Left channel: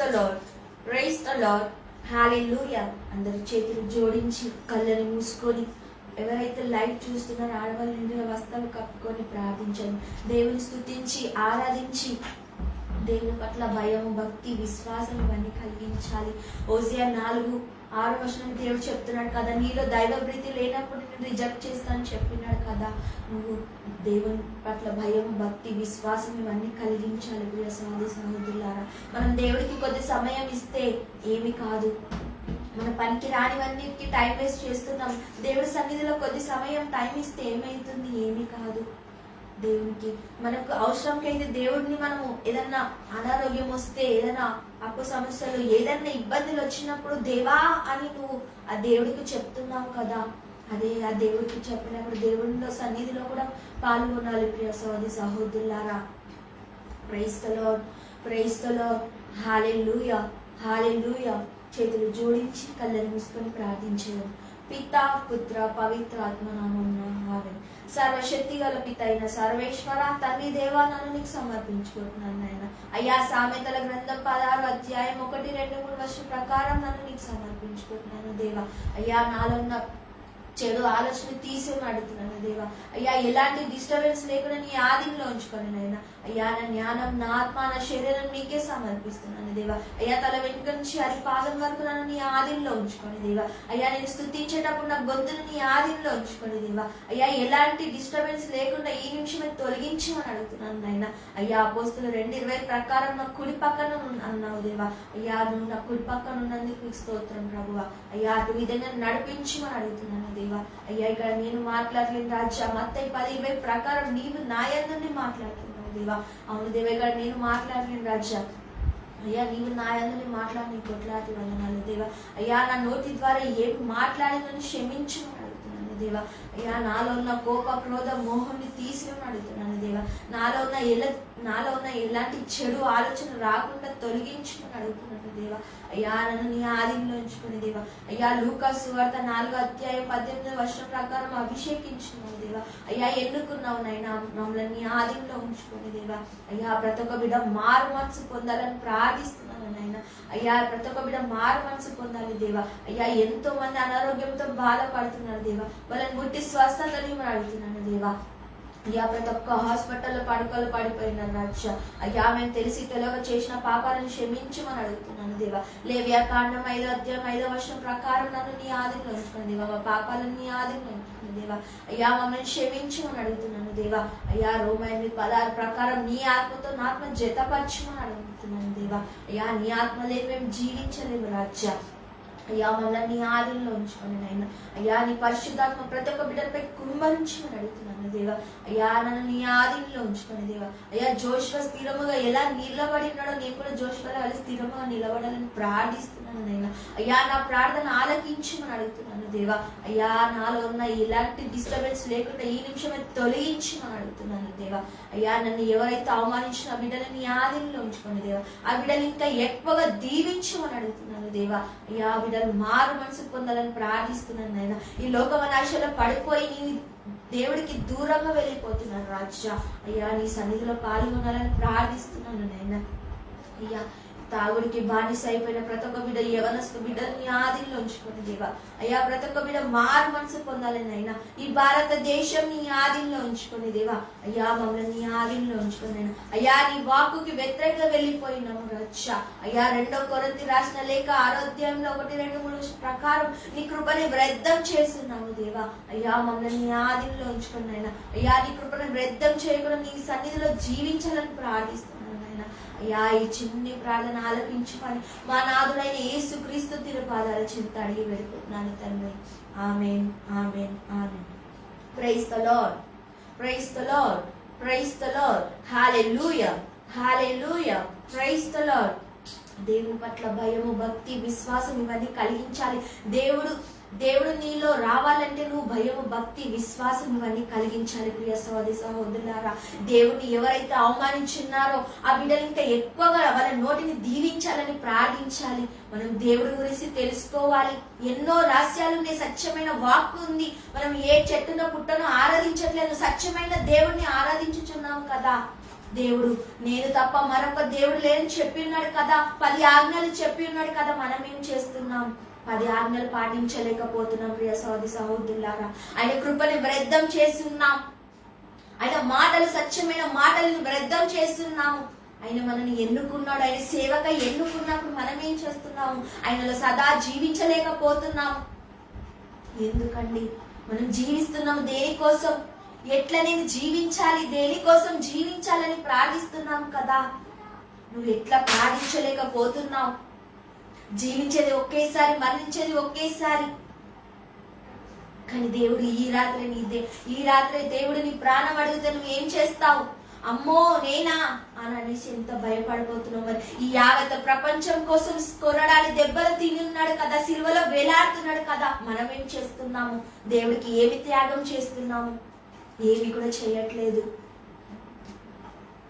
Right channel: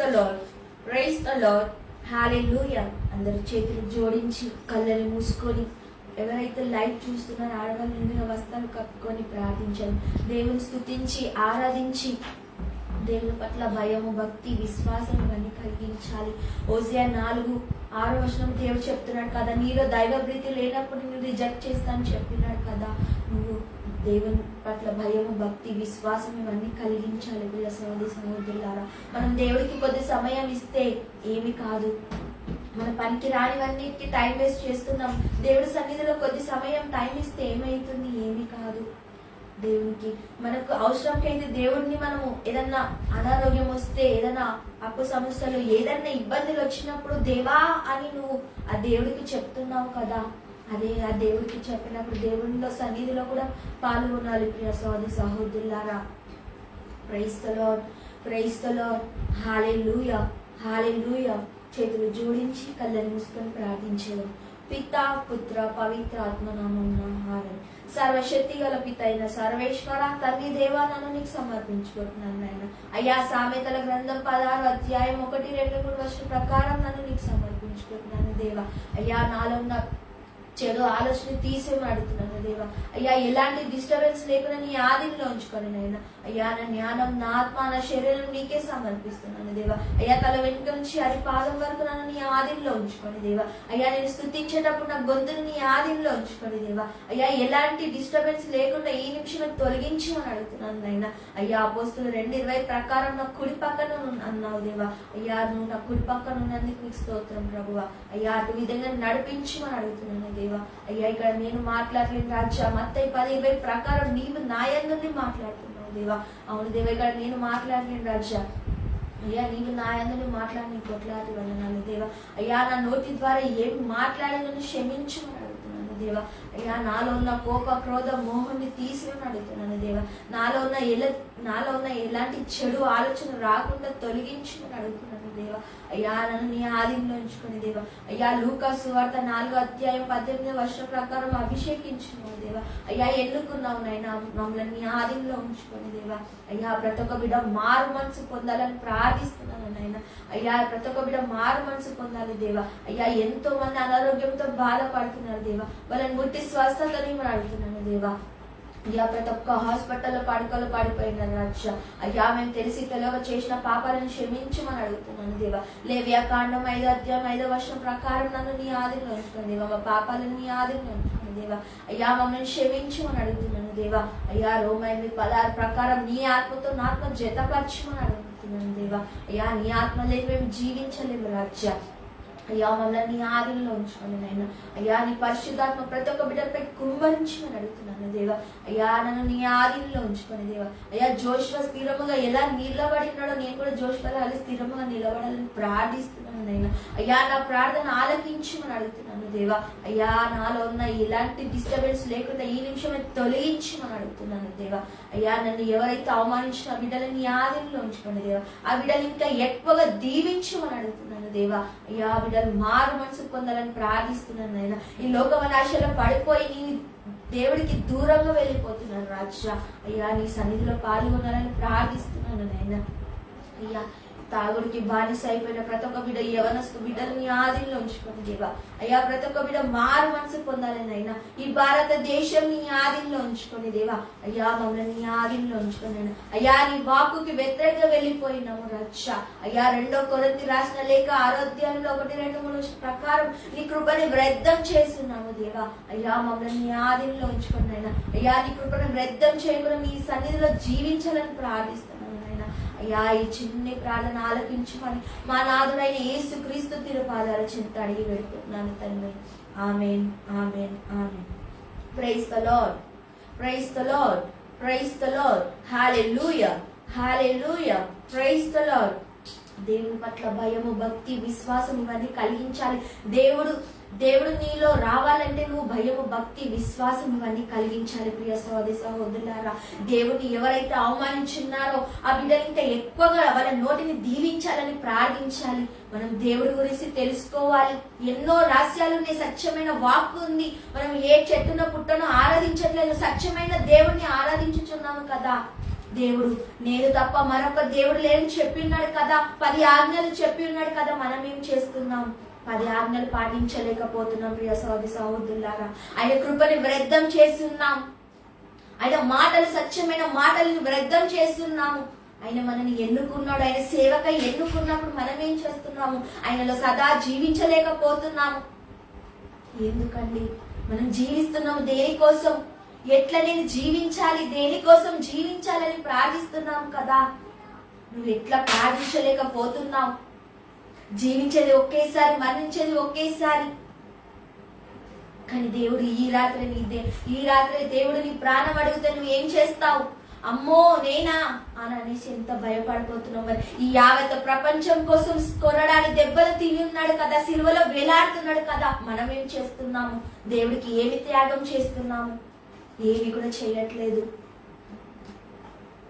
The Lord, praise the Lord, hallelujah. అందరూ చేతులు జోడించి కళ్ళని మూసుకొని ఎవరైతే లైవ్ చూస్తున్నారో ఆడవాళ్ళు నిండుగా వస్త్రాలు కప్పుకొని ప్రార్థించండి. దేవుని స్తుతించి ఆరాధించి దేవుని పట్ల భయము, భక్తి, విశ్వాసం ఇవన్నీ కలిగించాలి. హోషేయ 4:6 దేవుడు చెప్తున్నాడు కదా, నీలో దైవ ప్రీతి లేనప్పుడు నేను రిజెక్ట్ చేస్తానని చెప్పినాడు కదా. నువ్వు దేవుని పట్ల భయము, భక్తి, విశ్వాసం ఇవన్నీ కలిగించాలి. ప్రియ సహోదరి సహోదరులారా, మనం దేవుడికి కొద్ది సమయం ఇస్తే ఏమి కాదు. మన పనికి రానివన్నిటికీ టైం వేస్ట్ చేస్తున్నాం. దేవుడి సన్నిధిలో కొద్ది సమయం టైం ఇస్తే ఏమవుతుంది? ఏమి కాదు. దేవునికి మనకు అవసరంకైతే దేవుడిని మనము ఏదన్నా అనారోగ్యం వస్తే, ఏదైనా అప్పు సమస్యలు, ఏదన్నా ఇబ్బందులు వచ్చినప్పుడు దేవా అని నువ్వు ఆ దేవుడికి చెప్తున్నావు కదా. అదే ఆ దేవుడికి చెప్పినప్పుడు దేవుడిలో సన్నిధిలో కూడా పాల్గొనాలి. ప్రియ సహోదరి సహోదరులారా, praise the Lord, praise the Lord, hallelujah, hallelujah. చేతులు జోడించి కళ్ళని మూసుకొని ప్రార్థించడం. పిత, పుత్ర, పవిత్ర ఆత్మ నామమున ఆమేన్. సర్వశక్తి గల పిత అయిన సర్వేశ్వర తండ్రి దేవా, నన్ను నీకు సమర్పించుకుంటున్నాను నాయన. అయ్యా, సామెతల గ్రంథం 16:1-2-3 ప్రకారం నన్ను నీకు సమర్పించుకుంటున్నాను దేవా. అయ్యా, నాలో ఉన్న చెడు ఆలోచన తీసేమని అడుగుతున్నాను దేవా. అయ్యా, ఎలాంటి డిస్టర్బెన్స్ లేకుండా నీ ఆధీనంలో ఉంచుకొని నాయన. అయ్యా, నా జ్ఞానం, నా ఆత్మ, నా శరీరం నీకే సమర్పిస్తున్నాను దేవా. అయ్యా, తల వెనుక నుంచి అరి పాదం వరకు నన్ను నీ ఆధీనంలో ఉంచుకొని దేవా. అయ్యా, నేను స్తుతించేటప్పుడు నా గొంతును నీ ఆధీనంలో ఉంచుకొని దేవా. అయ్యా, ఎలాంటి డిస్టర్బెన్స్ లేకుండా ఈ నిమిషమే తొలగించమని అడుగుతున్నాను నాయన. అయ్యా, అపోస్తులు 2:20 ప్రకారం నా కుడి పక్కన అన్నావు దేవా. అయ్యా, నువ్వు నా కుడి పక్కన ఉన్నందుకు స్తోత్రం ప్రభువా. అయ్యా, అటు విధంగా నడిపించమని అడుగుతున్నాను దేవా. అయ్యా, ఇక్కడ నేను మాట్లాడలేను రాజా. మత్తయి 10:20 ప్రకారం నీవు నా యందు మాట్లాడుతున్నావు దేవా. అవును దేవా, ఇక్కడ నేను మాట్లాడలేను రాజా. అయ్యా, నీవు నా యందు మాట్లాడి నీ కొట్లాటి వందనాలు దేవా. అయ్యా, నా నోటి ద్వారా ఏమి మాట్లాడి నన్ను క్షమించమని అడుగుతున్నాను దేవా. అయ్యా, నాలో ఉన్న కోప, క్రోధ, మోహాన్ని తీసిరమని అడుగుతున్నాను దేవా. నాలో ఉన్న ఎలాంటి చెడు ఆలోచన రాకుండా తొలగించమని అడుగుతున్నాను దేవా. అయ్యా, నన్ను నీ ఆధీనంలో ఉంచుకుని దేవా. అయ్యా, లూకా సువార్త 4:18 ప్రకారం అభిషేకించుకున్నావు దేవా. అయ్యా, ఎన్నుకున్నావు నైనా మమ్మల్ని నీ ఆధీనంలో ఉంచుకొని దేవా. అయ్యా, ప్రతి ఒక్క బిడ్డ మారు మనసు పొందాలని ప్రార్థిస్తున్నాను నాయన. అయ్యా, ప్రతి ఒక్క బిడ్డ మారు మనసు పొందాలి దేవా. అయ్యా, ఎంతో మంది అనారోగ్యంతో బాధపడుతున్నారు దేవా. వాళ్ళని ముట్టి స్వస్థతని మనం అడుగుతున్నాను దేవా. అయ్యా, ప్రతి ఒక్క హాస్పిటల్లో పడుకలు పడిపోయినారు రాజా. అయ్యా, మేము తెలిసి తెలియక చేసిన పాపాలను క్షమించమని అడుగుతున్నాను దేవా. లేవ్యాకాండం 5:5 ప్రకారం నన్ను నీ ఆధీనంలో ఉంచుకుని దేవా. మా పాపాలను నీ ఆధీనంలో ఉంచుకుని దేవా. అయ్యా, మమ్మల్ని క్షమించమని అడుగుతున్నాను దేవా. అయ్యా, రోమా 8:16 ప్రకారం నీ ఆత్మతో నా ఆత్మ జతపరచమని అడుగుతున్నాను దేవా. అయ్యా, నీ ఆత్మ లేని మేము జీవించలేము రాజా. అయ్యా, మమ్మల్ని నీ ఆధీనంలో ఉంచుకోండి నాయన. అయ్యా, నీ పరిశుద్ధాత్మ ప్రతి ఒక్క బిడ్డలపై కుమ్మరించమని అడుగుతున్నాను దేవా. అయ్యా, నన్ను నీ ఆధీనంలో ఉంచుకొని దేవా. అయ్యా, జోషువ స్థిరముగా ఎలా నిలబడి ఉన్నాడో నేను కూడా జోషువలో అలా స్థిరముగా నిలబడాలని ప్రార్థిస్తున్నాను నాయన. అయ్యా, నా ప్రార్థన ఆలకించమని అడుగుతున్నాను దేవా. అయ్యా, నాలో ఉన్న ఎలాంటి డిస్టర్బెన్స్ లేకుండా ఈ నిమిషమే తొలగించమని అడుగుతున్నాను దేవా. అయ్యా, నన్ను ఎవరైతే అవమానించిన ఆ బిడ్డలను నీ ఆధీనంలో ఉంచుకోండి దేవా. ఆ బిడ్డలు ఇంకా ఎక్కువగా దీవించమని అడుగుతున్నాను దేవా. అయ్యా, బిడ్డలు మారు మనసు పొందాలని ప్రార్థిస్తున్నాను నాయన. ఈ లోకమనాశలో పడిపోయి నీ దేవుడికి దూరంగా వెళ్ళిపోతున్నాను రాజా. అయ్యా, నీ సన్నిధిలో పాల్గొనాలని ప్రార్థిస్తున్నాను నాయన. అయ్యా, తాగుడికి బానిస అయిపోయిన ప్రతి ఒక్క బిడ్డ, యవనస్తు బిడ్డలు నీ ఆధీనంలో ఉంచుకోండి దేవా. అయ్యా, ప్రతి ఒక్క బిడ్డ మారు మనసు పొందాలని అయినా ఈ భారతదేశం నీ ఆధీనంలో ఉంచుకొని దేవా. అయ్యా, మమ్మల్ని నీ ఆధీనంలో ఉంచుకొని అయినా. అయ్యా, నీ వాక్కుకి వ్యతిరేకంగా వెళ్ళిపోయినాము రచ్చా. అయ్యా, 2 కొరింథీ రాసిన లేఖ 6:1-2-3 ప్రకారం నీ కృపని వ్యర్థం చేస్తున్నాము దేవా. అయ్యా, మమ్మల్ని నీ ఆధీనంలో ఉంచుకొని అయినా. అయ్యా, నీ కృపని వ్యర్థం చేయకుండా నీ సన్నిధిలో జీవించాలని ప్రార్థిస్తున్నాను. అయ్యా, ఈ చిన్ని ప్రార్థన ఆలకించుకొని మా నాథుడైన యేసుక్రీస్తు తిరుపాదాల చెంత అడిగి పెడుతున్నాను తండ్రి. Amen, amen, amen. Praise the Lord, praise the Lord, praise the Lord, hallelujah, hallelujah, praise the Lord. దేవుని పట్ల భయము, భక్తి, విశ్వాసం ఇవన్నీ కలిగించాలి. దేవుడు నీలో రావాలంటే నువ్వు భయము, భక్తి, విశ్వాసం ఇవన్నీ కలిగించాలి. ప్రియ సహోదరి సహోదరులారా, దేవుడిని ఎవరైతే అవమానించున్నారో ఆ బిడ్డలు ఇంకా ఎక్కువగా వాళ్ళ నోటిని దీవించాలని ప్రార్థించాలి. మనం దేవుడి గురించి తెలుసుకోవాలి. ఎన్నో రహస్యాలు ఉన్నాయి. సత్యమైన వాక్కు ఉంది. మనం ఏ చెట్టునో పుట్టనో ఆరాధించట్లేదు, సత్యమైన దేవుడిని ఆరాధించుచున్నాము కదా. దేవుడు నేను తప్ప మరొక దేవుడు లేని చెప్పి ఉన్నాడు కదా, 10 ఆజ్ఞలు చెప్పి ఉన్నాడు కదా. మనం ఏం చేస్తున్నాం? 10 ఆజ్ఞలు పాటించలేకపోతున్నాం. ప్రియ సహోదరి సహోదరులారా, ఆయన కృపని వ్యర్థం చేస్తున్నాం. ఆయన మాటలు, సత్యమైన మాటలను వ్యర్థం చేస్తున్నాము. ఆయన మనల్ని ఎన్నుకున్నాడు. ఆయన సేవకై ఎన్నుకున్నప్పుడు మనం ఏం చేస్తున్నాము? ఆయనలో సదా జీవించలేకపోతున్నాము. ఎందుకండి? మనం జీవిస్తున్నాము దేనికోసం? ఎట్లా నేను జీవించాలి, దేనికోసం జీవించాలని ప్రార్థిస్తున్నాము కదా. నువ్వు ఎట్లా ప్రార్థించలేకపోతున్నావు? జీవించేది ఒకేసారి, మరణించేది ఒకేసారి. కానీ దేవుడు ఈ రాత్రి దేవుడు నీ ప్రాణం అడిగితే నువ్వు ఏం చేస్తావు? అమ్మో నేనా అని అనేసి ఎంత భయపడిపోతున్నావు. మరి ఈ యావత్ ప్రపంచం కోసం కొనడానికి దెబ్బలు తిని ఉన్నాడు కదా, సిలువలో వేలాడుతున్నాడు కదా. మనం ఏం చేస్తున్నాము? దేవుడికి ఏమి త్యాగం చేస్తున్నాము? ఏమి కూడా చేయట్లేదు.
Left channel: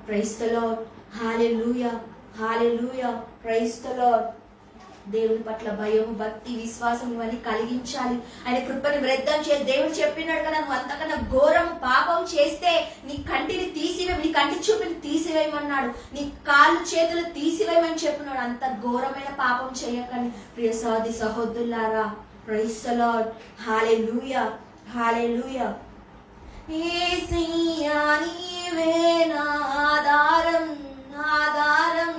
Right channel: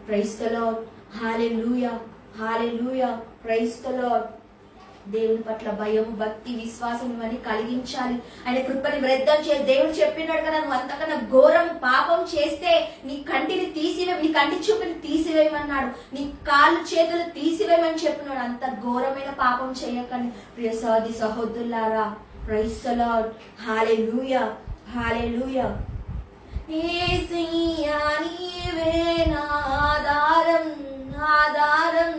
Praise the Lord, hallelujah, hallelujah, praise the Lord. దేవుని పట్ల భయం, భక్తి, విశ్వాసం ఇవన్నీ కలిగించాలి. ఆయన కృపని వ్యర్థం చేసి దేవుడు చెప్పినాడు కదా, నువ్వు అంతకన్నా ఘోరం పాపం చేస్తే నీ కంటిని తీసివేయి, నీ కంటి చూపుని తీసివేయమన్నాడు, నీ కాళ్ళు చేతులు తీసివేయమని చెప్పినాడు. అంత ఘోరమైన పాపం చేయకండి ప్రియ సహోదరి సహోదరులారా. ప్రైజ్ ది లార్డ్, హల్లెలూయా, హల్లెలూయా. యేసయ్యా నీవే నా ఆధారం, ఆధారం.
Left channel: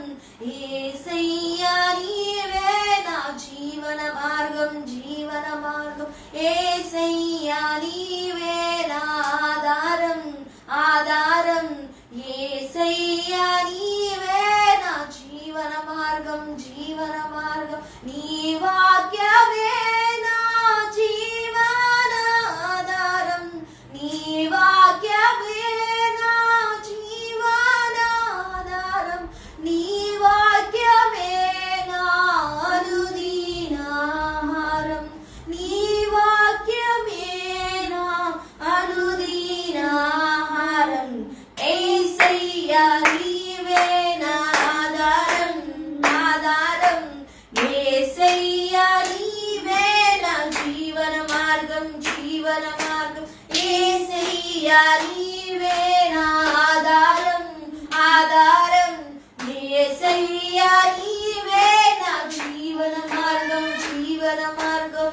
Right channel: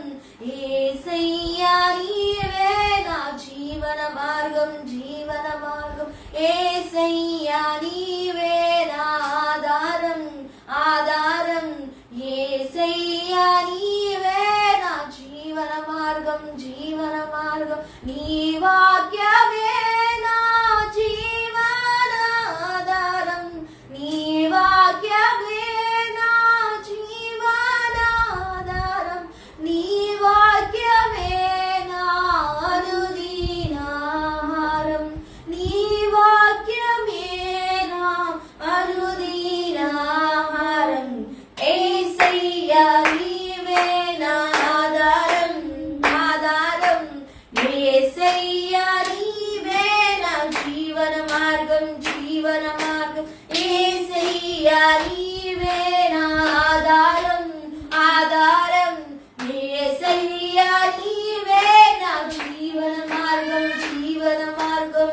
యేసయ్యా నీవే నా జీవన మార్గం, జీవన మార్గం. యేసయ్యా నీవే నా ఆధారం, ఆధారం. యేసయ్యా నీవే నా జీవన మార్గం, జీవన మార్గం. నీ వాక్యమే నా జీవన ఆధారం, నీ వాక్యమే నా జీవన ఆధారం, నీ వాక్యమే నా అనుదిన ఆహారం, నీ వాక్యమే నా అనుదిన ఆహారం. యేసయ్యా నీవే నా ఆధారం, ఆధారం. యేసయ్యా నీవే నా జీవన మార్గం, జీవన మార్గం. యేసయ్యా నీవే నా ఆధారం, ఆధారం. యేసయ్యా నీవే నా జీవన మార్గం, జీవన మార్గం.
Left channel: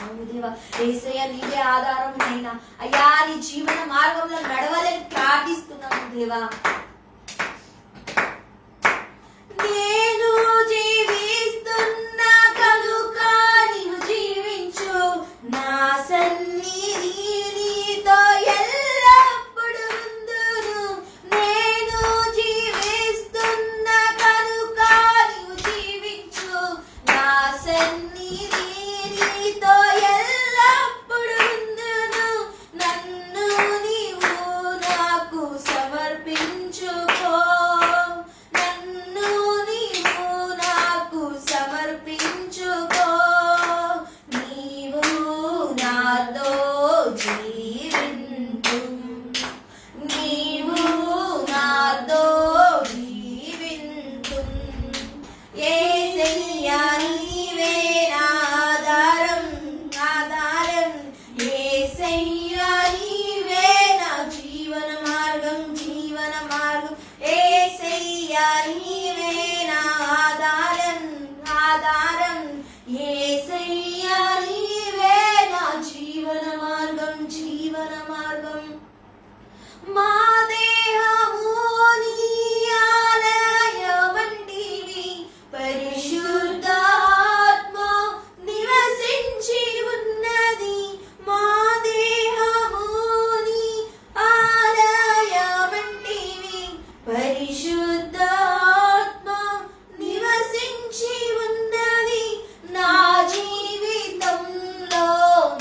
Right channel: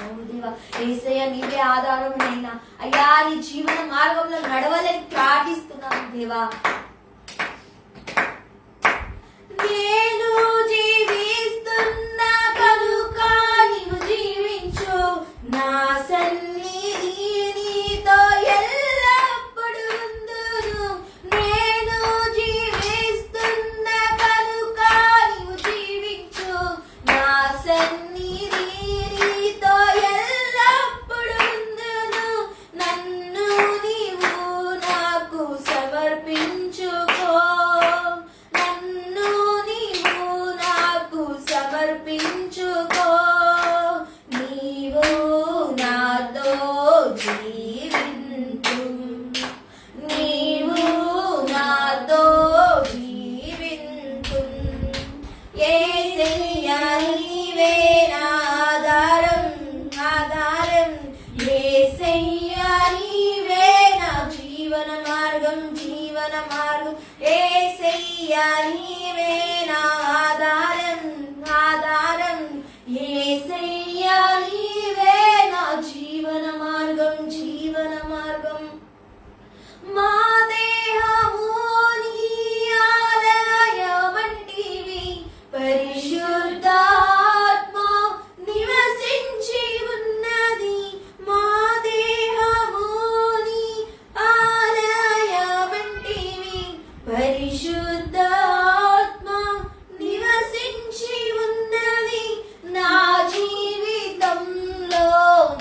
అవును దేవా, యేసయ్యా నీవే ఆధారం నైనా. అయ్యా నీ జీవన మార్గంలో నడవలేని ప్రార్థిస్తున్నాను దేవా. నేను జీవిస్తున్న కనుక నీవు జీవించు, నా సన్నిధి నీతో ఎల్లప్పుడు ఉందును. నేను జీవిస్తున్న కనుక నీవు జీవించు, నా సన్నిధి నీతో ఎల్లప్పుడు ఉందును. నన్ను నీవు నాకు సమర్పించుకో, నన్ను నీవు నాకు సమర్పించుకో. నీవు నాతో జీవించు, నీవు నాతో జీవించు. యేసయ్యా నీవే నా ఆధారం, ఆధారం. యేసయ్యా నీవే నా జీవన మార్గం, జీవన మార్గం. యేసయ్యా నీవే నా ఆధారం, ఆధారం. యేసయ్యా నీవే నా జీవన మార్గం, జీవన మార్గం. మా దేహము నీ ఆలయమంటివి, పరిశుద్ధాత్మ నివసించి ఉన్నది. మా దేహము నీ ఆలయమంటివి, పరిశుద్ధాత్మ నివసించి ఉన్నది. నా జీవితంలో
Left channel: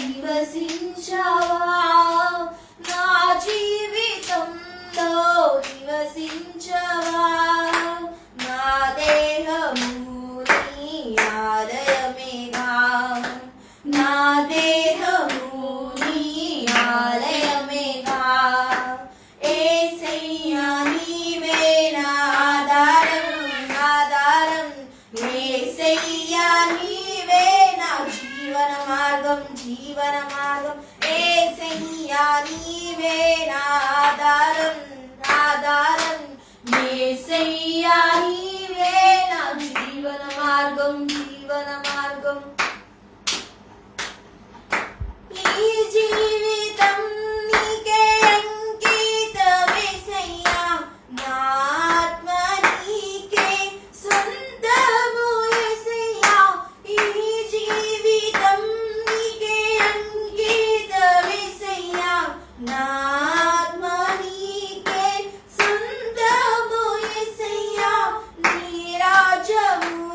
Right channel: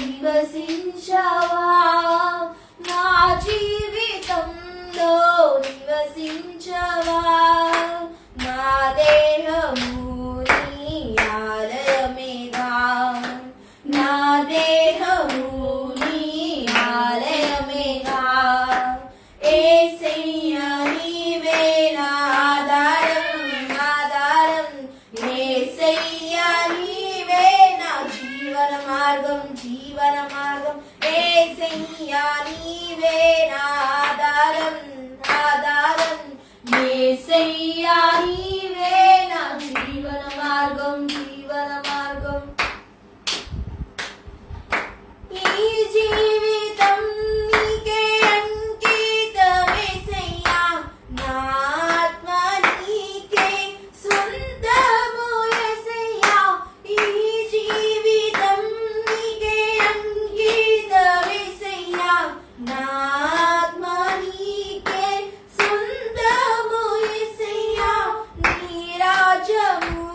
నివసించవా, నా జీవితంలో నివసించవా. నా దేహము నీ ఆలయమేగా, నా దేహము నీ ఆలయమేగా. యేసయ్యా నీవే నా ఆధారం, ఆధారం. యేసయ్యా నీవే నా జీవన మార్గం, జీవన మార్గం. యేసయ్యా నీవే నా ఆధారం, ఆధారం. మార్గం జీవన మార్గం ఈ జీవితం నీకే అంకితం యేసయ్యా నా ఆత్మ నీకే సొంతము యేసయ్యా ఈ జీవితం నీకే అంకితం యేసయ్యా నా ఆత్మ నీకే సొంతము యేసయ్యా నీ రాజ్యము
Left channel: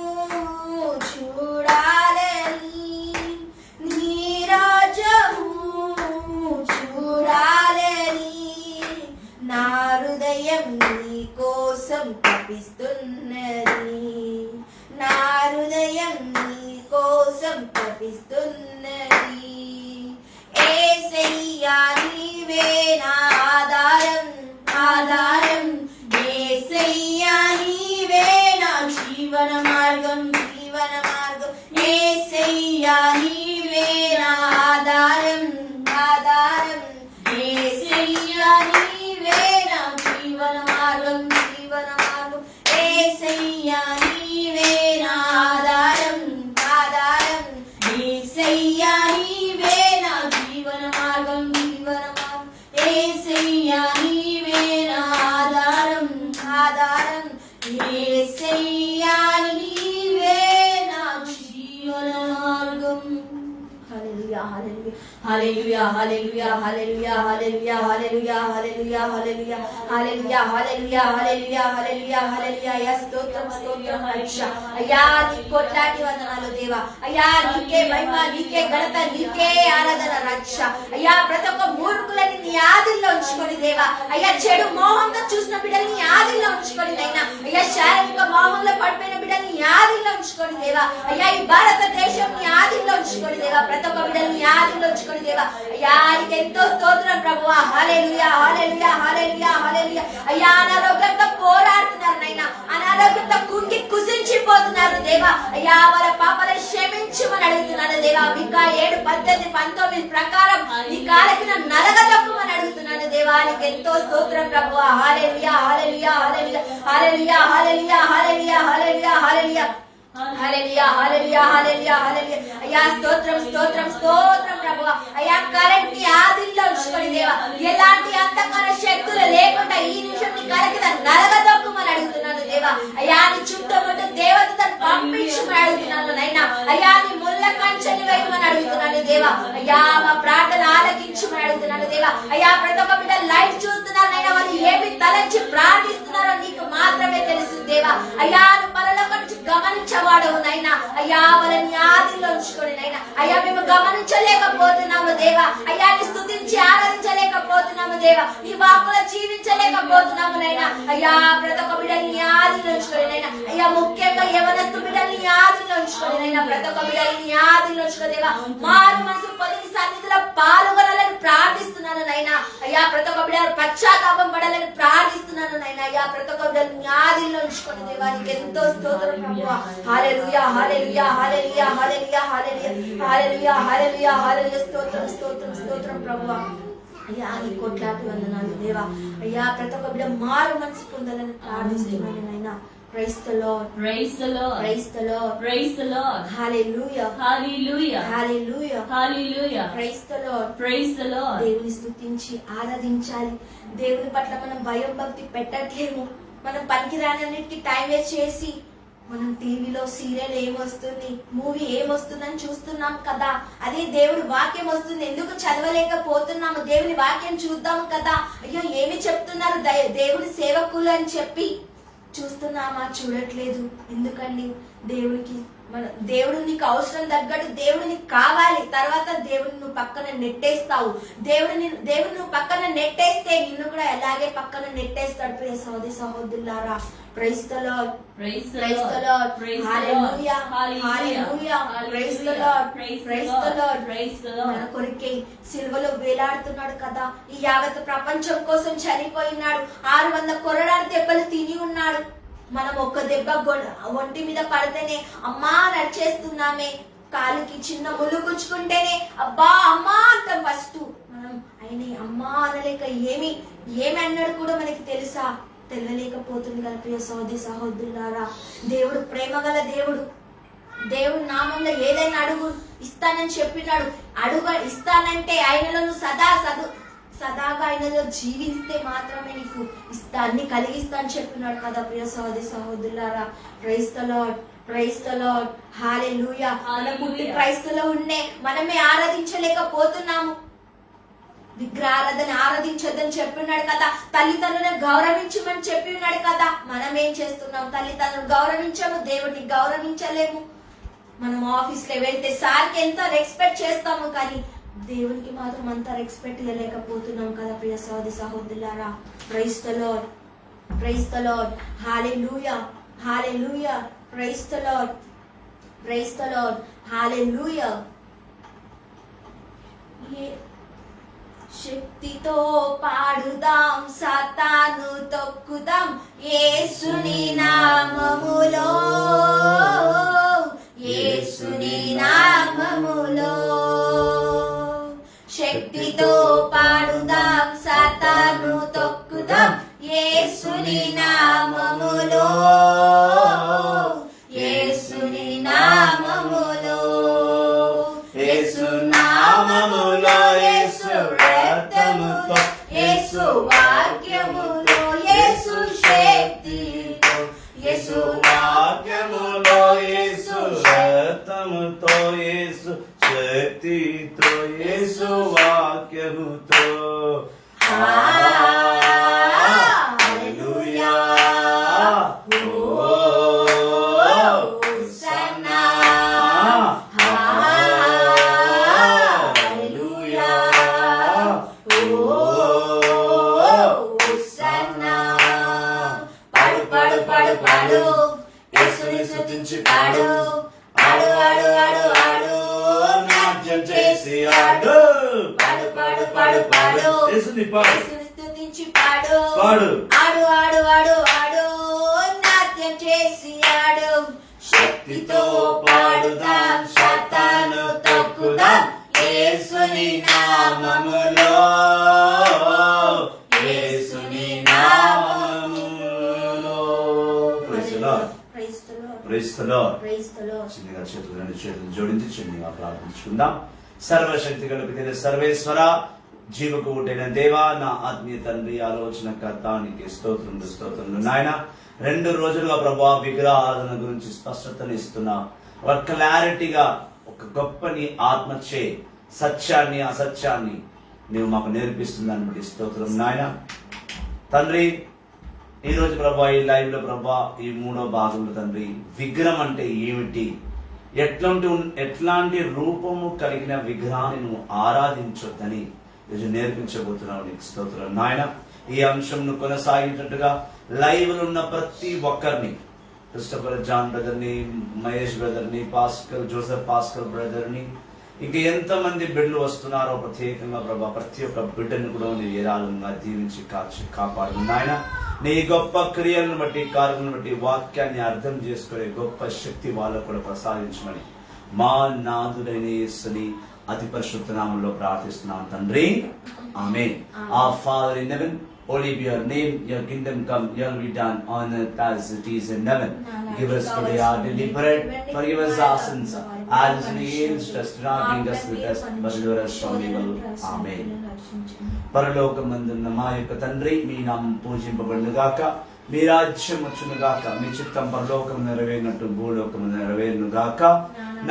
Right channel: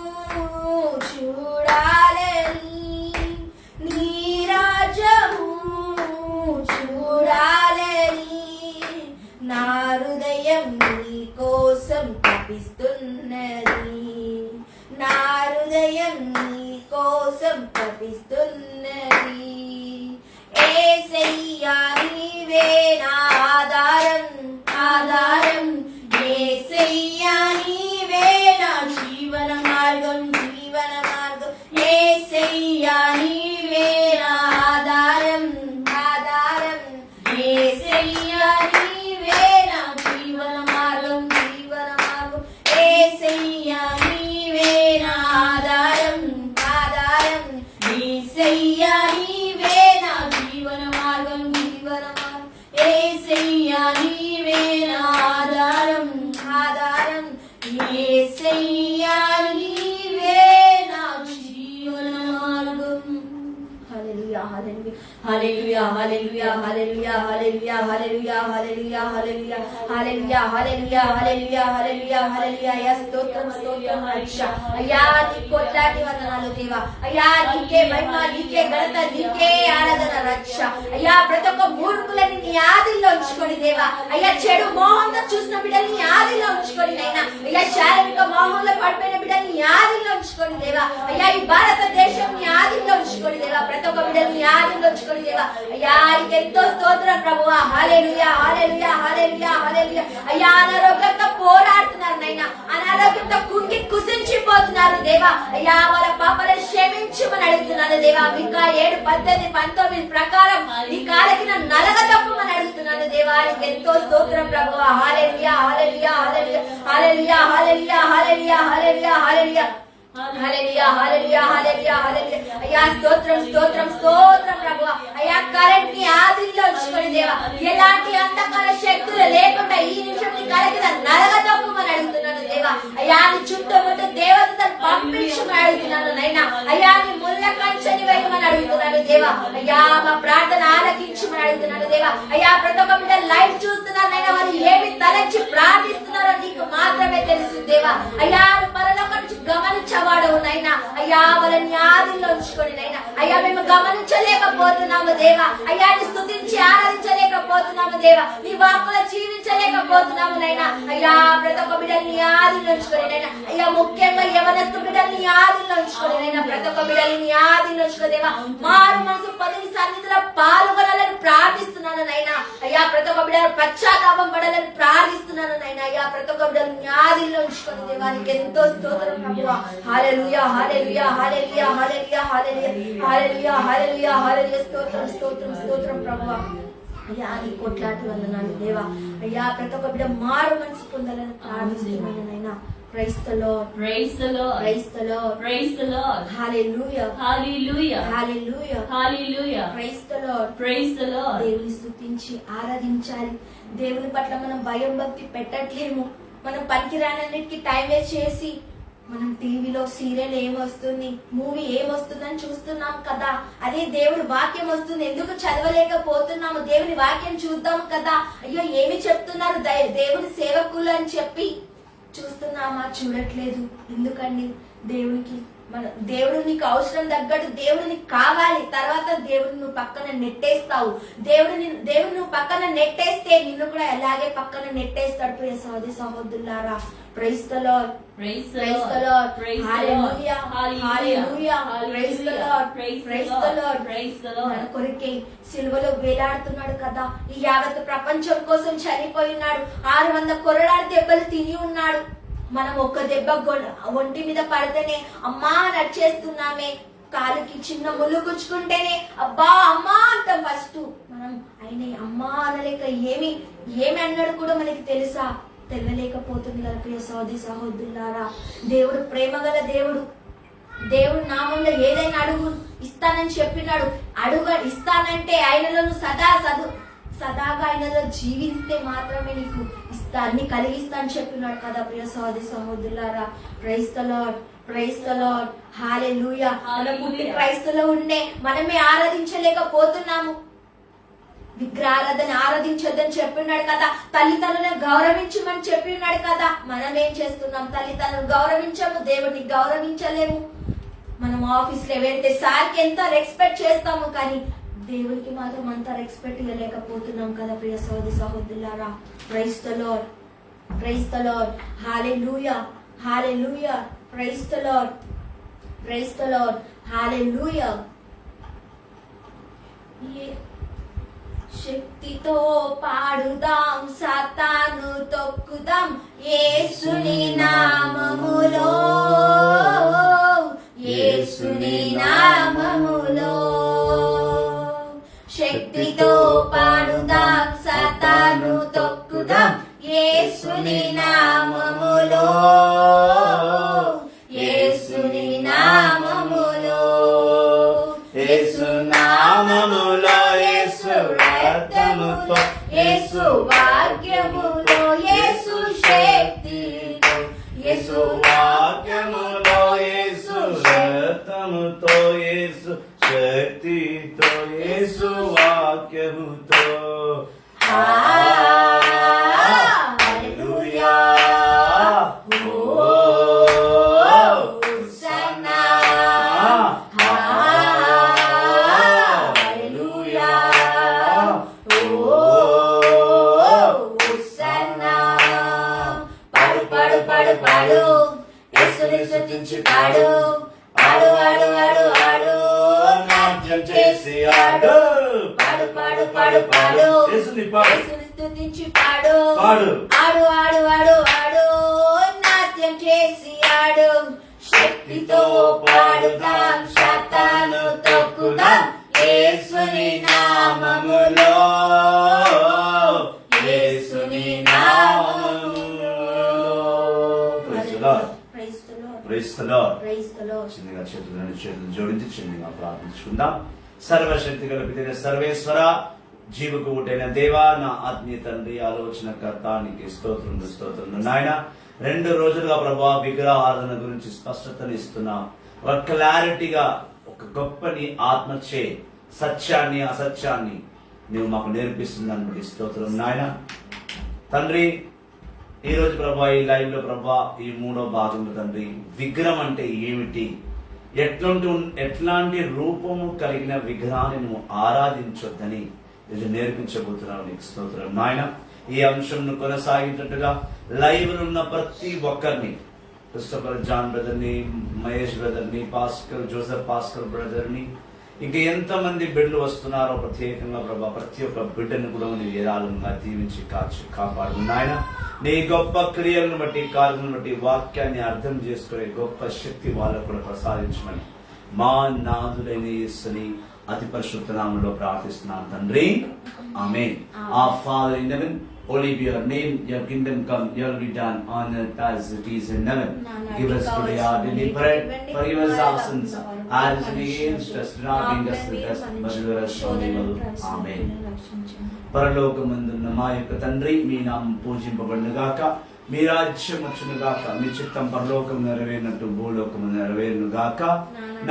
చూడాలని నీ రాజ్యము చూడాలని నా హృదయం నీ కోసం తపిస్తున్నది నా హృదయం నీ కోసం తపిస్తున్నది యేసయ్యా నీవే నా ఆధారం ఆధారం యేసయ్యా నీవే నా జీవన మార్గం జీవన మార్గం యేసయ్యా నీవే నా ఆధారం ఆధారం యేసయ్యా నీవే నా జీవన మార్గం జీవన మార్గం యేసయ్యా నీవే నా ఆధారం ఆధారం యేసయ్యా నీవే నా జీవన మార్గం జీవన మార్గం యేసయ్యా నీవే నా ఆధారం ఆధారం యేసయ్యా నీవే నా జీవన మార్గం హల్లెలూయా hallelujah hallelujah hallelujah hallelujah hallelujah hallelujah hallelujah hallelujah hallelujah hallelujah hallelujah హల్లెలూయా యా స్తోత్రం స్తోత్రం రక్ష అయ్యా నీ కోట్లాది వందనాలు దేవా అయ్యా నీకే మహిమ నీకే ఘనత నీకే ఆరాధన రక్ష అయ్యా ప్రతి ఒక్క మూర్ఖులని నీ ఆదిలో ఉంచుకొని దేవా అయ్యా చెడు మోహంతో చూసిన బిడ్డల్ని నీ ఆదిలో ఉంచుకొని నైనా అయ్యా శారీరక మోహంలో పడిపోయిన బిడ్డల్ని నీ ఆదిలో ఉంచుకొని దేవా అయ్యా ఈ భారతదేశం నీ ఆదిలో ఉంచుకొని దేవా ప్రతి ఒక్క బిడ్డల్ని నీ ఆదిలో ఉంచుకొని దేవా అయ్యా నీకు ఎంతో స్తోత్రం ప్రభువా హల్లెలూయా హల్లెలూయా హల్లెలూయా హల్లెలూయా అయ్యా అనారోగ్యంతో పోరాడుతున్నారు నైనా అనారోగ్యంతో కుంగి కుసించిపోతున్నారు దేవా అయ్యా వాళ్ళ పాపాలను క్షమించమని అడుగుతున్నాను దేవా ఇంకా 7:18-19 ప్రకారం నీ కాళ్ళకి నలగదొక్కమని అడుగుతున్నాను దేవా నీకు ఎంతో స్తోత్రం ప్రభువా హల్లెలూయా hallelujah hallelujah hallelujah hallelujah hallelujah hallelujah hallelujah hallelujah hallelujah హల్లెలూయా అయ్యా స్తోత్రం స్తోత్రం స్తోత్రం ప్రభువా అయ్యా కరెంట్ ని ఆదిలో ఉంచుకొని దేవా ఎలాంటి అంధకార శక్తులు లేకుండా ఈ నిమిషం నీ కళ కింద నలగదొక్కమని అడుగుతున్నాను దేవా అయ్యా నీ చుట్టూ దేవతను పంపించమని అడుగుతున్నాను నైనా అయ్యా నీ ముళ్ళ కంచెని వేయమని అడుగుతున్నాను దేవా అయ్యా మా ప్రార్థన ఆలకించమని అడుగుతున్నాను దేవా అయ్యా ప్రతి ఒక్క బిడ్డ లైవ్ చూస్తున్నారు నైనా వాళ్ళు ఏమి తలచి ప్రార్థిస్తున్నారో నీకు మాత్రమే తెలుసు దేవా అయ్యా నువ్వు పరలోకం నుంచి గమనించేవాడవు నైనా అయ్యా వాళ్ళని ఆదిలో ఉంచుకొని నైనా అయ్యా మేము గమనించలేకపోతున్నాము దేవా అయ్యా నీ స్తుతించి ఆరాధించలేకపోతున్నాము దేవా నీ వాక్కులో జీవించలేకపోతున్నాము నైనా అయ్యా ప్రతి ఒక్క బిడ్డల్ని ఆదిలో ఉంచుకొని నైనా అయ్యా ముఖ్యంగా యవనస్తు బిడ్డల్ని ఆదిలో ఉంచుకొని నైనా ప్రతి ఒక్క బిడ్డల్ని ఆదిలో ఉంచుకొని దేవా మారు మనసు పొంది సన్నిధిలో పాల్గొనాలని ప్రార్థిస్తున్నాను నైనా అయ్యా ప్రతి ఒక్క బిడ్డ పశ్చాత్తాపం పడాలని ప్రార్థిస్తున్నాను నైనా అయ్యా ప్రతి ఒక్క బిడ్డల్ని ఆదిలో ఉంచుకొని దేవా నీకు ఎంతో స్తోత్రం ప్రభువా హల్లెలూయా hallelujah hallelujah hallelujah hallelujah hallelujah hallelujah హల్లెలూయా స్తోత్రం స్తోత్రం స్తోత్రం ప్రభువా అయ్యా నీ కోట్లాది వందనాలు దేవా అయ్యా ప్రతి ఒక్క బిడ్డ మారు మనసు పొందాలని ప్రార్థిస్తున్నాను నైనా Praise the Lord. Praise the Lord. Praise the Lord. Praise the Lord. Hallelujah. Hallelujah. Hallelujah. Hallelujah. Praise the Lord. Praise the Lord. దేవుని స్తుతించి ఆరాధించాలి. దేవుని పట్ల మనం భయం భక్తి పెట్టట్లేము. మనం పనికిరానన్నిటికీ టైం వేస్ట్ చేసి మనం టీవీలో సీరియల్ ఏమొస్తుంది, మూవీ ఏమొస్తుందని చూస్తున్నాం కదా. అదే దేవుడి వాక్యం వస్తుంది, ఎందుకు చదవలేకపోతున్నాము? దేవుని వాక్యం చూద్దాం కదా. అయ్యో ఏమి చెప్తున్నారు దేవుని సేవకులు అని చెప్పి చూస్తున్నామా? చూడట్లేదు. ఎందుకండి? దేవునికి దేవుడు నీకు అవసరం తగ్గట్టు దేవుడు నీకు కావాలి. తర్వాత దేవుడిని నువ్వు పక్కన నెట్టేస్తావు. దేవుడిని నువ్వు పక్కన నెట్టేస్తే నిన్ను కూడా ఎలాగే పక్కన నెట్టేస్తాడు. ప్రియ సహోదరి సహోదరులారా, praise the Lord, praise the Lord, hallelujah, hallelujah, praise the Lord, praise the Lord. మన కొరకే సిలువలో వేలాడుతున్నాడు కదా. ఈ యావత్ ప్రపంచం కోసం చనిపోయినాడు. 600 కొరడాల దెబ్బలు తిని ఉన్నాడు. మనం ఒక్క దెబ్బ ఒంటి మీద పడితేనే అమ్మా నడిచేస్తున్నామే. కాలుకి చిన్న ముళ్ళు గుచ్చుకుంటేనే అబ్బా అమ్మా అంటాం ఫస్ట్. మనం ఆయన అమ్మా అనలేక ఏమి అన్నాడు కూడా మనకి తెలియలేకపోతుంది కదా. ప్రియ సహోదరి సహోదరులారా, దేవుడు ప్రేమ గల దేవుడు. దేవుని నామంలో ఏదైనా అడుగు ఇస్తానని చెప్పినాడు. ఇస్తానంటే ఆయనలో నువ్వు సదాగా ఆయనలో జీవిస్తే మాత్రమే నీకు ఇస్తా, అన్ని కలిగిస్తా అని చెప్పినాడు కదా ప్రియ సహోదరి సహోదరులారా. Praise the Lord, praise the Lord, hallelujah. మనం పుట్టి క్రైస్తవులో ఉండే మనమే ఆరాధించలేకపోతున్నాము. విగ్రహారాధన ఆరాధించొద్దని చెప్పినాడు కదా. తల్లిదండ్రులను గౌరవించమని చెప్పినాడు కదా. మనం ఏం చేస్తున్నాం? తల్లిదండ్రులను గౌరవించము, దేవుడిని గౌరవించలేము. మనం ఆఫీస్లో వెళ్తే సార్కి ఎంత రెస్పెక్ట్ చేస్తాము, కానీ దేవునికి మాత్రం అంత రెస్పెక్ట్ ఇవ్వలేకపోతున్నాం కదా ప్రియ సహోదరి సహోదరులారా. Praise the Lord, praise the Lord, hallelujah, hallelujah. Praise the Lord, praise the Lord, hallelujah. శక్తితో పాడుదాం, సాతాను తొక్కుదాం, యేసుని నామములో, యేసుని నామములో. శక్తితో పాడుదాం, సాతాను తొక్కుదాం, యేసుని నామములో, యేసుని నామములో. యేసు నామములో, యేసు రక్తముతో, యేసు వాక్యములో, యేసు శక్తితో, యేసు వాక్యములో, యేసు రక్తముతో, యేసు శక్తితో, యేసు వాక్యముతో. హల్లెలూయా. హోసన్నా, హల్లెలూయా. హోసన్నా. పాడు పాడు పాడు పాడు, యేసుని స్తుతించి పాడు, ఆడు ఆడు ఆడు ఆడు, నాట్యం చేసి ఆడు. పాడు పాడు పాడు పాడు, యేసుని స్తుతించి పాడు, ఆడు ఆడు ఆడు ఆడు, నాట్యం చేసి ఆడు. శక్తితో పాడుదాం, సాతాను తొక్కుదాం, యేసుని నామములో, యేసుని నామములో. చిన్నగా చేతులు జోడించి చిన్నగా ప్రార్థించుకుందాం. సర్వశక్తి కలిపిన సర్వేశ్వర, జీవకూటైన దేవా, నా ఆత్మీయ తండ్రి, ఆలోచనకర్త, నీకు స్తోత్రములు నాయన. 2 రోజులుగా ప్రభా విగ్రహారాధన గురించి స్పష్టతను ఇస్తున్నా. ఒక క్లారిటీగా, ఒక గొప్పని ఆత్మచే సత్యాన్ని అసత్యాన్ని నువ్వు మాకు నేర్పిస్తుందని బట్టి స్తోత్రం నాయన. తండ్రి, ఈ రోజు ప్రభా ఈ లైవ్ లో ప్రభా ఈ 3వ భాగంలో తండ్రి, విగ్రహం అంటే ఏమిటి, ఎట్లాంటి రూపము కలిగిన విగ్రహాన్ని నువ్వు ఆరాధించొద్దని ఈరోజు నేర్పించబోతున్నావు. నీకు స్తోత్రం నాయన. ఈ అంశంను కొనసాగేటట్టుగా లైవ్ లో ఉన్న ప్రతి ఒక్కరిని, క్రిస్టఫర్ జాన్ బ్రదర్ ని, మహేష్ బ్రదర్ ని, జోసెఫ్ పాస్కర్ బ్రదర్ ని, ఇంకా ఎంతమంది బిడ్డలు వస్తున్నారో ప్రత్యేకంగా ప్రభా ప్రతి ఒక్క బిడ్డను కూడా నీ ఏరాళంగా దీవించి కాచి కాపాడు నాయన. నీ గొప్ప క్రియలను బట్టి, కార్యలను బట్టి వాక్యాన్ని అర్థం చేసుకునే గొప్ప శక్తి వాళ్ళకు కూడా ప్రసాదించమని మా నాథుడైన యేసుని అతి పరిశుద్ధ నామములో ప్రార్థిస్తున్నాం తండ్రి, ఆమేన్. Our Father in heaven, holy be your name, your kingdom come, your will be done on earth as it is in heaven. Give us today our daily bread, forgive us our sins as we against us, do not bring us to the test, but deliver us from evil. Amen. పరలోకమందున్న మా యొక్క తండ్రి, మీ నామం పూజింపబడునుగాక, మీ రాజ్యం వచ్చునుగాక, మీ చిత్తం పరలోకం నెరవేరినట్టు భూలోకము నెరవేరునుగాక.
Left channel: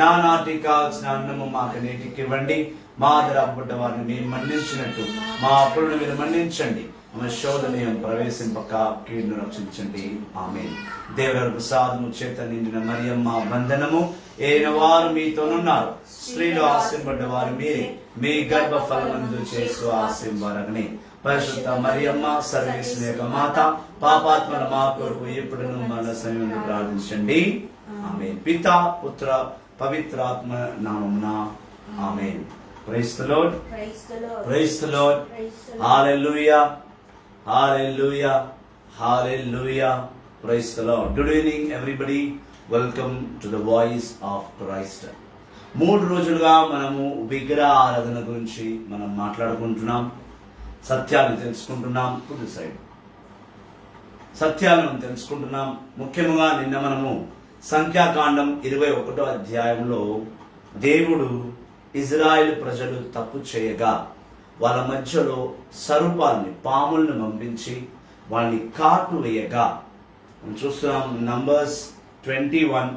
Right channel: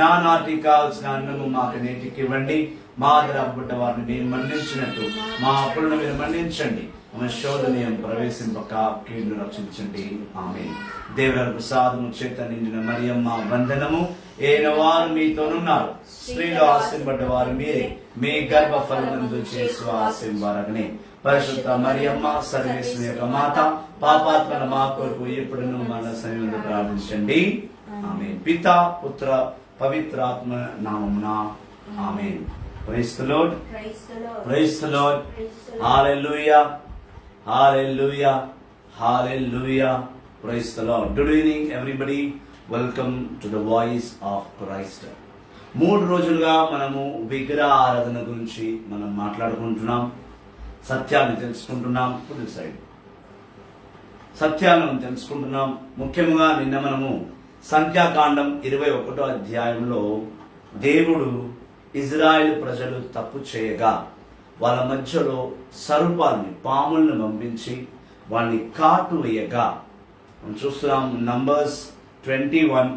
నానాటికి కావాల్సిన అన్నము మాకు నేటికి ఇవ్వండి, మా అపరాధపడ్డ వారిని మేము మన్నించినట్టు మా అప్పులను మీరు మన్నించండి, మా శోధన ప్రవేశింపక కీడును రక్షించండి. ఆమేన్. దేవుని ప్రసాదము చేత నిండిన మరియమ్మ వందనము. ఏన వారు మీతోనున్నారు, స్త్రీలు ఆశీర్వడ్డ వారు మీరే, మీ గర్భ ఫలమందు చేసు ఆశీర్వారగనే. పరిశుద్ధ మరియమ్మ సర్వేశ్వరుని యొక్క మాత, పాపాత్మల మా కొరకు ఎప్పుడును మన సమయంలో ప్రార్థించండి. ఆమేన్. పితా పుత్ర పవిత్రాత్మ నామమున amen. Praise the Lord, praise the Lord, hallelujah, hallelujah, hallelujah. Praise the Lord. Good evening everybody, welcome to the voice of Christ. 3 రోజులుగా మనము విగ్రహ ఆరాధన గురించి మనం మాట్లాడుకుంటున్నాం, సత్యాన్ని తెలుసుకుంటున్నాం. సత్యాలను తెలుసుకుంటున్నాం. ముఖ్యంగా నిన్న మనము సంఖ్యాకాండం 21వ అధ్యాయంలో దేవుడు ఇజ్రాయెల్ ప్రజలు తప్పు చేయగా వాళ్ళ మధ్యలో సర్పాల్ని పాముల్ని పంపించి వాళ్ళని కాటు వేయగా మనం చూస్తున్నాం. Numbers 21.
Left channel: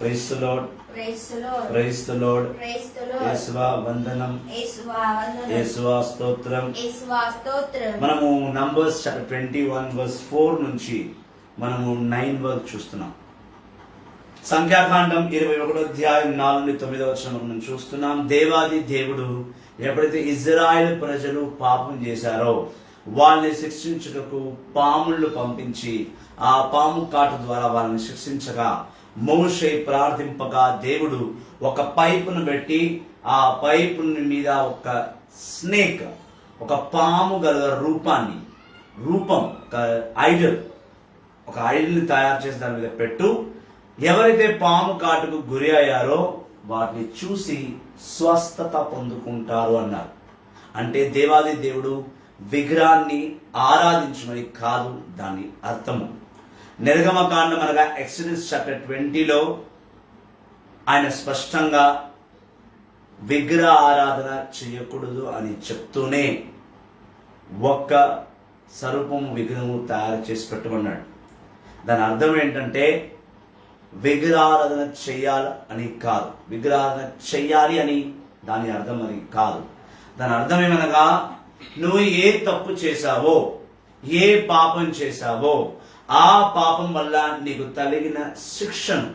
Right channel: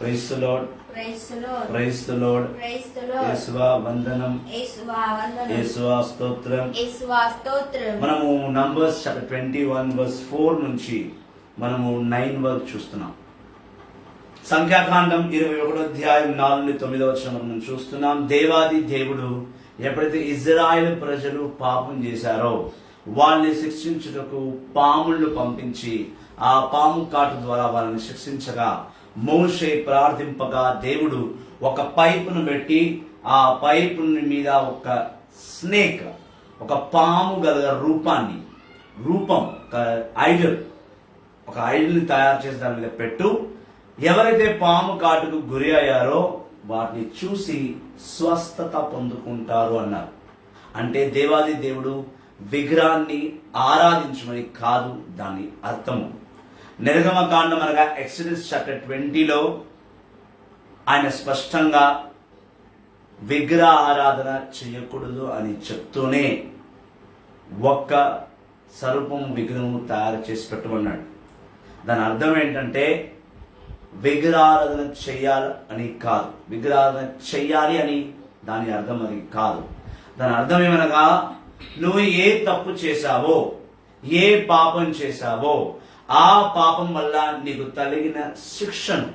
Praise the Lord, praise the Lord, praise the Lord. Praise the Lord. యేసువా వందనం, యేసువా వందనం, యేసువా స్తోత్రం. యేసువా స్తోత్రం. మనము నంబర్స్ చాప్టర్ 21 వర్స్ 4 నుంచి మనము 9 వరకు చూస్తున్నాం. సంఖ్యాకాండం 21వ అధ్యాయం 4 నుండి 9వ వచనం మనం చూస్తున్నాం. దేవాది దేవుడు ఎప్పుడైతే ఇజ్రాయెల్ ప్రజలు పాపం చేశారో వాళ్ళని శిక్షించుటకు పాములను పంపించి ఆ పాము కాటు ద్వారా వాళ్ళని శిక్షించగా మోషే ప్రార్థింపగా దేవుడు ఒక పైపును పెట్టి ఆ పైపు మీద ఒక స్నేక్, ఒక పాము గల రూపం ఒక ఐడల్ని తయారు చేసి దాని మీద పెట్టు, ఎవరైతే పాము కాటుకు గురి అయ్యారో వాటిని చూసి స్వస్థత పొందుకుంటారు అన్నారు. అంటే దేవాది దేవుడు విగ్రహాన్ని ఆరాధించమని కాదు దాని అర్థము. నిర్గమకాండం అనగా ఎక్సోడస్ చాప్టర్ 20లో ఆయన స్పష్టంగా విగ్రహ ఆరాధన చేయకూడదు అని చెప్తూనే ఒక్క సర్పం విగ్రహం తయారు చేసి పెట్టమన్నాడు. దాని అర్థం ఏంటంటే విగ్రహారాధన చెయ్యాలి అని కాదు, విగ్రహారాధన చెయ్యాలి అని దాని అర్థం అది కాదు. దాని అర్థం ఏమనగా నువ్వు ఏ తప్పు చేశావో, ఏ పాపం చేశావో ఆ పాపం వల్ల నీకు కలిగిన శిక్షను,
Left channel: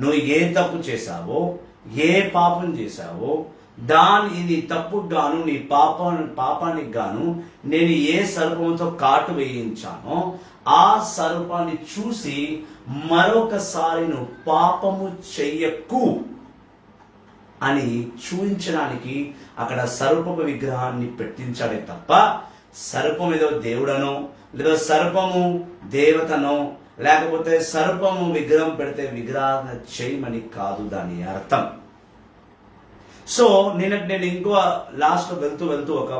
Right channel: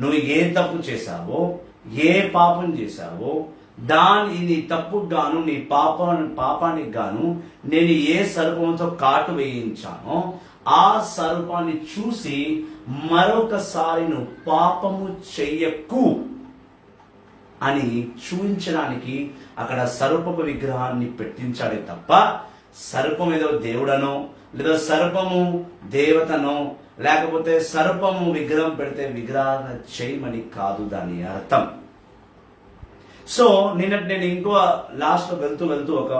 నువ్వు ఏ తప్పు చేశావో, ఏ పాపం చేశావో నీ తప్పుకు గాను, నీ పాపానికి గాను నేను ఏ సర్పంతో కాటు వేయించానో ఆ సర్పాన్ని చూసి మరొకసారి నువ్వు పాపము చెయ్యకు అని చూపించడానికి అక్కడ సర్పపు విగ్రహాన్ని పెట్టించాడే తప్ప సర్పం ఏదో దేవుడనో లేదా సర్పము దేవతనో లేకపోతే సర్పము విగ్రహం పెడితే విగ్రహం చేయమని కాదు దాని అర్థం. సో నేను ఇంకో లాస్ట్ వెళ్తూ ఒక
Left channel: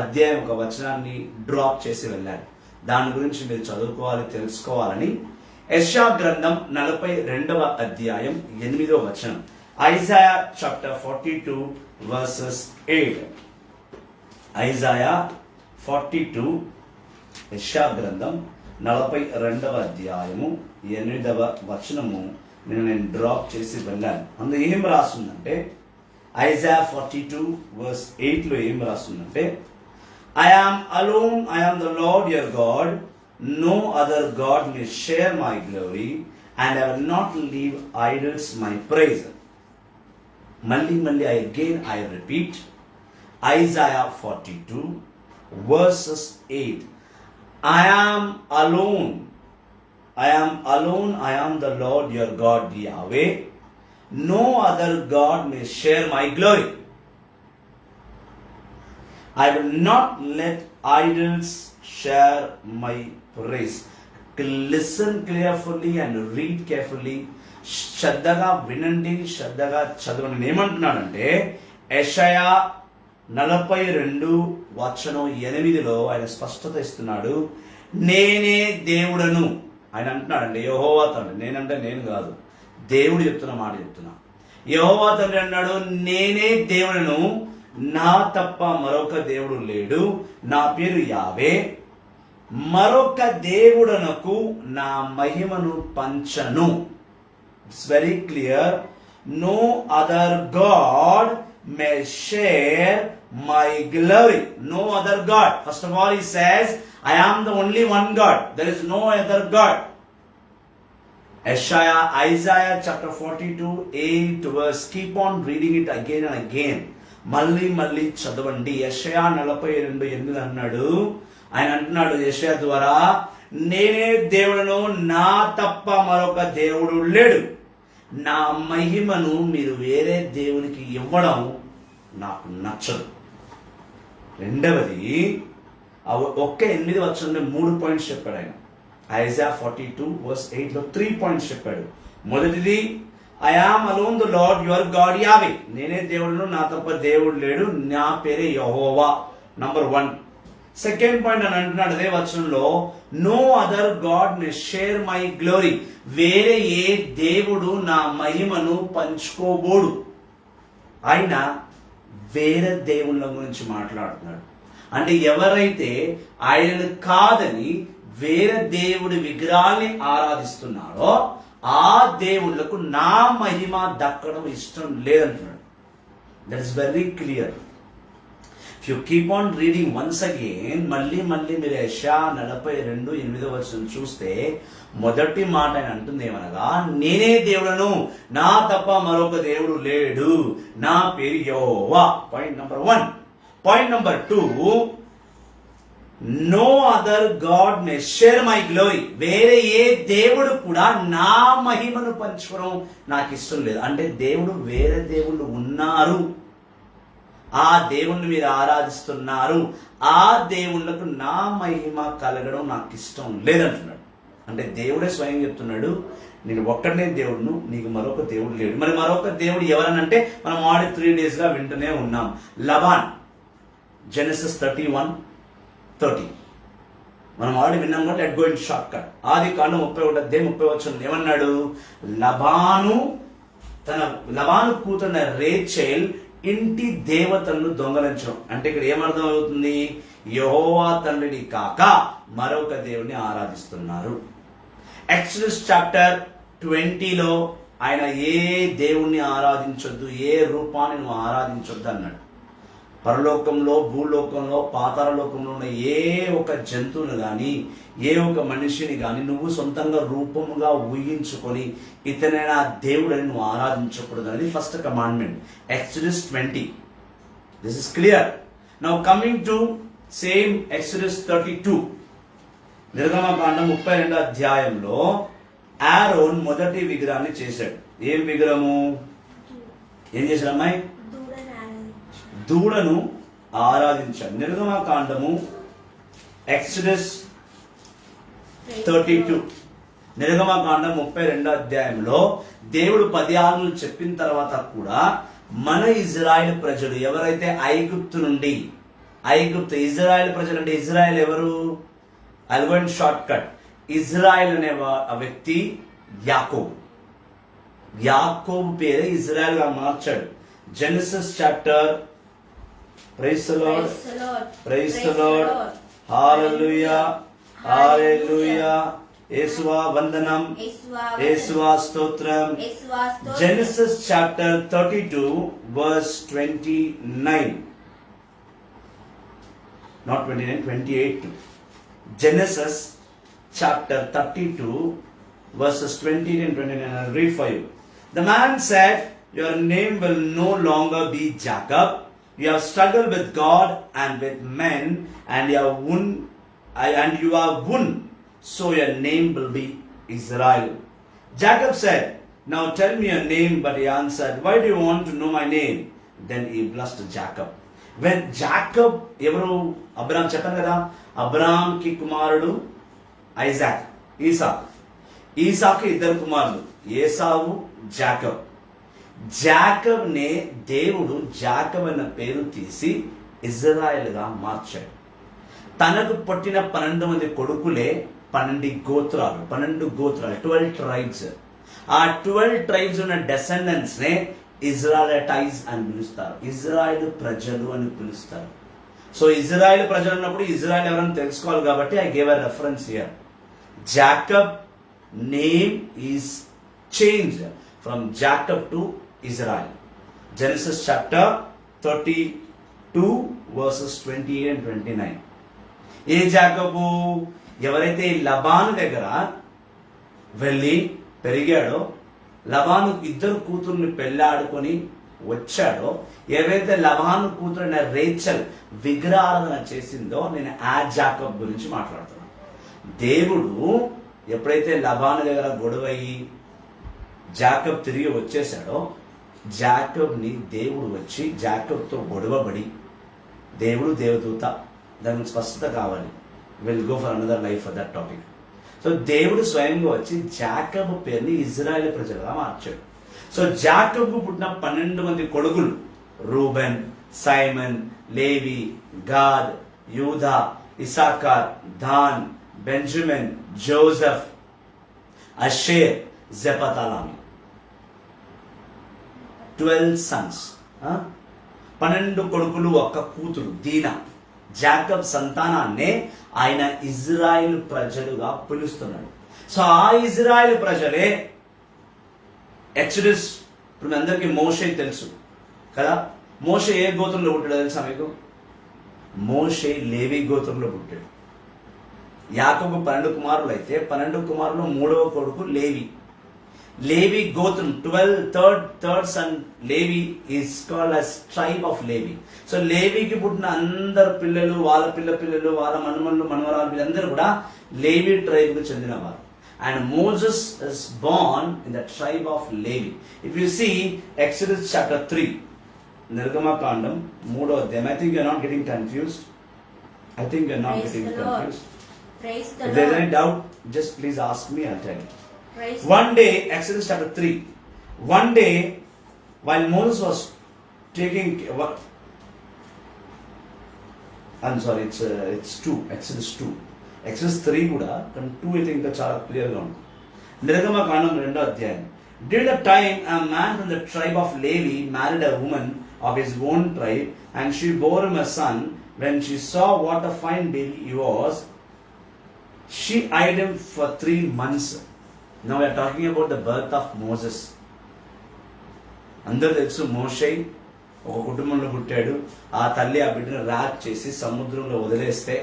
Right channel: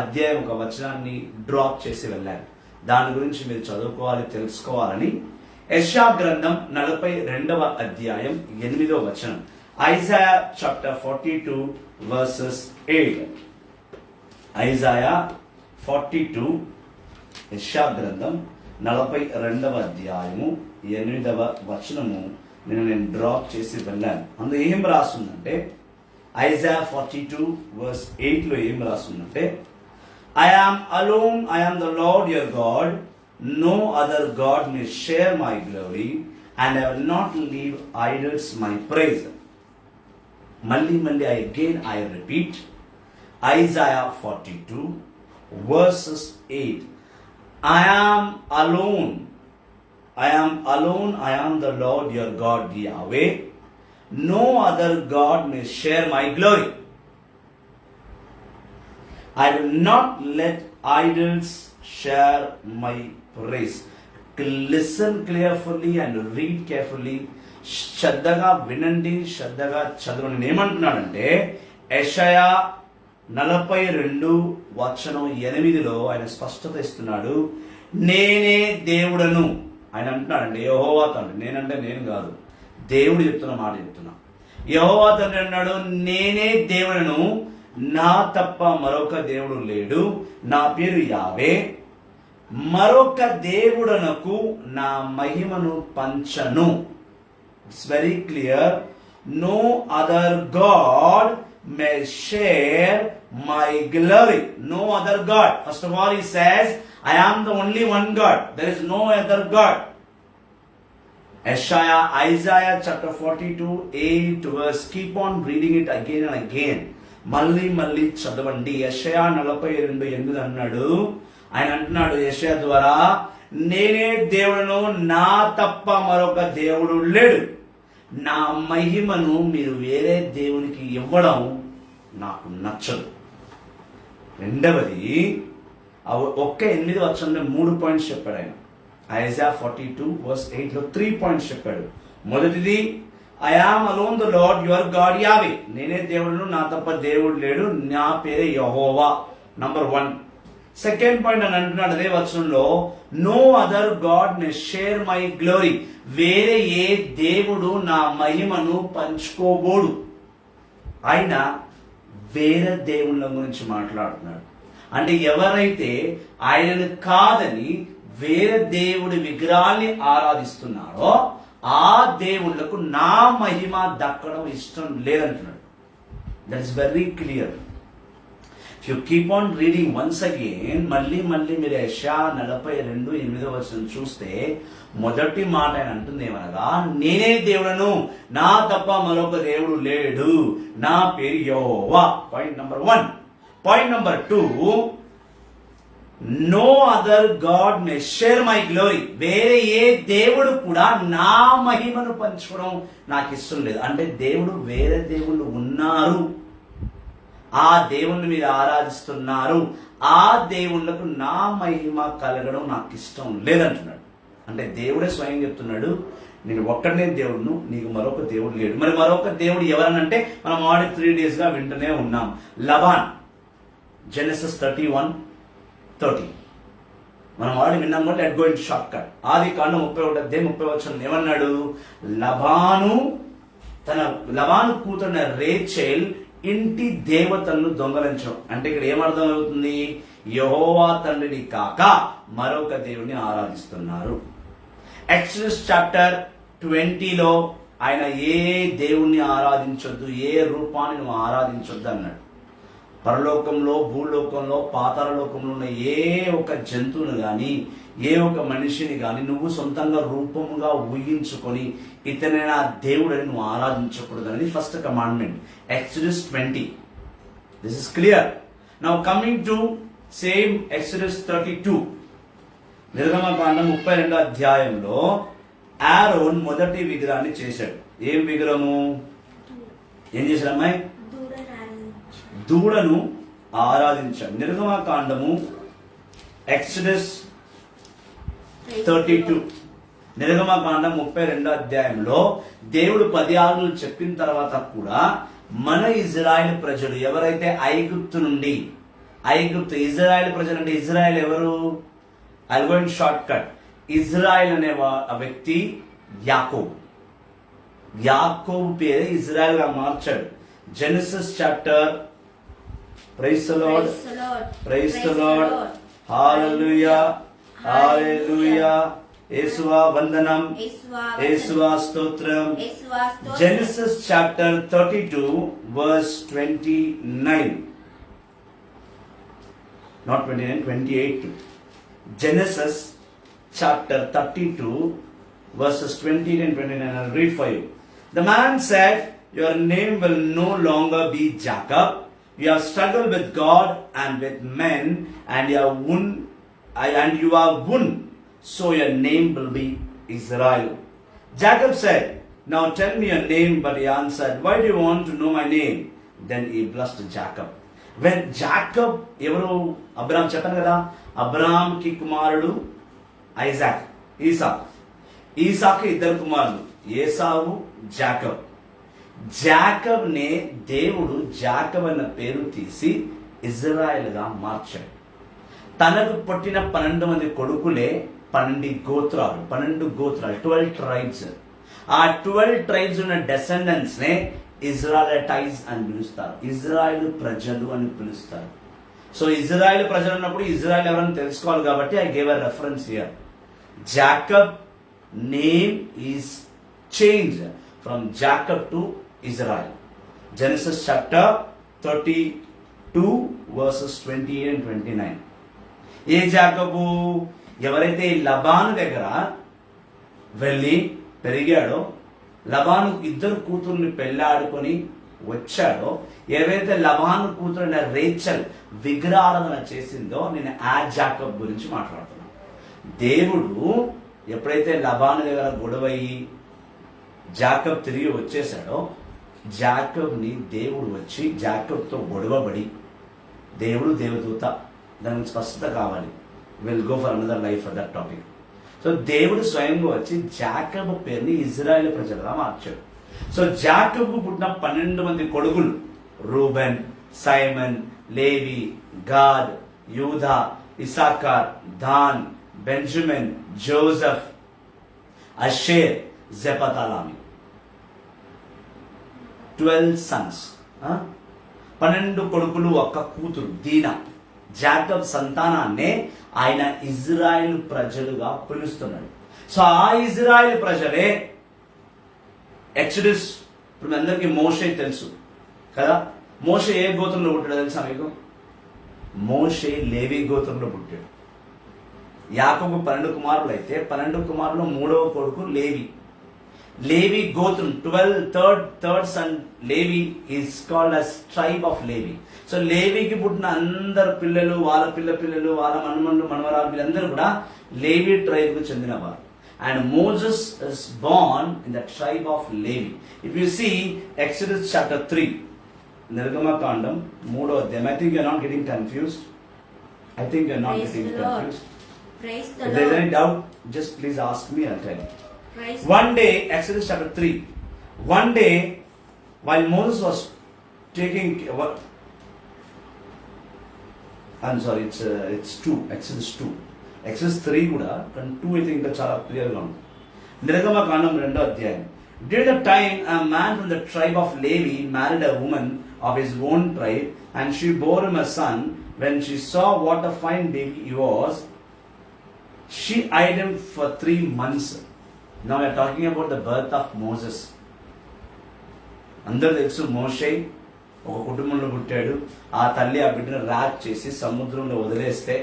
అధ్యాయం, ఒక వచనాన్ని డ్రాప్ చేసి వెళ్ళాను. దాని గురించి మీరు చదువుకోవాలి, తెలుసుకోవాలని యెషయా గ్రంథం 42వ అధ్యాయం 8వ వచనం. Isaiah chapter 42 versus 8. ఐజాయా 42, యెషయా గ్రంథం 42వ అధ్యాయము 8వ వచనము నేను డ్రాప్ చేసి వెళ్ళాను. అందులో ఏం రాస్తుందంటే ఐజాయా 42 వర్స్ 8లో ఏం రాస్తుందంటే I am alone, I am the Lord your God, no other God may share my glory, and I will not leave idols my praise. Malli I repeat, Isaiah 42 verses 8. I am alone, I am the Lord your God Yahweh, no other God may share my glory. I will not let idols share my praise. Listen carefully and read carefully. శ్రద్ధగా వినండి, శ్రద్ధగా చదవండి. ఏమంటున్నాడంటే యెషయా 42 వచనం 8లో ఆయన స్పష్టత ఇస్తున్నాడు. నేనే దేవుడను ఆయన అంటున్నాడండి. యెహోవా తండ్రి, నేనంటే నేను కాదు, దేవుడు చెప్తున్న మాట చెప్తున్నా. యెహోవా తండ్రి అన్నాడు, నేనే దేవుడను, నా తప్ప మరొక దేవుడు లేడు, నా పేరు యావే, మరొక దేవుడనకు నా మహిమను పంచను. It's very clear. No other God may share my glory. No other God. First of all he says I am the only one God, there is no other God. Isaiah chapter 42 8 verse, keep on reading it again and again. మళ్ళీ చదవండి. యెషయా 42 8 అన్నాడు. ఆయన అంటున్నాడు యెషయా ద్వారా, నేనే దేవుడను, నా తప్ప మరొక దేవుడు లేడు, నా మహిమను మీరు వేరే దేవునికి ఇవ్వడం నాకు నచ్చదు. రెండవది ఒక్క 8 వచనంలో 3 పాయింట్స్ చెప్పాడు ఆయన. ఐజాయా 42 verse 8లో 3 పాయింట్స్ చెప్పాడు. మొదటిది I am alone the Lord your God Yahweh. నేనే దేవుడును, నా తప్ప దేవుడు లేడు, నా పేరే యెహోవా. నంబర్ 1. సెకండ్ పాయింట్ అని అంటున్నాడు అదే వచనంలో, no other God may share my glory. వేరే ఏ దేవుడు నా మహిమను పంచుకోబోడు. ఆయన వేరే దేవుళ్ళ గురించి మాట్లాడుతున్నాడు. అంటే ఎవరైతే ఆయనను కాదని వేరే దేవుడి విగ్రహాల్ని ఆరాధిస్తున్నారో ఆ దేవుళ్లకు నా మహిమ దక్కడం ఇష్టం లేదంటున్నాడు. That is very clear. If you keep on reading once again, మళ్ళీ మీరు యెషయా 42:8 చూస్తే మొదటి మాట ఆయన అంటుంది ఏమనగా, నేనే దేవుడను, నా తప్ప మరొక దేవుడు లేడు, నా పేరు యెహోవా. Point number 1. Point number 2, no other God may share my glory. వేరే ఏ దేవుడు కూడా నా మహిమను పంచుకోవడం నాకు ఇష్టం లేదు. అంటే దేవుడు వేరే దేవుళ్ళు ఉన్నారు, ఆ దేవుణ్ణి మీరు ఆరాధిస్తున్నారు, ఆ దేవుళ్ళకు నా మహిమ కలగడం నాకు ఇష్టం లేదంటున్నాడు. అంటే దేవుడే స్వయం చెప్తున్నాడు, నేను ఒక్కడనే దేవుడును, నీకు మరొక దేవుడు లేడు. మరి మరొక దేవుడు ఎవరనంటే మనం ఆడి 3 days గా వింటూనే ఉన్నాం. లబాన్, జెనసిస్ 31:30 మనం ఆల్రెడీ విన్నాం. But let go in short cut. ఆదికాండం 31:30 ఏమన్నాడు? లబాను కూతున్న రేచెల్ ఇంటి దేవతలను దొంగలించడం. అంటే ఇక్కడ ఏమర్థం అవుతుంది? యెహోవా తండ్రిని కాక మరొక దేవుని ఆరాధిస్తున్నారు. ఎక్సోడస్ చాప్టర్ 20లో ఆయన ఏ దేవుణ్ణి ఆరాధించొద్దు, ఏ రూపాన్ని నువ్వు ఆరాధించొద్దు అన్నాడు. పరలోకంలో, భూలోకంలో, పాతాళలోకంలో ఉన్న ఏ ఒక జంతువును గాని, ఏ ఒక మనిషిని గాని నువ్వు సొంతంగా రూపముగా ఊహించుకొని ఇతనే నా దేవుడని నువ్వు ఆరాధించకూడదు అనేది first commandment. Exodus 20. This is clear. Now coming to same exodus 32. నిర్గమకాండం 32వ అధ్యాయంలో ఆరోన్ మొదటి విగ్రహాన్ని చేశాడు. ఏం విగ్రహము? ఏం చేశాడు అమ్మాయి? దూడను ఆరాధించాడు. నిర్గమకాండము ఎక్సోడస్ 32, నిర్గమకాండం 32వ అధ్యాయంలో దేవుడు 10 ఆజ్ఞలు చెప్పిన తర్వాత కూడా మన ఇజ్రాయెల్ ప్రజలు ఎవరైతే ఇజ్రాయెల్ ప్రజలు అంటే ఇజ్రాయెల్ ఎవరు? I'll go in short cut. Israel అనే వ్యక్తి యాకోబు పేరు ఇజ్రాయెల్ గా మార్చాడు. Genesis chapter, praise the Lord, praise the Lord, hallelujah, hallelujah, యేసువా వందనం, యేసువా స్తోత్రం. Genesis chapter 32 verse 29, not 29, 28. Genesis chapter 32 verses 20 and 29. I'll read for you. The man said, your name will no longer be Jacob. You have struggled with God and with men, and you are won, so your name will be Israel. Jacob said, now tell me your name. But he answered, why do you want to know my name? Then he blessed Jacob. When Jacob, ఎవరు? అబ్రాహం. చెప్పాను కదా, అబ్రాహం కి కుమారుడు Isaac, Isaac 2 కుమారులు, Esau, Jacob. Jacob నే దేవుడు Jacob అన్న పేరు తీసి ఇజ్రాయెల్ గా మార్చాడు. తనకు పుట్టిన 12 మంది కొడుకులే 12 గోత్రాలు, 12 ట్రైబ్స్. ఆ 12 ట్రైబ్స్ ఉన్న డెసెండెంట్స్ నే ఇజ్రాయెలైట్స్ అని పిలుస్తారు, ఇజ్రాయెల్ ప్రజలు అని పిలుస్తారు. సో ఇజ్రాయెల్ ప్రజలు ఉన్నప్పుడు ఇజ్రాయెల్ ఎవరని తెలుసుకోవాలి కాబట్టి I gave a reference here. Jacob name is change from Jacob to Israel. Genesis chapter 32 verses 28 and 29. ఏ జాకబు? ఎవరైతే లబాను దగ్గర వెళ్ళి పెరిగాడో, లబాను 2 కూతుర్ని పెళ్ళాడుకొని వచ్చాడో, ఏవైతే లబాను కూతురైన రేచల్ విగ్రహారాధన చేసిందో, నేను ఆ జాకబ్ గురించి మాట్లాడుతున్నాను. దేవుడు ఎప్పుడైతే లబాను దగ్గర గొడవయ్యి జాకబ్ తిరిగి వచ్చేసాడో, జాకబ్ని దేవుడు వచ్చి జాకబ్తో గొడవబడి, దేవుడు దేవదూత, దాని గురించి స్పష్టత కావాలి. Will go for another life for that topic. So దేవుడు స్వయంగా వచ్చి జాకబ్ పేరుని ఇజ్రాయెల్ ప్రజలుగా మార్చాడు. సో జాకబ్ పుట్టిన 12 మంది కొడుకులు రూబెన్, సైమన్, లేవి, గాద్, యూదా, ఇసాకార్, దాన్, బెంజమిన్, జోసెఫ్, అషేర్, జెపతలామి. 12 sons. 12 కొడుకులు, ఒక్క కూతురు దీనా. జాకబ్ సంతానాన్నే ఆయన ఇజ్రాయెల్ ప్రజలుగా పిలుస్తున్నాడు. సో ఆ ఇజ్రాయెల్ ప్రజలే ఎక్సోడస్. ఇప్పుడు మీ అందరికీ మోషే తెలుసు కదా. మోషే ఏ గోత్రంలో పుట్టాడో తెలుసా మీకు? మోషే లేవి గోత్రంలో పుట్టాడు. యాకోబు 12 కుమారులు అయితే 12 కుమారులు 3వ కొడుకు లేవి. లేవి గోత్రం 12th son Levi is called as tribe of Levi. So లేవికి పుట్టిన అందరు పిల్లలు, వాళ్ళ పిల్లలు, వాళ్ళ మనుమన్లు, మనవరాలు, వీళ్ళందరూ కూడా లేవి ట్రైబ్ కు చెందినవారు. And Moses is born in the tribe of Levi. If you see Exodus chapter 3, నిర్గమకాండం 3వ అధ్యాయం. I think you are not getting confused. I think you are not Praise getting the Lord. confused. Praise the If there is Lord. any doubt, just please ask me, I'll tell you. Praise One day, Exodus chapter 3, one day while Moses was taking, I'm sorry, it's 2, Exodus 2. Exodus 3 కూడా, కానీ 2 అయితే ఇంకా చాలా క్లియర్గా ఉంది. నిర్గమకాండం 2వ అధ్యాయం. During the time, a man from the tribe of Levi married a woman of his own tribe, and she bore him a son. When she saw what a fine baby he was, she eyed him for 3 months. Now we are talking about the birth of Moses. అందరూ తెలుసు, మోషే ఒక కుటుంబంలో పుట్టాడు. ఆ తల్లి ఆ బిడ్డను rap చేసి సముద్రంలో వదిలేస్తే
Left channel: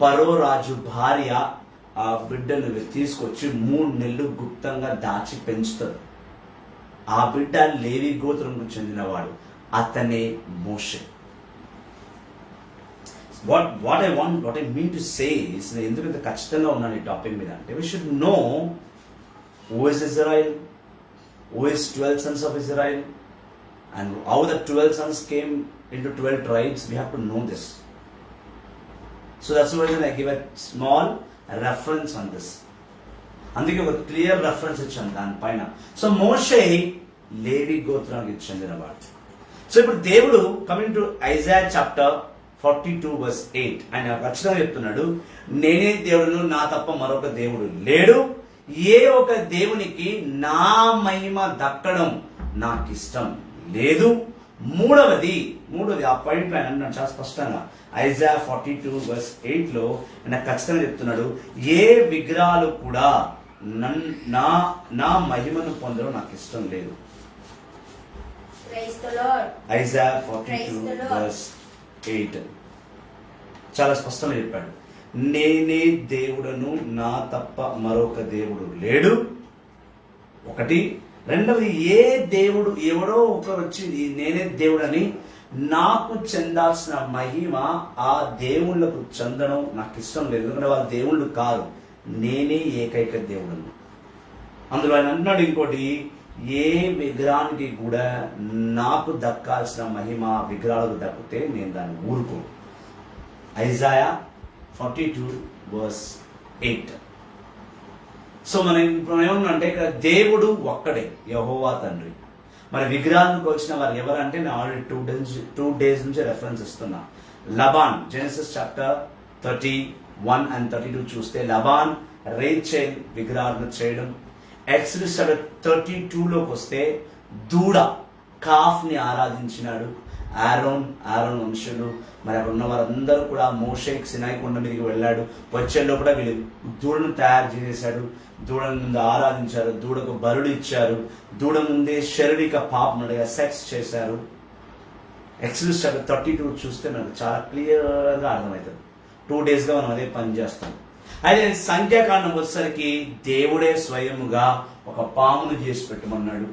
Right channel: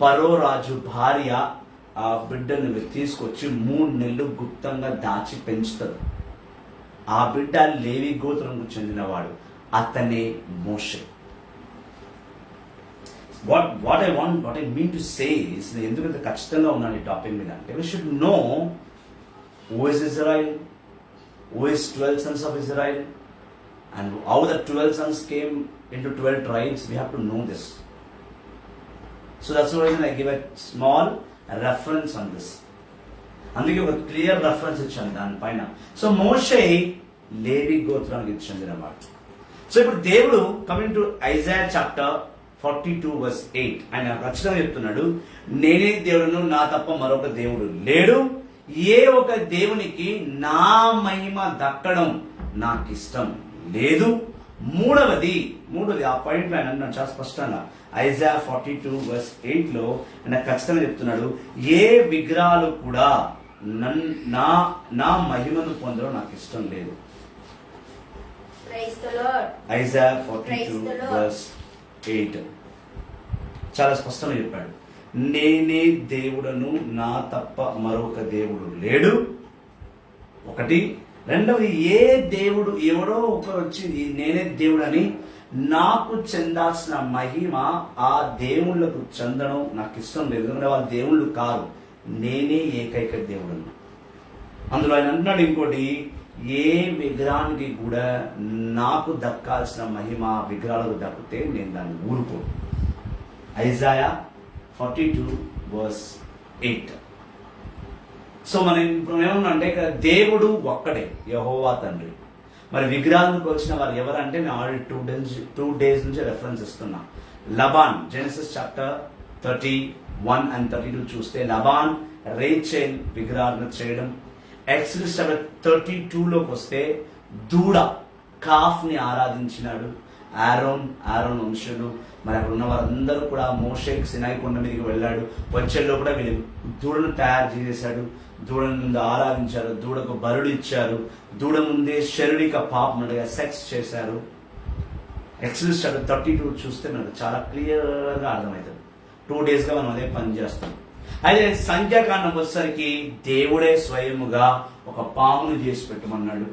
పరో రాజు భార్య ఆ బిడ్డను తీసుకొచ్చి 3 నెలలు గుప్తంగా దాచి పెంచుతాడు. ఆ బిడ్డ లేవి గోత్రంకు చెందినవాడు. అతనే మోషే. What I mean to say is, ఎందుకంత ఖచ్చితంగా ఉన్నాను ఈ టాపిక్ మీద అంటే, we should know who is Israel, who is 12 sons of Israel, and how the 12 sons came into 12 tribes. We have to know this. So that's the reason I give a small reference on this. అందుకే ఒక clear reference ఇచ్చాను దానిపైన. So మోషే లేవి గోత్రానికి చెందినవాడు. So ఇప్పుడు దేవుడు coming to Isaiah chapter 42 verse 8, ఆయన ఖచ్చితంగా చెప్తున్నాడు, నేనే దేవుడును, నా తప్ప మరొక దేవుడు లేడు. ఏ ఒక దేవునికి నా మహిమ దక్కడం నాకు ఇష్టం లేదు. మూడవది ఆ పాయింట్ ఆయన అన్నాడు చాలా స్పష్టంగా. ఐజాయా 42 verse 8 లో ఆయన ఖచ్చితంగా చెప్తున్నాడు, ఏ విగ్రహాలు కూడా నా మహిమను పొందడం నాకు ఇష్టం లేదు. Praise the Lord. Isaiah 42 verse 8 చాలా స్పష్టంగా చెప్పాడు, నేనే దేవుడను, నా తప్ప మరొక దేవుడు లేడు. ఒకటి. రెండవది, ఏ దేవుడు ఎవడో ఒకరు వచ్చి నేనే దేవుడు అని నాకు చెందాల్సిన మహిమ ఆ దేవుళ్ళకు చెందడం నాకు ఇష్టం లేదు. ఎందుకంటే వాళ్ళు దేవుళ్ళు కాదు, నేనే ఏకైక దేవుడను. అందులో ఆయన అంటున్నాడు ఇంకోటి, ఏ విగ్రహానికి కూడా నాకు దక్కాల్సిన మహిమ విగ్రహాలకు దక్కితే నేను దాన్ని ఊరుకోను. Isaiah 42 verse 8. సో మనం ఇప్పుడు ఏమన్నా అంటే ఇక్కడ దేవుడు ఒక్కడే, యెహోవా తండ్రి. మరి విగ్రహాలకు వచ్చిన వారు ఎవరంటే నేను ఆల్రెడీ 2 days నుంచి రెఫరెన్స్ ఇస్తున్నా. లబాన్, జెనసిస్ చాప్టర్ 31 and 32 చూస్తే లబాన్ రేచెల్ విగ్రహాలను చేయడం. ఎక్సోడస్ చాప్టర్ 32లోకి వస్తే దూడ కాఫ్ ని ఆరాధించినాడు ఆరోన్ వంశులు. మరి అక్కడ ఉన్న వారందరూ కూడా మోషేకి సినాయి కొండ మీదకి వెళ్ళాడు. వచ్చేలో కూడా వీళ్ళు దూడను తయారు చేశాడు, దూడను ముందు ఆరాధించారు, దూడకు బరుడు ఇచ్చారు, దూడ ముందే శారీరక పాపం సెక్స్ చేశారు. ఎక్సోడస్ చాప్టర్ 32 చూస్తే మనకు చాలా క్లియర్గా అర్థమవుతుంది. 2 days గా మనం అదే పని చేస్తాం. అయితే సంఖ్యాకాండం వచ్చేసరికి దేవుడే స్వయముగా ఒక పామును చేసి పెట్టమన్నాడు.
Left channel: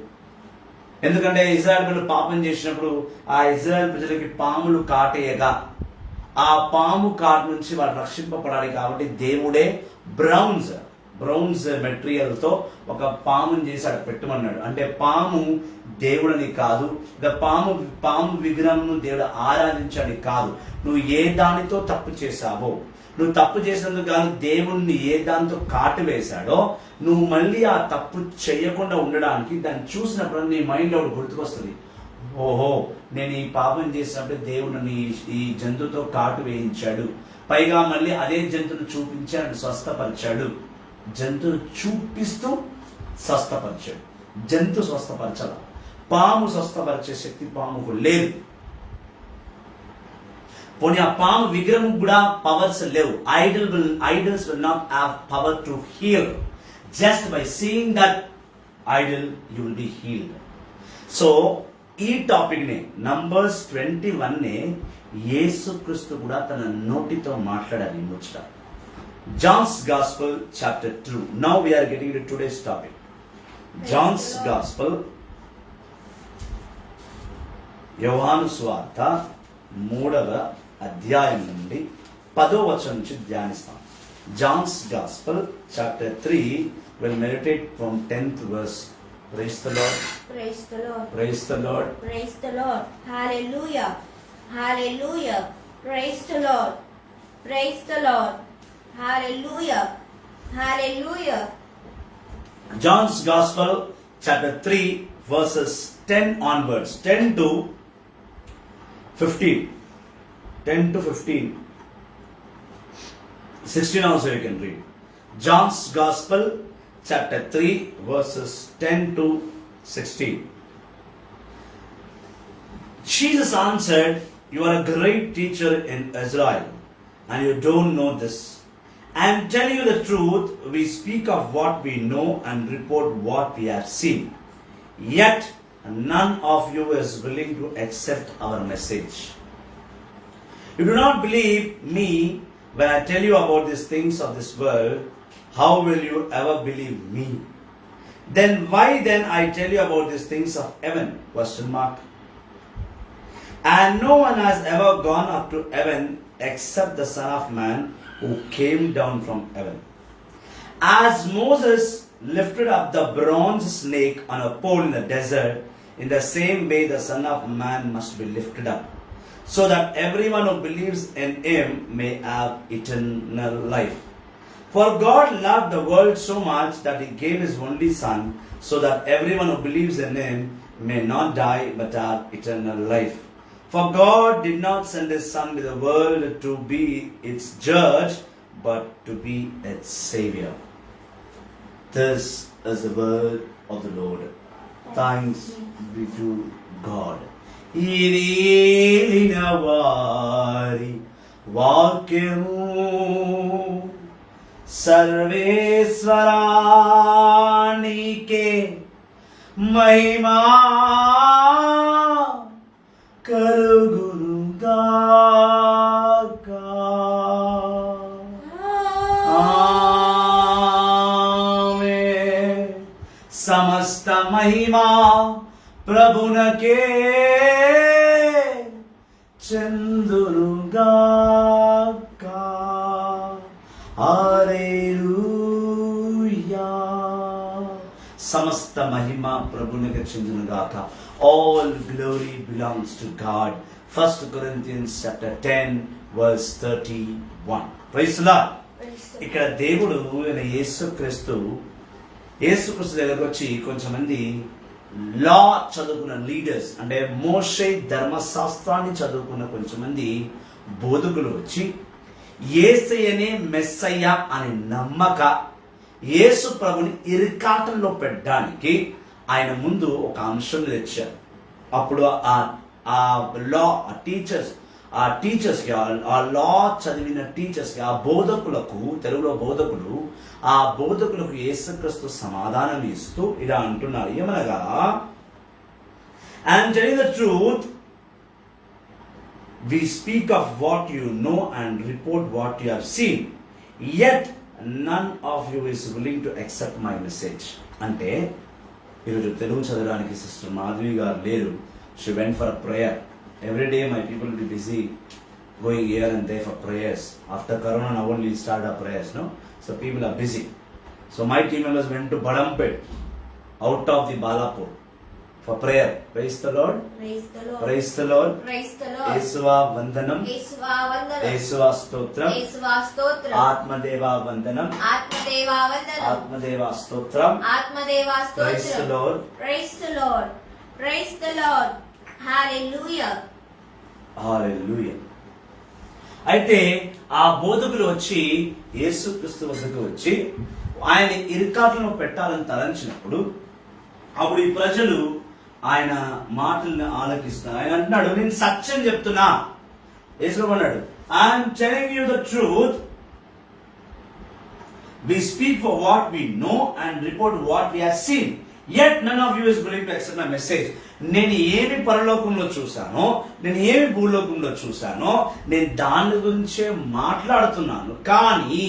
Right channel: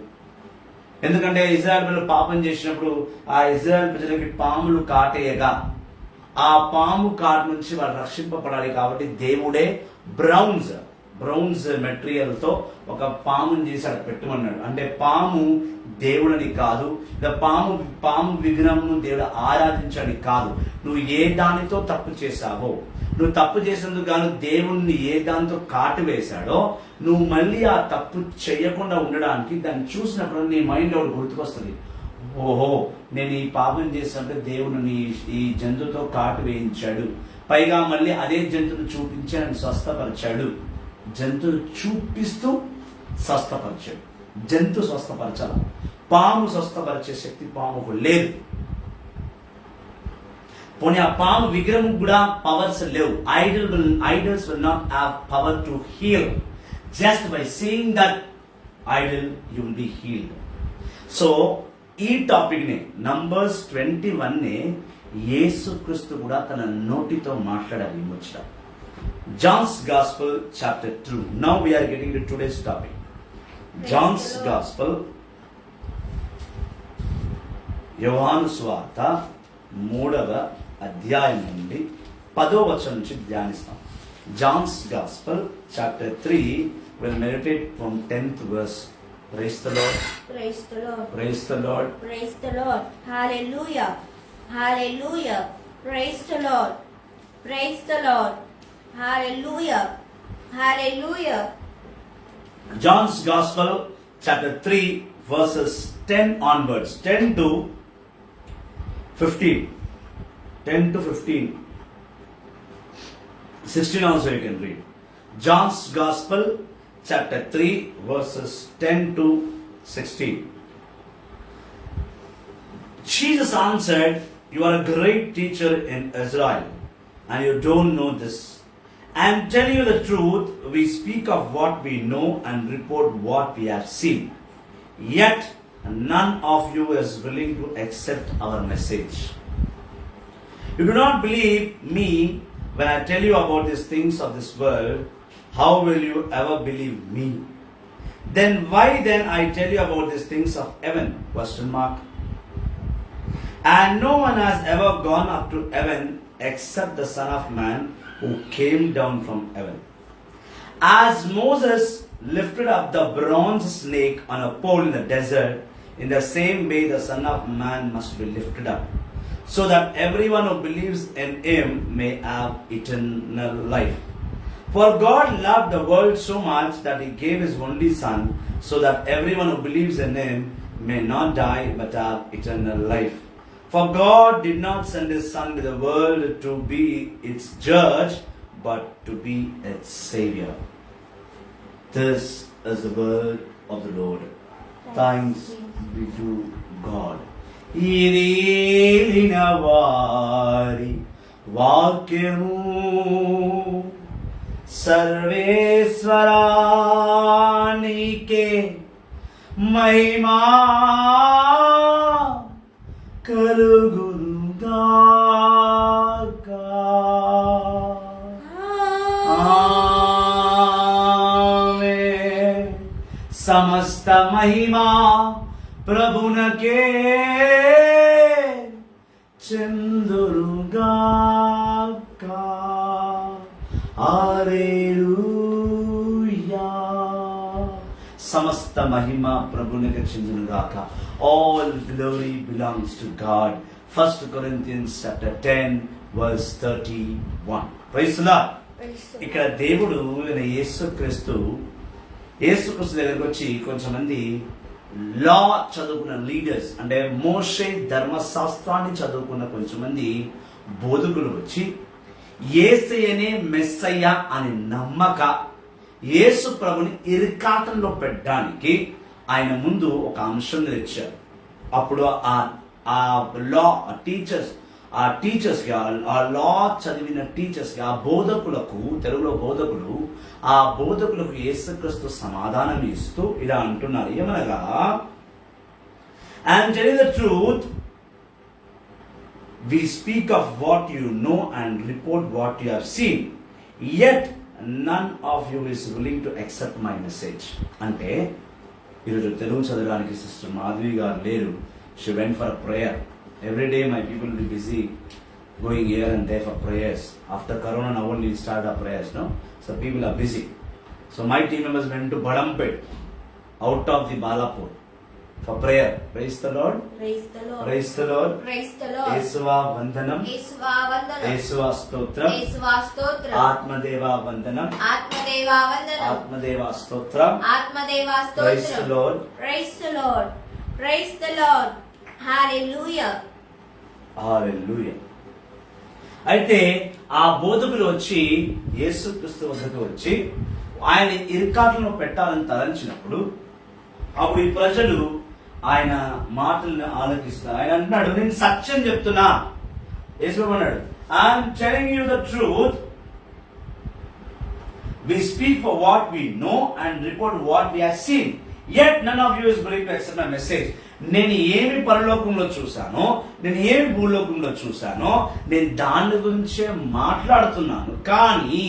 ఎందుకంటే ఇజ్రాయెల్ ప్రజలు పాపం చేసినప్పుడు ఆ ఇజ్రాయెల్ ప్రజలకి పాములు కాటేయగా ఆ పాము కాటు నుంచి వాళ్ళు రక్షింపబడాలి. కాబట్టి దేవుడే బ్రౌన్స్ మెటీరియల్ తో ఒక పాముని చేసి అక్కడ పెట్టమన్నాడు. అంటే పాము దేవుడని కాదు, పాము విగ్రహం దేవుడు ఆరాధించని కాదు. నువ్వు ఏ దానితో తప్పు చేశావో, నువ్వు తప్పు చేసినందుకు గాను దేవుణ్ణి ఏ దాంతో కాటు వేశాడో, నువ్వు మళ్ళీ ఆ తప్పు చేయకుండా ఉండడానికి దాన్ని చూసినప్పుడు నీ మైండ్ ఒకటి గుర్తుకొస్తుంది, ఓహో నేను ఈ పాపం చేసినప్పుడు దేవుడు ఈ జంతువుతో కాటు వేయించాడు, పైగా మళ్ళీ అదే జంతువును చూపించి ఆయన స్వస్థపరిచాడు. జంతువును చూపిస్తూ స్వస్థపరిచాడు. జంతు స్వస్థపరచాలి, పాము స్వస్థపరిచే శక్తి పాముకు లేదు. పోనీ ఆ పాము విగ్రహం కూడా పవర్స్ లేవు. Idols will not have power to heal. Just by seeing that idol you will be healed. So ఈ టాపిక్ ని నంబర్స్ 21 యేసుక్రీస్తు కూడా తన నోటితో మాట్లాడాలి ముచ్చట. John's gospel chapter 2. Now we are getting to today's topic. John's gospel, యోహాను సువార్త 3వ అధ్యాయం నుండి 10వ వచనం నుంచి ధ్యానిస్తాం. John's gospel chapter 3 will meditate from 10th verse. Praise the Lord. Praise the Lord. Praise the Lord. Praise the Lord. Hallelujah. Hallelujah. Praise the Lord. Praise the Lord. Hallelujah. Hallelujah. John's Gospel chapter 3 verses 10 onwards. 10 to 15. 10 to 15. 16 also you can read. John's Gospel chapter 3 verses 10 to 16. Jesus answered, "You are a great teacher in Israel, and you don't know this. I am telling you the truth. We speak of what we know and report what we have seen. Yet none of you is willing to accept our message. You do not believe me when I tell you about these things of this world. How will you ever believe me? Then why then I tell you about these things of heaven?" Question mark. "And no one has ever gone up to heaven except the Son of Man who came down from heaven. As Moses lifted up the bronze snake on a pole in the desert, in the same way the Son of Man must be lifted up, so that everyone who believes in him may have eternal life. For God loved the world so much that he gave his only Son, so that everyone who believes in him may not die but have eternal life. For God did not send his Son to the world to be its judge, but to be its Savior." This is the word of the Lord. Thanks be to God. ఇదేలిన వారి వాక్యము సర్వేశ్వరానికే మహిమా కలుగునుగాక. ఆమేన్. సమస్త మహిమా ప్రభునకే చెందునుగాక. హల్లెలూయా. సమస్త మహిమ ప్రభునికి చెందునుగాక. All glory belongs to God. 1 Corinthians chapter 10 verse 31. Praise the Lord. ఇక్కడ దేవుడు యేసుక్రీస్తు దగ్గరకు వచ్చి కొంచెం మంది లా చదువుకున్న లీడర్స్, అంటే మోషే ధర్మశాస్త్రాన్ని చదువుకున్న కొంచెం మంది బోధకులు వచ్చి యేసయ్యనే మెస్సయ్య అని నమ్మక యేసు ప్రభుని ఇరుకాటంలో పెట్టడానికి ఆయన ముందు ఒక అంశం తెచ్చారు. అప్పుడు ఆ లా టీచర్స్కి ఆ లా చదివిన టీచర్స్కి, ఆ బోధకులకు, తెలుగులో బోధకులు, ఆ బోధకులకు యేసుక్రీస్తు సమాధానం ఇస్తూ ఇలా అంటున్నారు. ఏమనగా, "I'm telling the truth. We speak of what you know and report what you have seen. Yet none of you is willing to accept my message." అంటే ఈరోజు తెలుగు చదవడానికి సిస్టర్ మాధవి గారు లేరు. She went for a prayer. Every day my people will be busy going here and there for prayers. After Corona, now only start our prayers, no? So people are busy. So my team members went to Badampet, out of the Balapur, for prayer. Praise the Lord. Praise the Lord. Praise the Lord. Praise the Lord. Yesuva Vandanam. Yesuva Vandanam. Yesuva Stotram. Yesuva Stotram. Atmadeva Vandanam. Atmadeva Vandanam. Atmadeva Stotram. Atmadeva Stotram. Praise the Lord. Praise the Lord. Praise the Lord. Hallelujah. Hallelujah. అయితే ఆ బోధకులు వచ్చి యేసుక్రీస్తు వద్దకు వచ్చి ఆయన ఇరుకాట్లను పెట్టాలని తలంచినప్పుడు అప్పుడు ఈ ప్రజలు ఆయన మాటల్ని ఆలకిస్తారు. ఆయన అంటున్నాడు, నేను సత్యం చెప్తున్నా. యేసు అన్నాడు, I'm telling you the truth. We speak for what we know and report what we have seen. Yet none of you is willing to accept my message. నేను ఏమి పరలోకంలో చూశానో, నేను ఏమి భూలోకంలో చూశానో, నేను దాని గురించే మాట్లాడుతున్నాను. కానీ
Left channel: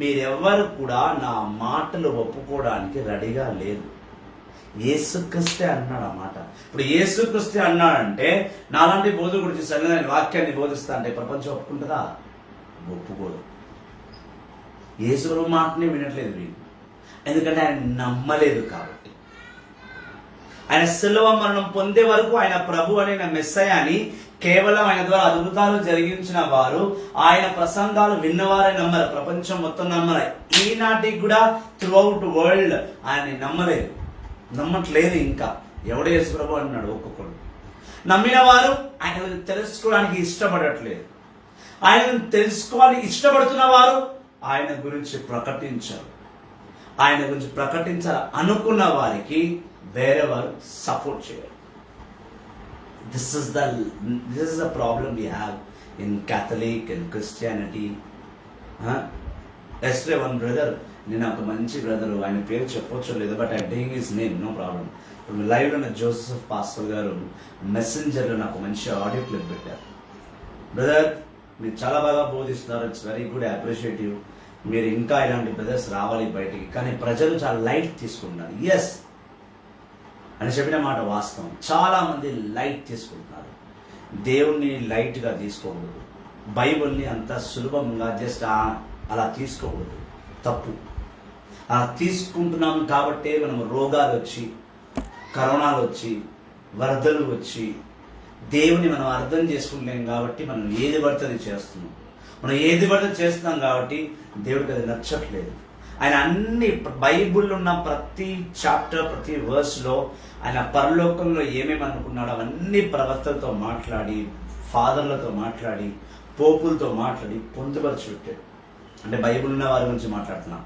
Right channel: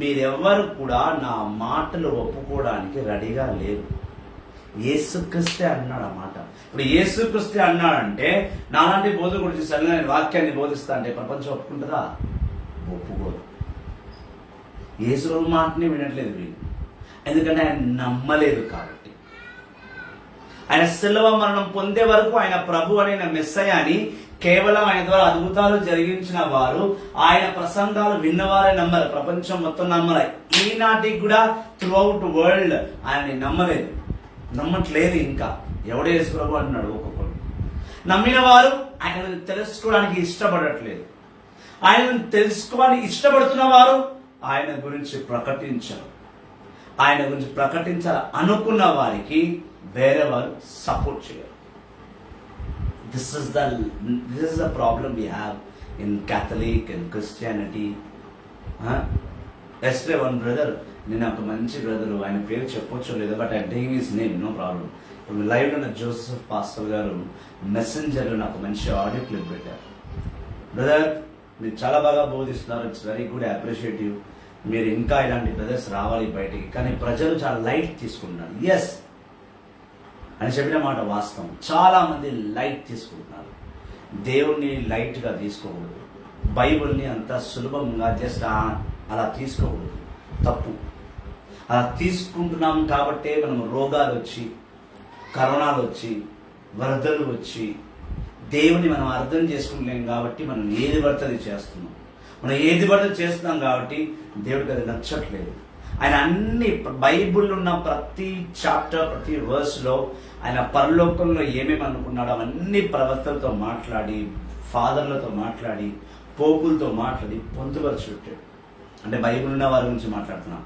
మీరెవరు కూడా నా మాటలు ఒప్పుకోవడానికి రెడీగా లేరు. యేసుక్రీస్తే అన్నాడు ఆ మాట. ఇప్పుడు యేసుక్రీస్తే అన్నాడంటే నాలాంటి బోధకుడు చూసాను, నేను వాక్యాన్ని బోధిస్తా అంటే ప్రపంచం ఒప్పుకుంటుందా? ఒప్పుకోదు. యేసు మాటని వినట్లేదు వీళ్ళు, ఎందుకంటే ఆయన నమ్మలేదు కాబట్టి. ఆయన శిలువ మరణం పొందే వరకు ఆయన ప్రభు అనే మెస్సయ్య అని కేవలం ఆయన ద్వారా అద్భుతాలు జరిగించిన వారు, ఆయన ప్రసంగాలు విన్నవారే నమ్మరు. ప్రపంచం మొత్తం నమ్మలే. ఈనాటికి కూడా త్రూ అవుట్ వరల్డ్ ఆయన్ని నమ్మట్లేదు. ఇంకా ఎవడే యేసు ప్రభు అంటున్నాడు. ఒక్కొక్కరు నమ్మిన వారు ఆయన తెలుసుకోవడానికి ఇష్టపడట్లేదు. ఆయన తెలుసుకోవాలని ఇష్టపడుతున్న వారు ఆయన గురించి ప్రకటించారు. ఆయన గురించి ప్రకటించాలి అనుకున్న వారికి వేరే వారు సపోర్ట్ చేయరు. This is the problem we have in Catholic and Christianity. ఎస్టే వన్ బ్రదర్, నేను ఒక మంచి బ్రదరు, ఆయన పేరు చెప్పొచ్చో లేదో, but I taking his name, no problem. ఇప్పుడు లైవ్లో ఉన్న జోసెఫ్ పాస్టర్ గారు మెసెంజర్లో నాకు మంచి ఆడియో క్లిప్ పెట్టారు. బ్రదర్, మీరు చాలా బాగా బోధిస్తున్నారు, ఇట్స్ వెరీ గుడ్, అప్రిషియేటివ్. మీరు ఇంకా ఇలాంటి బ్రదర్స్ రావాలి బయటికి. కానీ ప్రజలు చాలా లైట్ తీసుకుంటున్నారు. ఎస్ అని చెప్పిన మాట వాస్తవం. చాలా మంది లైట్ తీసుకుంటున్నారు. దేవుణ్ణి లైట్గా తీసుకోకూడదు. బైబిల్ని అంత సులభంగా జస్ట్ అలా తీసుకోకూడదు, తప్పు. అలా తీసుకుంటున్నాం కాబట్టే మనం రోగాలు వచ్చి, కరోనాలు వచ్చి, వరదలు వచ్చి, దేవుని మనం అర్థం చేసుకుంటలేం కాబట్టి మనం ఏది పడితే చేస్తున్నాం. మనం ఏది పడితే చేస్తున్నాం కాబట్టి దేవుడికి అది నచ్చట్లేదు. ఆయన అన్ని బైబిల్లో ఉన్న ప్రతి చాప్టర్, ప్రతి వర్స్లో ఆయన పరలోకంలో ఏమేమి అనుకున్నాడో అవన్నీ ప్రవక్తలతో మాట్లాడి, ఫాదర్లతో మాట్లాడి, పోపులతో మాట్లాడి పొందుపరిచి పెట్టాడు. అంటే బైబిల్ ఉన్న వారి గురించి మాట్లాడుతున్నా,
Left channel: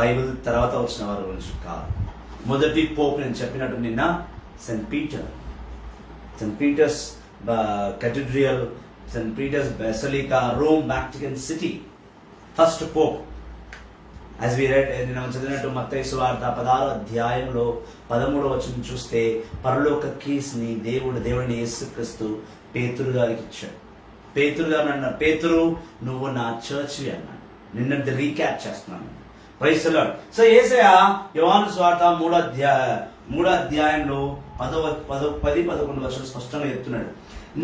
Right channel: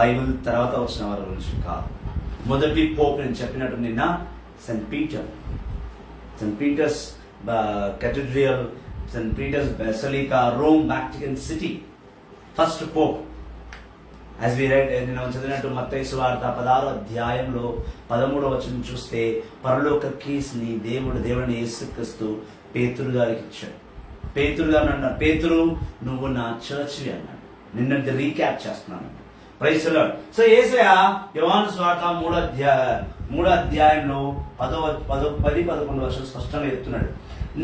బైబిల్ తర్వాత వచ్చిన వారి గురించి కాదు. మొదటి పోప్ నేను చెప్పినట్టు నిన్న saint Peter's Cathedral, St. Peter's Basilica, Rome, Vatican City. First Pope. As we read, నేను చదివినట్టు మత్తయి సువార్త 16వ అధ్యాయంలో 13వ వచనం చూస్తే పరలోక కీస్ని దేవుడిని యేసుక్రీస్తు పేతురు గారికి ఇచ్చాడు. పేతురు గారు అన్నారు, పేతురు నువ్వు నా చర్చి అన్నాడు. నిన్నటి రీక్యాప్ చేస్తున్నాను. Praise the Lord. సో యేసయ్య యోహాను సువార్త 3వ అధ్యాయంలో 10-11 వర్షాలు స్పష్టంగా చెప్తున్నాడు.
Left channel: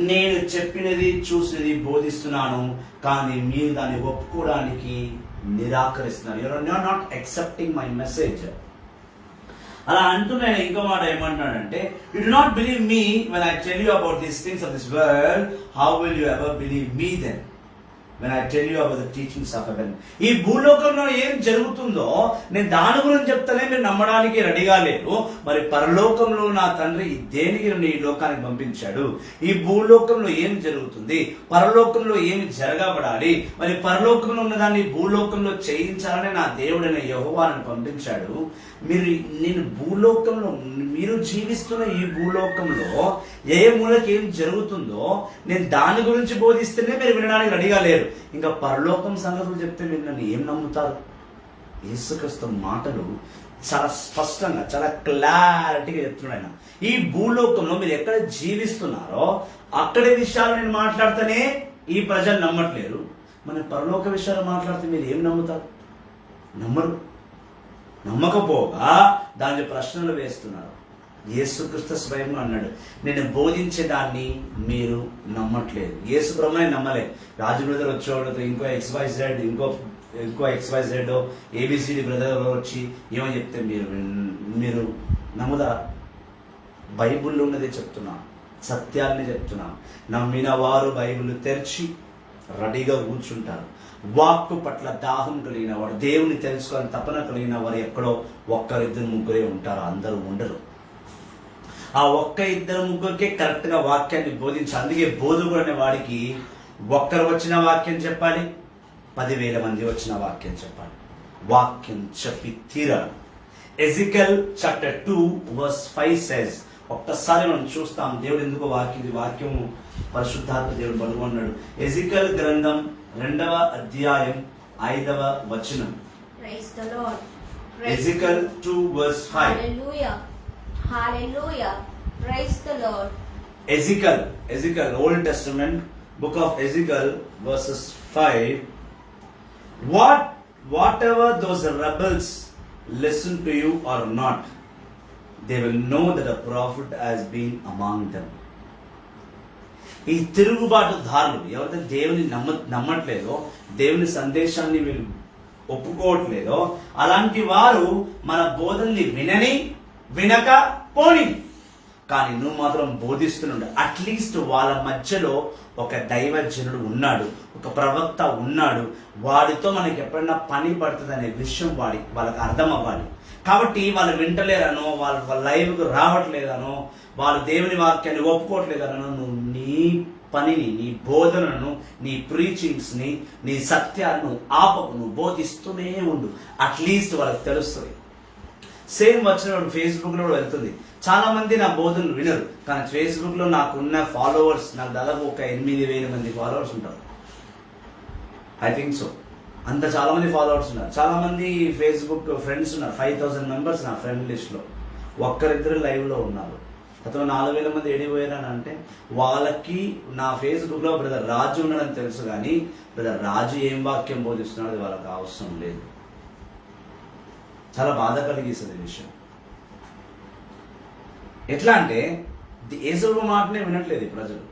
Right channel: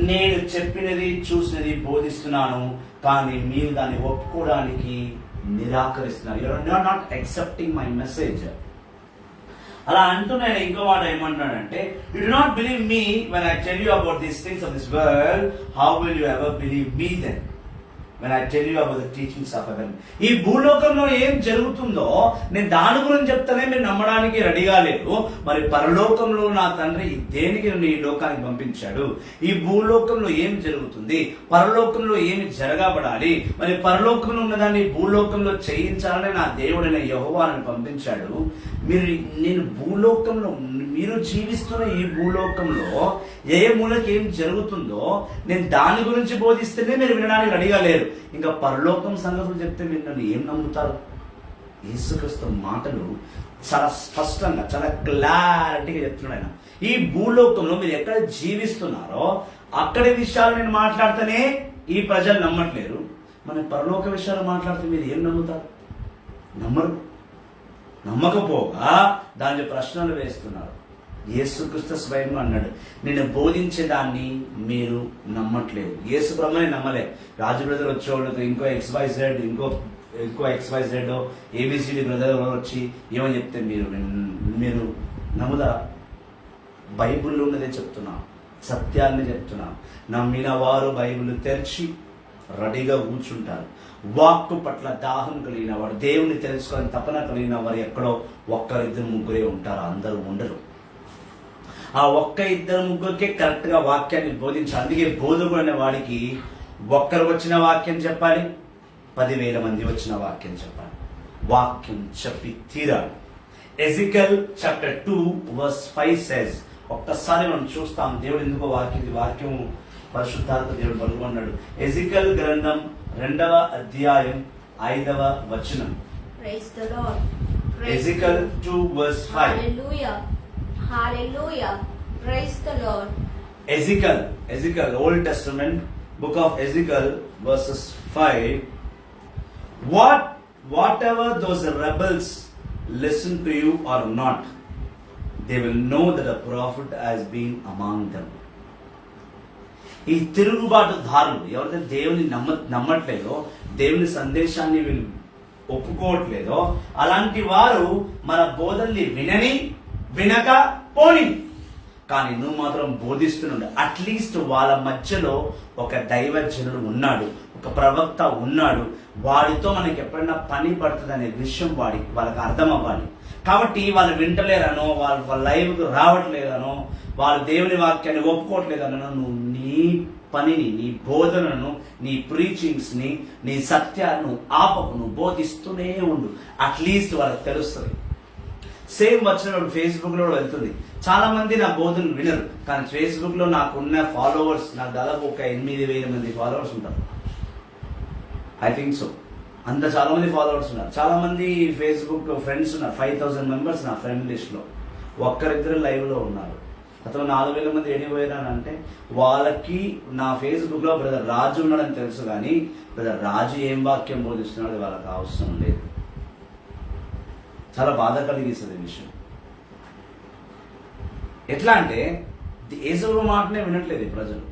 నేను చెప్పినది చూసినది బోధిస్తున్నాను, కానీ మీరు దాన్ని ఒప్పుకోవడానికి నిరాకరిస్తున్నారు. You are not accepting my message. అలా అంటున్నాడు. ఇంకో మాట ఏమంటున్నాడంటే, you do not believe me when I tell you about these things of this world, how will you ever believe me then when I tell you about the teachings of heaven. ఈ భూలోకంలో ఏం జరుగుతుందో నేను దాని గురించి చెప్తానే మీరు నమ్మడానికి రెడీగా లేరు. మరి పరలోకంలో నా తండ్రి దేనికి నన్ను ఈ లోకానికి పంపించాడు, ఈ భూలోకంలో ఏం జరుగుతుంది, పరలోకంలో ఏమి జరగబడాలి, మరి పరలోకంలో ఉన్నదాన్ని భూలోకంలో చేయించాలని నా దేవుడైన యెహోవాను పంపించాడు. నేను భూలోకంలో, మీరు జీవిస్తున్న ఈ భూలోకంలో ఏ మూలకి ఏం జరుగుతుందో నేను దాని గురించి బోధిస్తేనే మీరు వినడానికి రెడీగా లేరు. ఇంకా పరలోకం సంగతులు చెప్తే మీరు నన్ను ఏం నమ్ముతారు? యేసుక్రీస్తు మాటలు చాలా స్పష్టంగా, చాలా క్లారిటీగా చెప్తున్నాడు ఆయన. ఈ భూలోకంలో మీరు ఎక్కడ జీవిస్తున్నారో అక్కడి విషయాలు నేను మాట్లాడితేనే ఈ ప్రజలు నమ్మట్లేరు. మన పరలోక విషయాలు మాట్లాడితే మీరు ఏం నమ్ముతారు? నమ్మరు. నమ్మకపోగా దాని ప్రశ్నలు వేస్తున్నారు. యేసుక్రీస్తు స్వయంగా అన్నాడు, నేను బోధించే దాన్ని మీరు నమ్మట్లేదు. యేసు బ్రహ్మనే నమ్మలే. రాజు బ్రదర్ వచ్చేవాళ్ళతో ఇంకో XYZ ABCD బ్రదర్ వచ్చి ఏమని చెప్తే మీరు నమ్ముదా? బైబిల్లో ఉన్నదే చెప్తున్నా, సత్యాన్ని చెప్తున్నా. నమ్మిన వారు బైబిల్ తెరిచి రెడీగా కూర్చుంటారు. వాక్కు పట్ల దాహం కలిగిన వాడు, దేవుని తెలుసుకోవాలని తపన కలిగిన వారు ఎక్కడో 1-2-3 ఉంటారు, అందరూ ఉండరు. ఆ 1-2-3 కరెక్ట్ గా వాక్యాన్ని బోధించాలి. అందుకే బోధకుడు అనే వాడికి ఒక్కరు వచ్చిన వాక్యం చెప్పాలి, 10,000 మంది వచ్చిన వాక్యం చెప్పాలి. వాక్యం చెప్పి తీరాడు. ఎజికల్ చాప్టర్ 2 verse 5 says, ఒక్కసారి మనం చూస్తాం దేవుడు ఎందుకో వాక్యం పరిశుద్ధాత్మ దేవుడు పలుకున్నాడు. ఎజికల్ గ్రంథం 2వ అధ్యాయం 5వ వచనం. Praise the Lord. ఎజికల్ 2 verse 5. Hallelujah. Hallelujah. Praise the Lord. Ezekiel, Old Testament, book of Ezekiel, verses 5. Whatever those rebels listen to you or not, they will know that a prophet has been among them. ఈ తిరుగుబాటుదారులు ఎవరైతే దేవుని నమ్మట్లేదో, దేవుని సందేశాన్ని వీళ్ళు ఒప్పుకోవట్లేదో, అలాంటి వారు మన బోధల్ని వినక పోని, కానీ నువ్వు మాత్రం బోధిస్తున్నాడు. అట్లీస్ట్ వాళ్ళ మధ్యలో ఒక దైవజనుడు ఉన్నాడు, ఒక ప్రవక్త ఉన్నాడు, వాడితో మనకి ఎప్పుడైనా పని పడుతుంది అనే విషయం వాళ్ళకి అర్థం అవ్వాలి. కాబట్టి వాళ్ళు వింటలేరనో, వాళ్ళ లైవ్కు రావట్లేదనో, వాళ్ళు దేవుని వాక్యాన్ని ఒప్పుకోవట్లేదనో, నువ్వు నీ పనిని, నీ బోధనను, నీ ప్రీచింగ్స్ని, నీ సత్యాలను ఆపకు, నువ్వు బోధిస్తూనే ఉండు. అట్లీస్ట్ వాళ్ళకి తెలుస్తుంది. సేమ్ వచ్చిన ఫేస్బుక్ లో కూడా వెళ్తుంది. చాలా మంది నా బోధనలు వినరు, కానీ ఫేస్బుక్ లో నాకున్న ఫాలోవర్స్, నాకు దాదాపు ఒక 8,000 మంది ఫాలోవర్స్ ఉంటారు. I think so. అంత చాలా మంది ఫాలోవర్స్ ఉన్నారు. చాలా మంది ఫేస్బుక్ ఫ్రెండ్స్ ఉన్నారు. 5,000 మెంబర్స్ నా ఫ్రెండ్ లిస్ట్ లో. ఒక్కరిద్దరు లైవ్ లో ఉన్నారు. అతను 4,000 మంది ఏడిపోయారని అంటే, వాళ్ళకి నా ఫేస్బుక్ లో బ్రదర్ రాజు ఉన్నాడని తెలుసు, కానీ బ్రదర్ రాజు ఏం వాక్యం బోధిస్తున్నాడు అది వాళ్ళకి అవసరం లేదు. చాలా బాధ కలిగిస్తుంది ఈ విషయం. ఎట్లా అంటే యేసు మాటనే వినట్లేదు ఈ ప్రజలు.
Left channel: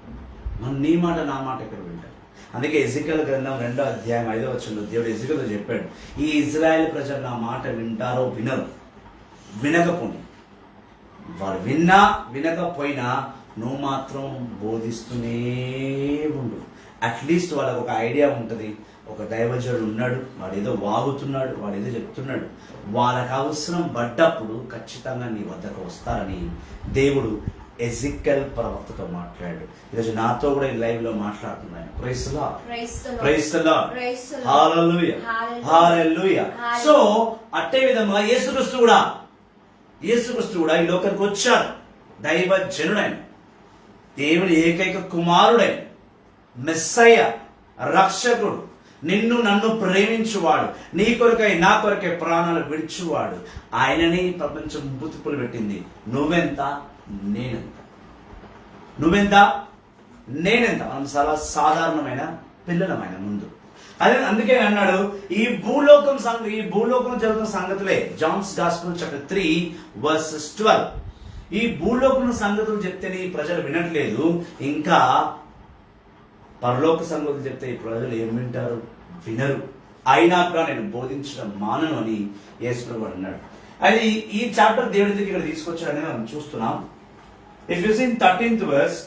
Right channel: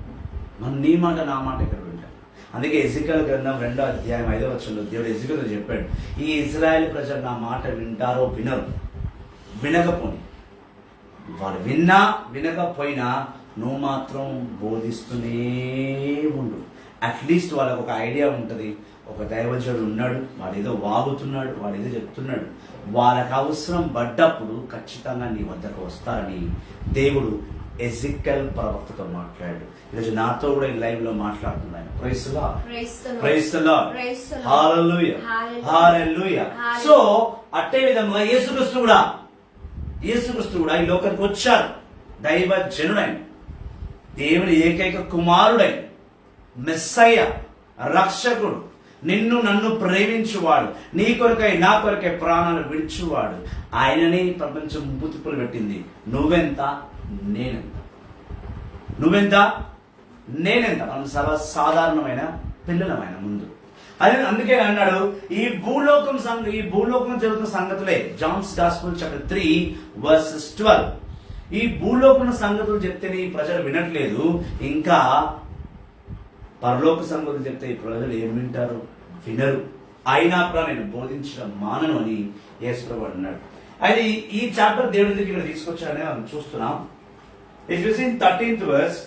మనం నీ మాట నా మాట ఇక్కడ వింటారు. అందుకే ఎజికల్ గ్రంథం 2వ అధ్యాయం 5వ వచనంలో దేవుడు ఎజికల్తో చెప్పాడు, ఈ ఇజ్రాయెల్ ప్రజలు నా మాట వింటారో వినరు, వినకపోని. వాళ్ళు వినకపోయినా నువ్వు మాత్రం బోధిస్తూనే ఉండు. అట్లీస్ట్ వాళ్ళకు ఒక ఐడియా ఉంటుంది, ఒక దైవజనుడు ఉన్నాడు, వాడేదో వాగుతున్నాడు, వాడేదో చెప్తున్నాడు. వాళ్ళకి అవసరం పడ్డప్పుడు ఖచ్చితంగా నీ వద్దకు వస్తారని దేవుడు ఎజికల్ ప్రవక్తతో మాట్లాడాడు. ఈరోజు నాతో కూడా ఈ లైవ్ లో మాట్లాడుతున్నాను. Praise the Lord. Praise the Lord. Hallelujah. Hallelujah. So అట్టే విధంగా యేసుక్రీస్తు కూడా ఈ లోకానికి వచ్చాడు. దైవజనుడైన, దేవుని ఏకైక కుమారుడైన, మెస్సయ్య, రక్షకుడు, నిన్ను నన్ను ప్రేమించువాడు, నీ కొరకై నా కొరకై ప్రాణాలు విడిచువాడు. ఆయనని ప్రపంచం బుతుకులు పెట్టింది. నువ్వెంత, నేనెంత. మనం సర్వసాధారణమైన పిల్లలమైన ముందు అదే. అందుకే అన్నాడు, ఈ భూలోకం జరుగుతున్న సంగతులే. John's gospel chapter 3 verses 12. ఈ భూలోకం సంగతులు చెప్తేనే ఈ ప్రజలు వినట్లేదు, ఇంకా పరలోక సంగతులు చెప్తే ఈ ప్రజలు ఏం వింటారు? వినరు. అయినా కూడా నేను బోధించడం మానను అని యేసు ప్రభువు అన్నాడు. అది ఈ చాప్టర్ దేవుడి దగ్గర తీసుకొచ్చాడని మనం చూస్తున్నాం. If you see 13th verse,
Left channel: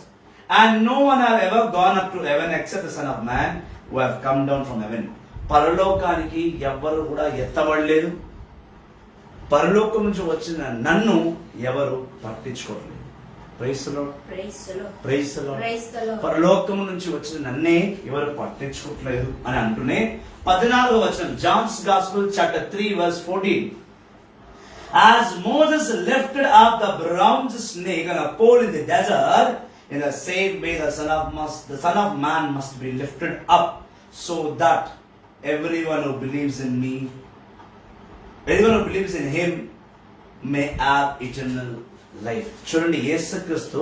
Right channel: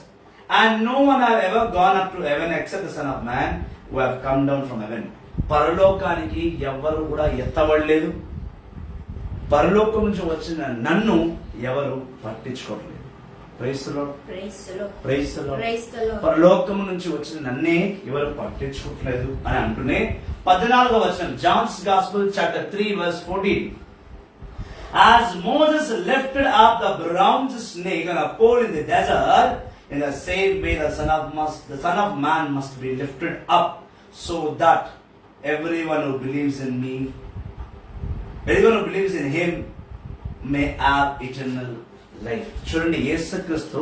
and no one have ever gone up to heaven except the Son of Man who have come down from heaven. పరలోకానికి ఎవ్వరు కూడా ఎత్తబడలేదు, పరలోకం నుంచి వచ్చిన నన్ను ఎవరు పట్టించుకోవట్లేదు. Praise the Lord. Praise the Lord. పరలోకం నుంచి వచ్చిన నన్నే ఎవరు పట్టించుకోవట్లేదు అని అంటూనే 14వ వచనం, Johne's gospel chapter 3 verse 14. As Moses lifted up the bronze snake on a pole in the desert, in the same way the Son of Man must be lifted up, so that everyone who believes in him may have eternal life. చూడండి, యేసుక్రీస్తు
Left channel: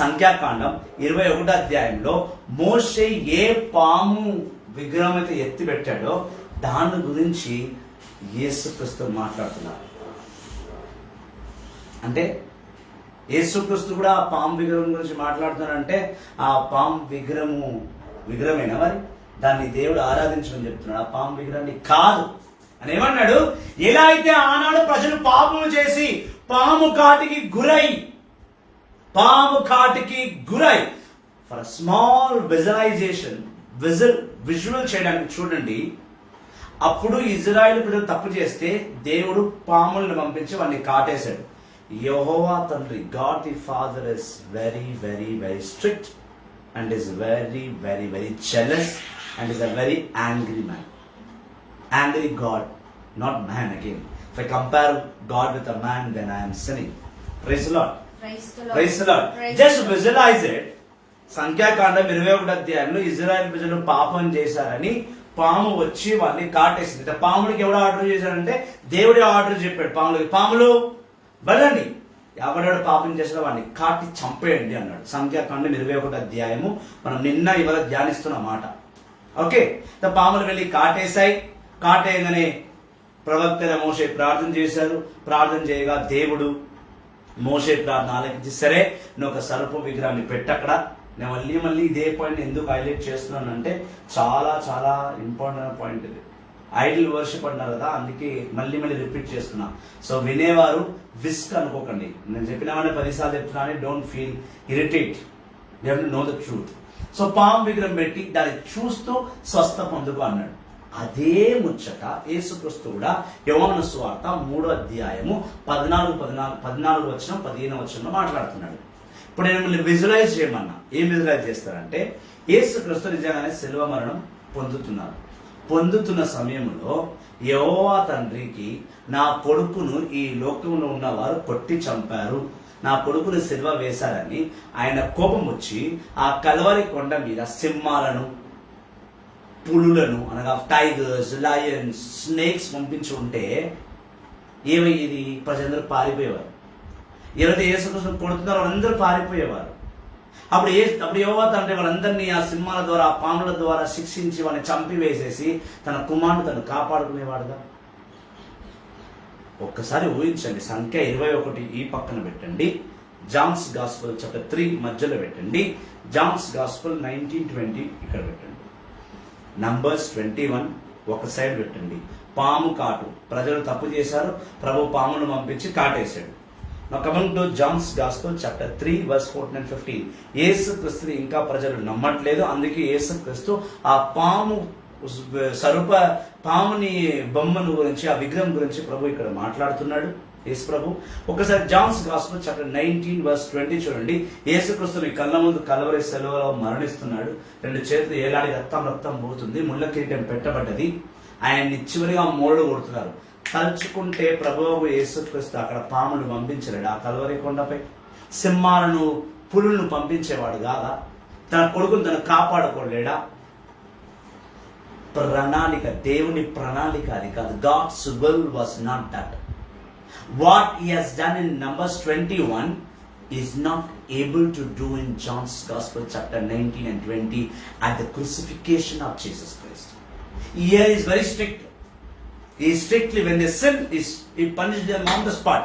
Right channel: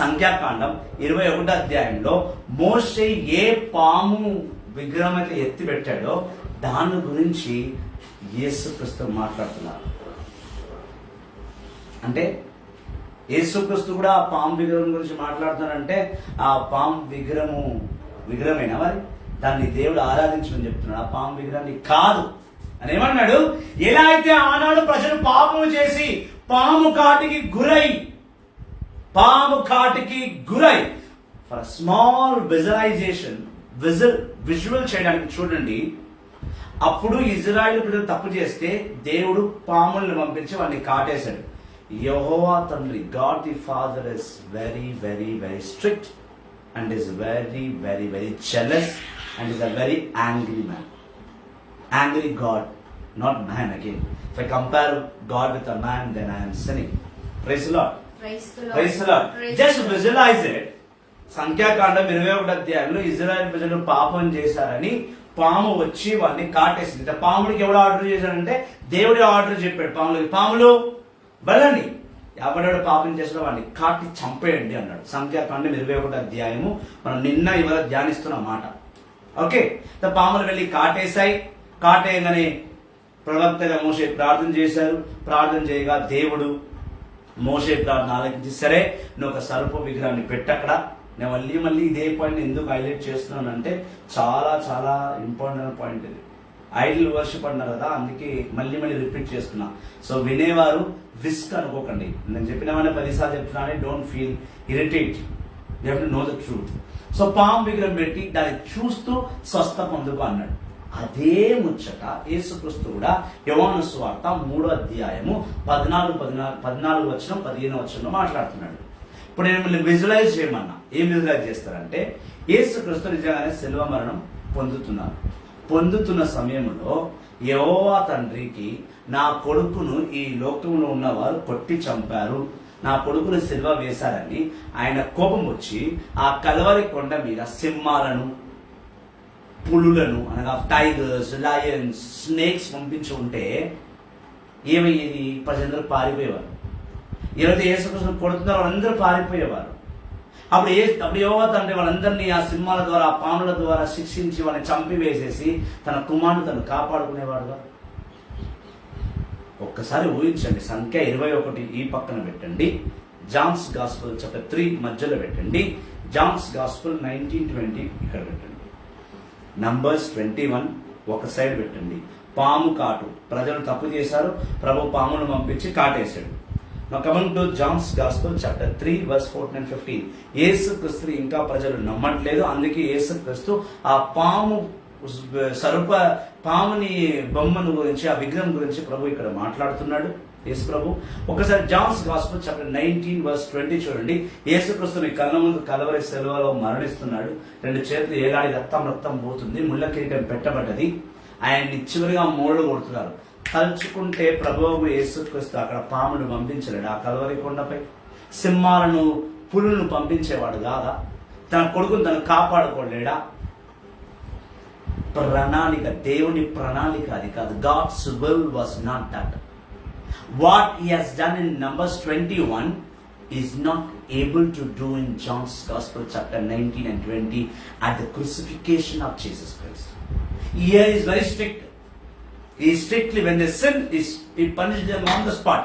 సంఖ్యాకాండం 21వ అధ్యాయంలో మోషే ఏ పాము విగ్రహం అయితే ఎత్తి పెట్టాడో దాని గురించి యేసుక్రీస్తు మాట్లాడుతున్నారు. అంటే యేసుక్రీస్తు కూడా ఆ పాము విగ్రహం గురించి మాట్లాడుతున్నారంటే, ఆ పాము విగ్రహమేనా మరి? దాన్ని దేవుడు ఆరాధించమని చెప్తున్నాడు. ఆ పాము విగ్రహాన్ని కాదు అని ఏమన్నాడు? ఎలా అయితే ఆనాడు ప్రజలు పాపము చేసి పాము కాటికి గురై ఫర్ స్మాల్ విజువల్ చేయడానికి చూడండి. అప్పుడు ఇజ్రాయెల్ ప్రజలు తప్పు చేస్తే దేవుడు పాములను పంపించి వాడిని కాటేశాడు. యెహోవా తండ్రి, God the father is very very very strict. and is very, very, very jealous and is a very angry man. Angry God, not man again. If I compare God with a man, then I am sinning. Praise the Lord. Praise the Lord. Praise the Lord. Praise Just the Lord. visualize it. సంఖ్యాకాండం 21 అధ్యాయంలో Israel ప్రజలు పాపం చేశారని పాము వచ్చి వాళ్ళని కాటేసింది. పాములకి ఎవడు order చేశాడంటే దేవుడే ఆర్డర్ చెప్పాడు పాములకి, పాములు బలండి, ఎవడెవడు పాపం చేసినా వాడిని కాటి చంపేయండి అన్నాడు. సంఖ్యాకాండం 21 అధ్యాయము మనం నిన్న ఇవాళ ధ్యానిస్తున్న మాట. ఓకే, పాములు వెళ్ళి కాటేశాయి. కాటేయగానే ప్రవక్త మోషే ప్రార్థన చేశారు. ప్రార్థన చేయగా దేవుడు మోషే ప్రార్థన ఆలకించి, సరే నువ్వు ఒక సర్ప విగ్రహాన్ని పెట్టక్కడ. నేను మళ్ళీ ఇదే పాయింట్ ఎందుకు హైలైట్ చేస్తున్నానంటే చాలా చాలా ఇంపార్టెంట్ పాయింట్ ఇది. ఐడల్ వర్షిప్ అన్నారు కదా, అందుకే మళ్ళీ రిపీట్ చేస్తున్నా. సో వినేవారు విస్క్ అనుకోకండి. నేను చెప్పినామని 10 సార్లు చెప్తున్నానే, don't feel irritate, you have to know the truth. So పాము విగ్రహం పెట్టి దాన్ని చూస్తూ స్వస్థ పొందుకు అన్నాడు. అదే ముచ్చట యేసుక్రీస్తు కూడా యోహాను సువార్త 3వ అధ్యాయము 14 వచనం 15 వచనంలో మాట్లాడుతున్నాడు. ఇప్పుడు నేను మిమ్మల్ని విజువలైజ్ చేయమన్నా. ఏం విజువలైజ్ చేస్తారంటే, యేసుక్రీస్తు నిజంగానే శిలువ మరణం పొందుతున్న సమయంలో యెహోవా తండ్రికి, నా కొడుకును ఈ లోకంలో ఉన్నవారు కొట్టి చంపారు, నా కొడుకును శిలువ వేశారని ఆయన కోపం వచ్చి ఆ కల్వరి కొండ మీద సింహాలను, పులులను అనగా టైగర్స్, లయన్స్, స్నేక్స్ పంపించి ఉంటే ఏమయ్యేది? ప్రజలందరూ పారిపోయేవారు. ఎవరైతే యేసుక్రీస్తును కొడుతున్నారో వాళ్ళందరూ పారిపోయేవారు. అప్పుడు యెహోవా తండ్రి వాళ్ళందరినీ ఆ సింహాల ద్వారా, ఆ పాముల ద్వారా శిక్షించి వాళ్ళని చంపివేసేసి తన కుమారుడు తను కాపాడుకునేవాడుగా. ఒక్కసారి ఊహించండి. సంఖ్య 21 ఈ పక్కన పెట్టండి, జాన్స్ గాస్పెల్ చాప్టర్ 3 మధ్యలో పెట్టండి, జాన్స్ గాస్పెల్ 19:20 ఇక్కడ పెట్టండి, నంబర్స్ 21 ఒక సైడ్ పెట్టండి. పాము కాటు, ప్రజలు తప్పు చేశారు, ప్రభు పామును పంపించి కాటేశాడు. Now coming to John's Gospel chapter 3 verse 14 and 15. యేసుక్రీస్తుని ఇంకా ప్రజలు నమ్మట్లేదు. అందుకే యేసుక్రీస్తు ఆ పాముని బొమ్మను గురించి, ఆ విగ్రహం గురించి ప్రభు ఇక్కడ మాట్లాడుతున్నాడు. యేసు ప్రభు ఒకసారి జాన్స్ గాస్పెల్ చాప్టర్ 19 verse 20 చూడండి. యేసుక్రీస్తుని కళ్ళ ముందు కలవరి సెలవులో మరణిస్తున్నాడు. 2 చేతులు ఏలాడి రక్తం పోతుంది, ముళ్ళ కిరీటం పెట్టబడ్డది. ఆయన్ని చివరిగా మోళ్ళు కొడుతున్నారు. తలుచుకుంటే ప్రభువు యేసుక్రీస్తు అక్కడ పామును పంపించలేడు. ఆ కల్వరి కొండపై సింహాలను, పులులను పంపించేవాడు కాదా? తన కొడుకును తను కాపాడుకోలేడా? ప్రణాళిక, దేవుని ప్రణాళిక అది కాదు. God's will was not that. What he has done in Numbers 21 is not able to do in John's Gospel chapter 19 and 20 at the crucifixion of Jesus Christ. Here is very strict. He strictly, when they sin, he punished them on the spot.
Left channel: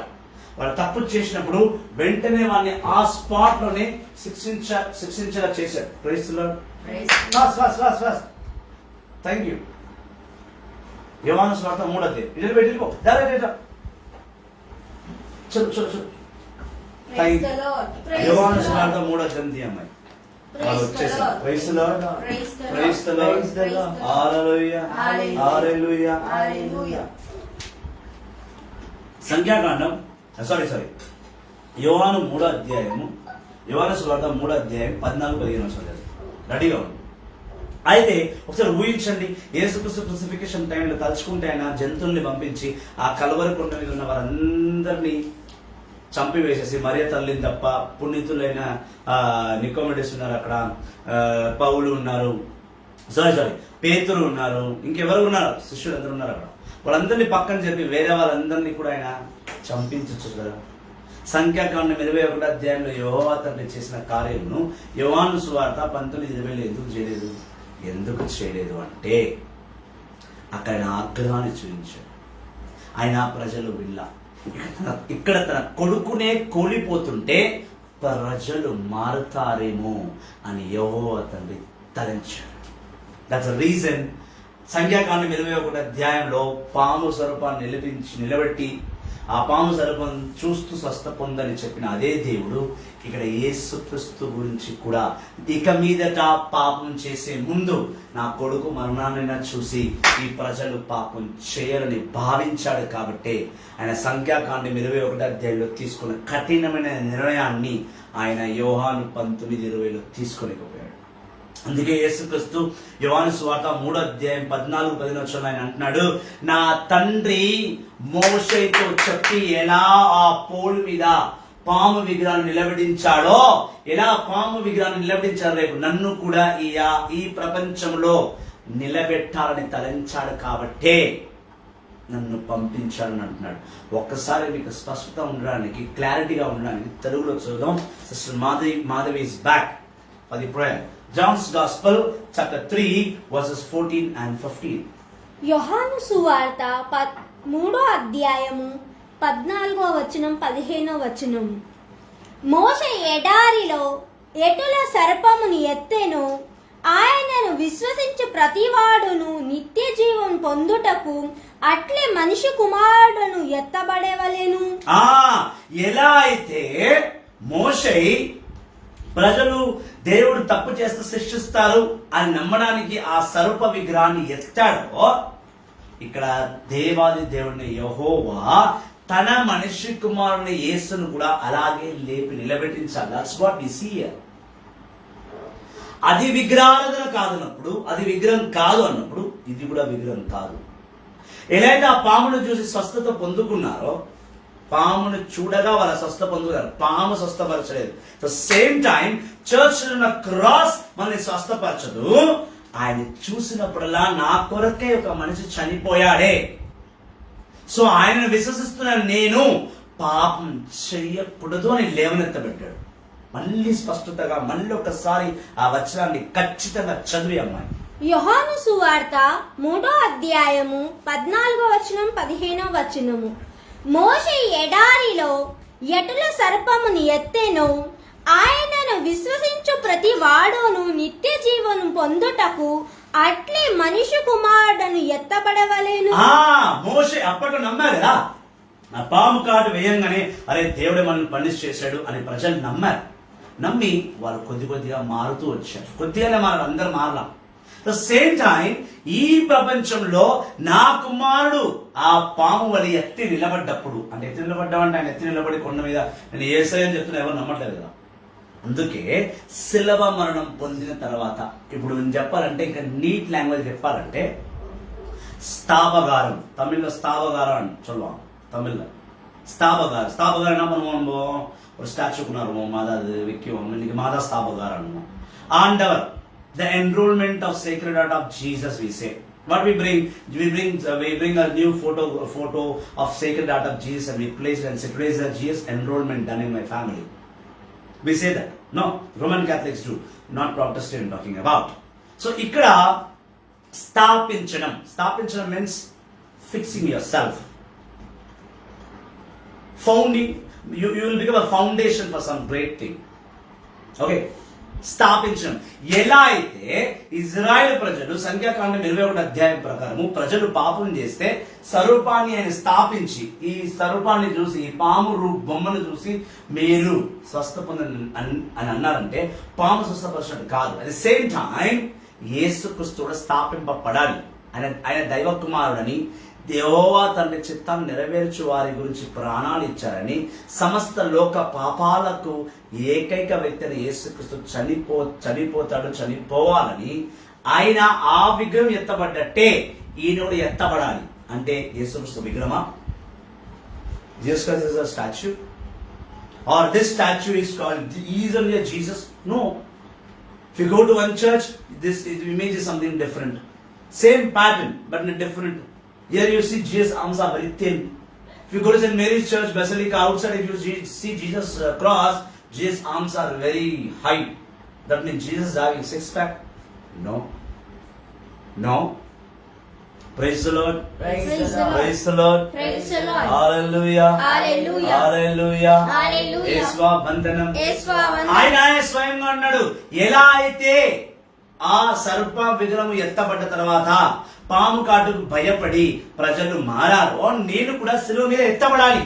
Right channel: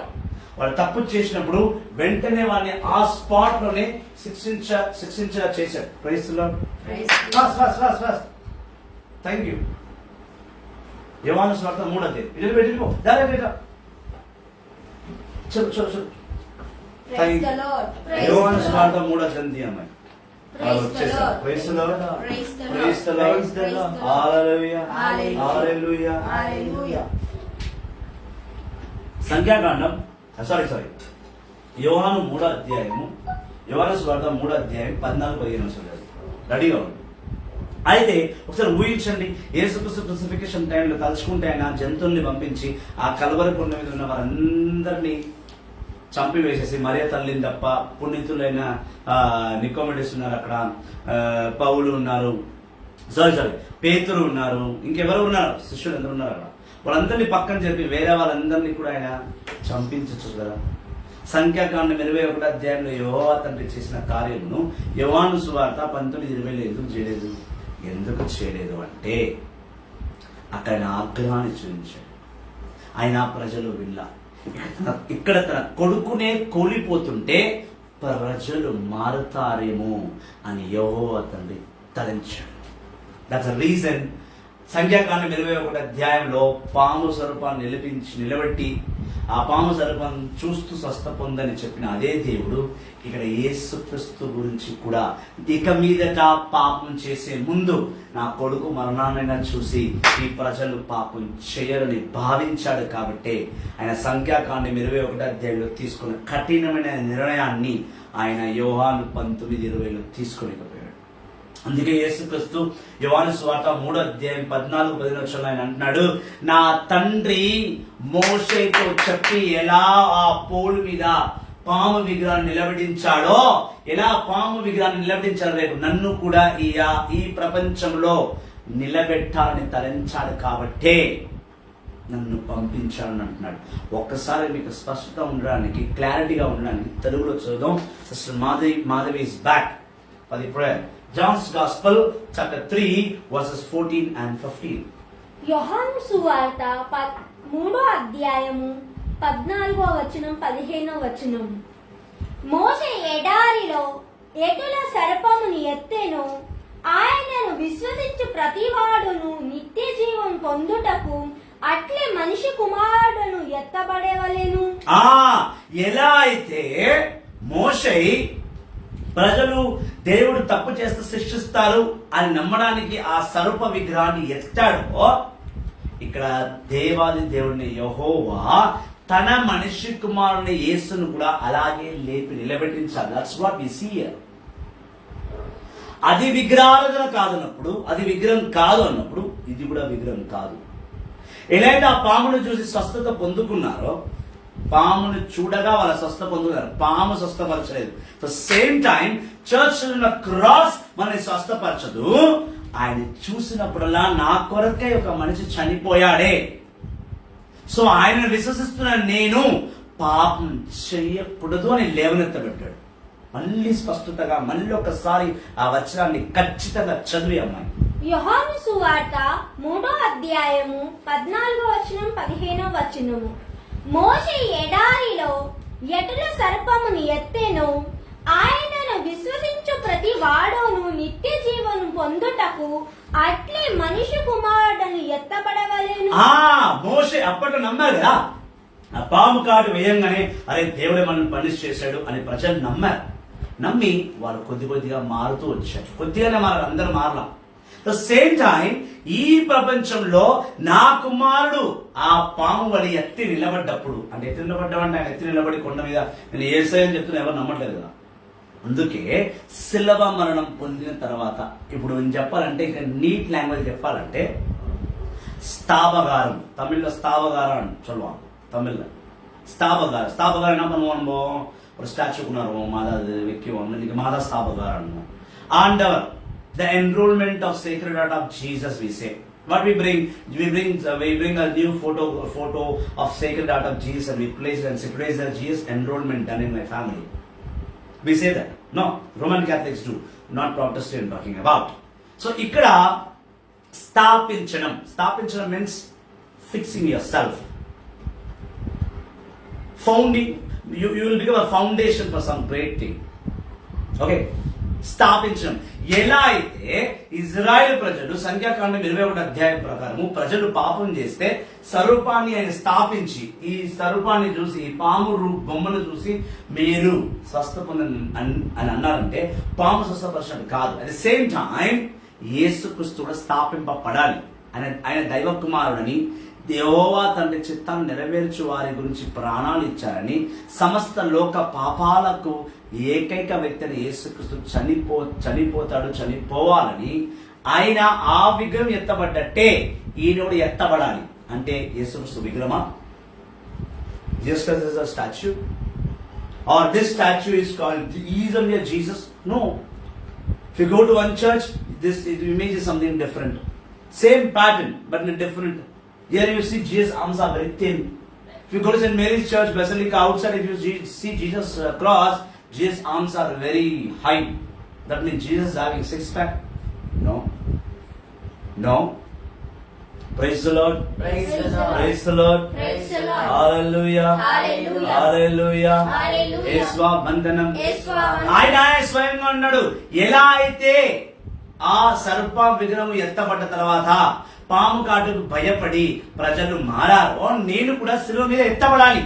వాళ్ళు తప్పు చేసినప్పుడు వెంటనే వాడిని ఆ spot లోనే శిక్షించేలా చేశారు. Praise the Lord. Fast thank you. యోహాను సువార్త 3వ అధ్యాయం ఇదే పెట్టిపో డైరెక్ట్ చదువు. Thank you. యోహాను సువార్త 3వ అధ్యాయం అమ్మాయి వాళ్ళు వచ్చేసారు. Praise the Lord. Praise the Lord. Hallelujah. Hallelujah. Hallelujah. సంఖ్యాకాండం యోహాను 3వ అధ్యాయము, యోహాను సువార్త 3వ అధ్యాయం 14-15 వచనాలు రెడీగా ఉంది. అయితే ఒకసారి ఊహించండి, యేసుక్రీస్తు క్రూసిఫికేషన్ టైంలో తలుచుకుంటే ఆయన జంతువుల్ని పంపించి ఆ కల్వరి కొండ మీద ఉన్న వారందరినీ చంపివేసేసి, మరియ తల్లిని తప్ప పుణ్యతులైన నికోమెడిస్ ఉన్నారు అక్కడ, పౌలు ఉన్నారు, పేతురు ఉన్నారు, ఇంకెవరు ఉన్నారు, శిష్యులు అందరూ ఉన్నారు అక్కడ. వాళ్ళందరినీ పక్కన చెప్పి వేరే వాళ్ళందరినీ కూడా ఆయన చంపించచ్చు కదా. సంఖ్యాకాండం 21వ అధ్యాయంలో యెహోవా తండ్రి చేసిన కార్యమును యోహాను సువార్త 19:20 ఎందుకు చేయలేదు అంటే అక్కడ ఆయన ఆగ్రహాన్ని చూపించాడు. ఆయన ప్రజలు విల్ల, ఇక్కడ తన కొడుకునే కోల్పోతుంటే ప్రజలు మారుతారేమో అని యెహోవా తండ్రి తలంచాడు. దట్స్ ద రీజన్ సంఖ్యాకాండం 21వ అధ్యాయంలో పాము స్వరూపాన్ని నిలబెట్టి ఆ పాము సర్పం చూస్తూ స్వస్థ పొందని చెప్పిన అదే దేవుడు ఇక్కడ యేసుక్రీస్తు గురించి కూడా ఇక మీదట పాపం చేసే ముందు నా కొడుకు మరణాన్నైనా చూసి ఈ ప్రజలు పాపం చేయరని భావించాడు కాబట్టి ఆయన సంఖ్యాకాండం 21వ అధ్యాయంలో తీసుకున్న కఠినమైన నిర్ణయాన్ని ఆయన యోహాను 19:20లో తీసుకోలేకపోయాడు. అందుకే యేసుక్రీస్తు యోహాను సువార్త 3వ అధ్యాయం 14-15 ఆయన అంటున్నాడు, నా తండ్రి మోషేతో చెప్పి ఎలా ఆ పోల్ మీద పాము విగ్రహాన్ని నిలబెట్టించాడో, ఎలా పాము విగ్రహాన్ని నిలబెట్టించాడు, రేపు నన్ను కూడా ఈ ప్రపంచంలో నిలబెట్టాలని తలంచాడు కాబట్టే నన్ను పంపించాలని అంటున్నాడు. ఒక్కసారి మీకు స్పష్టత ఉండడానికి, క్లారిటీగా ఉండడానికి తెలుగులో చదువుదాం. Sister Madhavi is back for the prayer. John's Gospel chapter 3 verses 14 and 15. యోహాను సువార్త 3వ అధ్యాయము 14వ వచనం 15వ వచనం. మోషే ఎడారిలో ఎటుల సర్పమును ఎత్తెను, ఆయనను విశ్వసించు ప్రతివాడును నిత్య జీవం పొందుటకు అట్లే మనిషి కుమారుడును ఎత్తబడవలెను. ఎలా అయితే మోషే ప్రజలు దేవుడు తప్పు చేస్తూ శిక్షిస్తారు అని నమ్మడానికి ఆ సర్ప విగ్రహాన్ని ఎత్తాడో, ఇక్కడ దేవాది దేవుడిని యెహోవా తన మనిషి కుమారుని యేసును కూడా అలాగే లేపి నిలబెట్టించాలి. That's what we see here. అది విగ్రహారాధన కాదన్నప్పుడు, అది విగ్రహం కాదు అన్నప్పుడు ఇది కూడా విగ్రహం కాదు. ఎలాగైతే ఆ పామును చూసి స్వస్థత పొందుకున్నారో, పామును చూడగా వాళ్ళ స్వస్థ పొందుకున్నారు, పాము స్వస్థపరచలేదు. సేమ్ టైం చర్చ్ ఉన్న క్రాస్ మనని స్వస్థపరచదు. ఆయన చూసినప్పుడల్లా నా కొరకే ఒక మనిషి చనిపోయాడే, సో ఆయనను విశ్వసిస్తున్న నేను పాపం చెయ్యకూడదు అని లేవనెత్తబెట్టాడు. మళ్ళీ స్పష్టతగా మళ్ళీ ఒకసారి ఆ వచనాన్ని ఖచ్చితంగా చదివి అమ్మాయి. యోహాను సువార్త 3వ అధ్యాయము 14వ వచనం 15వ వచనము. మోషే ఎడారిలో ఎటుల సర్పమును ఎత్తెను, ఆయనను విశ్వసించు ప్రతి వాడును నిత్య జీవను పొందుటకు అట్లే మనిషి కుమారుడును ఎత్తబడవలెను. మోషే అప్పట్లో నమ్మారు కదా, ఆ పాము కాటు వేయంగానే అరే దేవుడే మనల్ని పనిష్ చేశాడు అని ప్రజలు నమ్మారు. నమ్మి వారు కొద్దిగా మారుతూ వచ్చారు. కొద్దిగానే మారారు, అందరు మారలా. సేమ్ టైం ఈ ప్రపంచంలో నా కుమారుడు ఆ పాము వలి ఎత్తి నిలబడ్డప్పుడు, అంటే ఎత్తి నిలబడ్డామంటే ఆయన ఎత్తి నిలబడి కొండ మీద నేను యేసయ్యని చెప్తున్నా ఎవరు నమ్మట్లేదు కదా. అందుకే శిలవ మరణం పొందిన తర్వాత, ఇప్పుడు నేను చెప్పాలంటే ఇంకా నీట్ లాంగ్వేజ్ చెప్పాలంటే ஸ்தாபகாரம், தமிழ்ல ஸ்தாபகாரம் అని சொல்லுவாங்க. தமிழ்ல ஸ்தாபகாரம், ஸ்தாபகாரம் என்ன பண்ணுவோம், ஒரு ஸ்டாச்சு கொண்டாடுவோம், அதாவது வைக்குவோம். இன்னைக்கு மாதா ஸ்தாபகாரம். ஆண்டவர், the enrollment of sacred heart of Jesus, we say. What we bring a new photo of sacred heart of Jesus and we place it and say, praise the Jesus enrollment done in my family. We say that. No, Roman Catholics do, not Protestant talking about. So ikkada స్థాపించడం means fixing yourself, founding. You will become a foundation for some great thing. Okay, స్థాపించడం. ఎలా అయితే Israel ప్రజలు సంఖ్యాకాండం 21వ అధ్యాయం ప్రకారము ప్రజలు పాపం చేస్తే స్వరూపాన్ని ఆయన స్థాపించి, ఈ స్వరూపాన్ని చూసి, ఈ పాము బొమ్మను చూసి మీరు స్వస్థ పొందని అని అన్నారంటే పాము స్వస్థపరిచినట్టు కాదు. అట్ ద సేమ్ టైం యేసుక్రీస్తు కూడా స్థాపింపబడాలి. ఆయన దైవ కుమారుడని, యెహోవా తండ్రి చిత్తాన్ని నెరవేర్చు వారి గురించి ప్రాణాలు ఇచ్చారని, సమస్త లోక పాపాలకు ఏకైక వ్యక్తిని యేసుక్రీస్తు చనిపోవాలని, ఆయన ఆ విగ్రహం ఎత్తబడ్డట్టే ఈయనోడు ఎత్తబడాలి. అంటే యేసుక్రీస్తు విగ్రహమా? Jesus Christ is a statue, or this statue is called easily a Jesus? No. If you go to one church, this image is something different, same pattern but in a different. Here you see Jesus' arms are very thin. If you go to St. Mary's Church Basilica outside, if you see Jesus' cross, Jesus' arms are very high. That means Jesus is having six pack? No. Praise the Lord. Praise the Lord. Praise the Lord. Praise the Lord. Hallelujah. Hallelujah. Hallelujah. Hallelujah. యేసువా వందనం. యేసువా వందనం. ఆయన స్వయంగా అన్నాడు, ఎలా అయితే ఆ సర్ప విగ్రహం ఎత్తబడ్డ తర్వాత పాము కాటుకు భయపడి ప్రజలు మారారో, నేను కూడా శిలువ మీద ఎత్తబడాలి.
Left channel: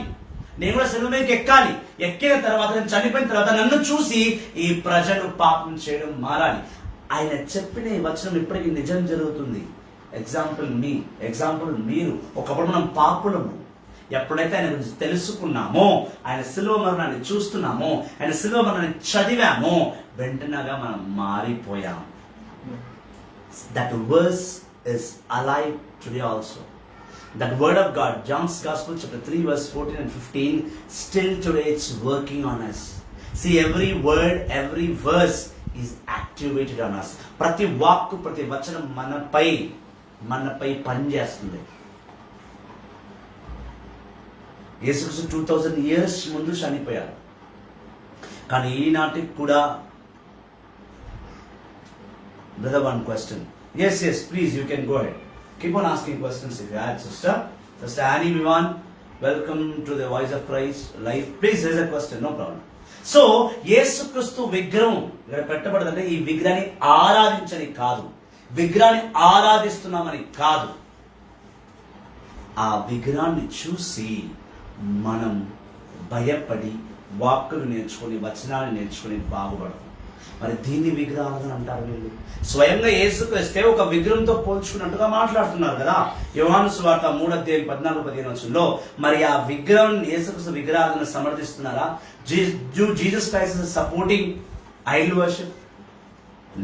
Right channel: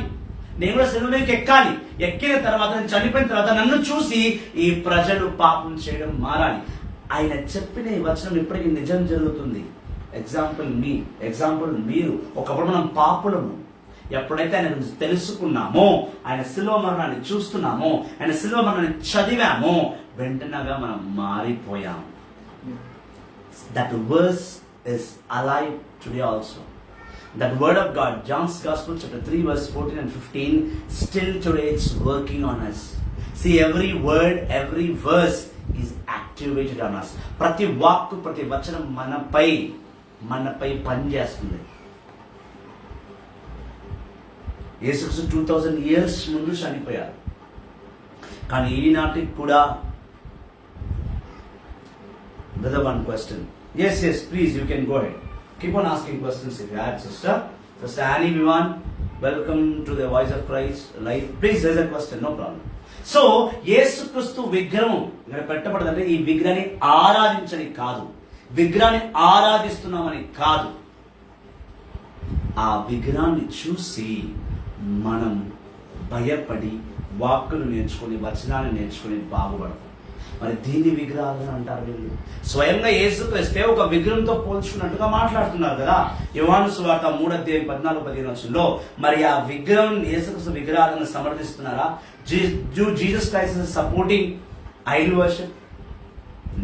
నేను కూడా సిలువ మీదకి ఎక్కాలి. ఎక్కిన తర్వాత నేను చనిపోయిన తర్వాత నన్ను చూసి ఈ ప్రజలు పాపం చేయడం మారాలి. ఆయన చెప్పిన ఈ వచనం ఇప్పటికీ నిజం జరుగుతుంది. ఎగ్జాంపుల్ మీరు. ఒకప్పుడు మనం పాపులము. ఎప్పుడైతే ఆయన గురించి తెలుసుకున్నామో, ఆయన శిలువ మరణాన్ని చూస్తున్నామో, ఆయన శిలువ మరణాన్ని చదివామో, వెంటనగా మనం మారిపోయాం. That verse is alive today also. That word of God, John's Gospel chapter 3 verse 14 and 15, still today it's working on us. See, every word, every verse is activated on us. ప్రతి వాక్కు, ప్రతి వచనం మనపై పనిచేస్తుంది. యేసుక్రీస్తు 2000 years ముందు చనిపోయారు. కానీ ఈనాటికి కూడా brother, one question. Yes, please, you can go ahead. Keep on asking questions if you have, sister Annie Vivan, welcome to the Voice of Christ live. Please raise a question, no problem. So యేసుక్రీస్తు విగ్రహం ఇక్కడ పెట్టబడదంటే ఈ విగ్రహాన్ని ఆరాధించని కాదు, విగ్రహాన్ని ఆరాధిస్తున్నామని కాదు. ఆ విగ్రహాన్ని చూసి మనం భయపడి వాక్కులు నేర్చుకొని, వచనాన్ని నేర్చుకొని బాగుపడతాం. మరి దీన్ని విగ్రహాలను అంటారు వీళ్ళు. స్వయంగా యేసుక్రీస్తే ఒక విగ్రహంతో పోల్చుకున్నట్టుగా మాట్లాడుతున్నారు కదా. యోహాను సువార్త 3:14-15 మరి ఆ విగ్రహం, యేసుక్రీస్తు విగ్రహాలను సమర్థిస్తున్నారా? Jesus Christ is supporting idol worship?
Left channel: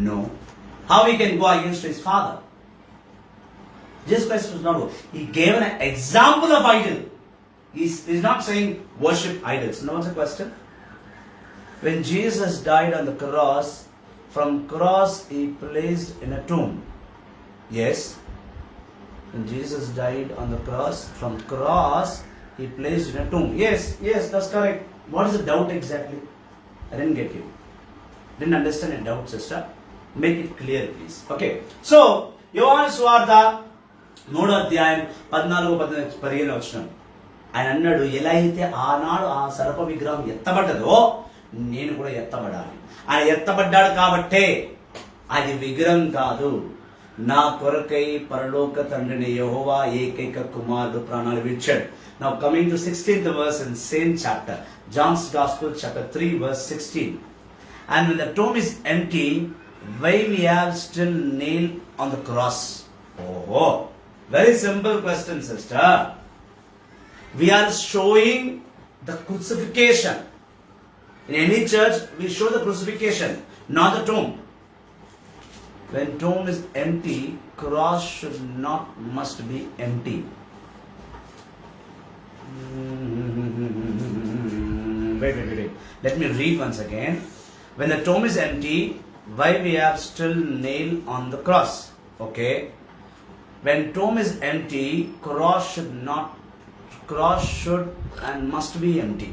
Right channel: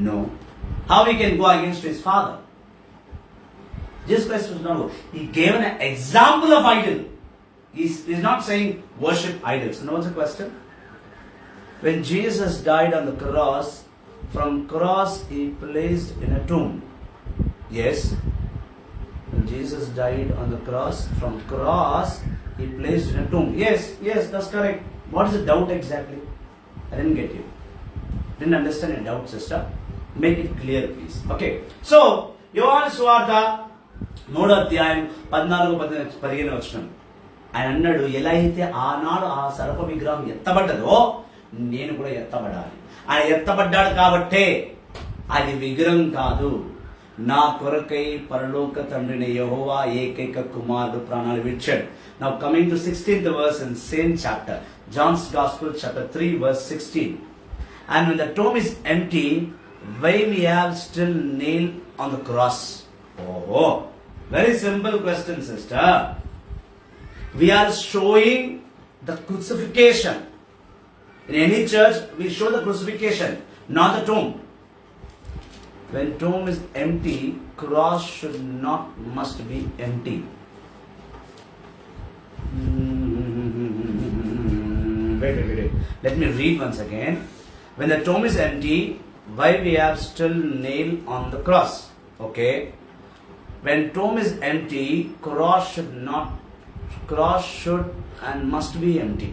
No. How he can go against his father? Jesus Christ was not. He gave an example of idol. He's not saying worship idols. No, what's the question? When Jesus died on the cross, from cross he placed in a tomb. Yes. When Jesus died on the cross, from cross he placed in a tomb. Yes, that's correct. What is the doubt exactly? I didn't get you. Didn't understand your doubt, sister. Make it clear, please. Okay. So, యోహాను సువార్త 3:14-15 ఆయన అన్నాడు, ఎలా అయితే ఆనాడు ఆ సర్ప విగ్రహం ఎత్తబడ్డదో నేను కూడా ఎత్తబడాలి. ఆయన ఎత్తబడ్డాడు కాబట్టే అది విగ్రహం కాదు. నా కొరకై పరలోక తండ్రిని యెహోవా ఏకైక కుమారుడు ప్రాణాలు విడిచాడు. Now coming to 16th verse in same chapter, John's Gospel chapter 3 verse 16. And when the tomb is empty, why we have still nailed on the cross? Oh, very simple question, sister. We are showing the crucifixion. In any church, we show the crucifixion, not the tomb. When tomb is empty, cross must be empty. Wait. Let me read once again. When the tomb is empty, why we have still nail on the cross? Okay. When tomb is empty, cross should and must be empty.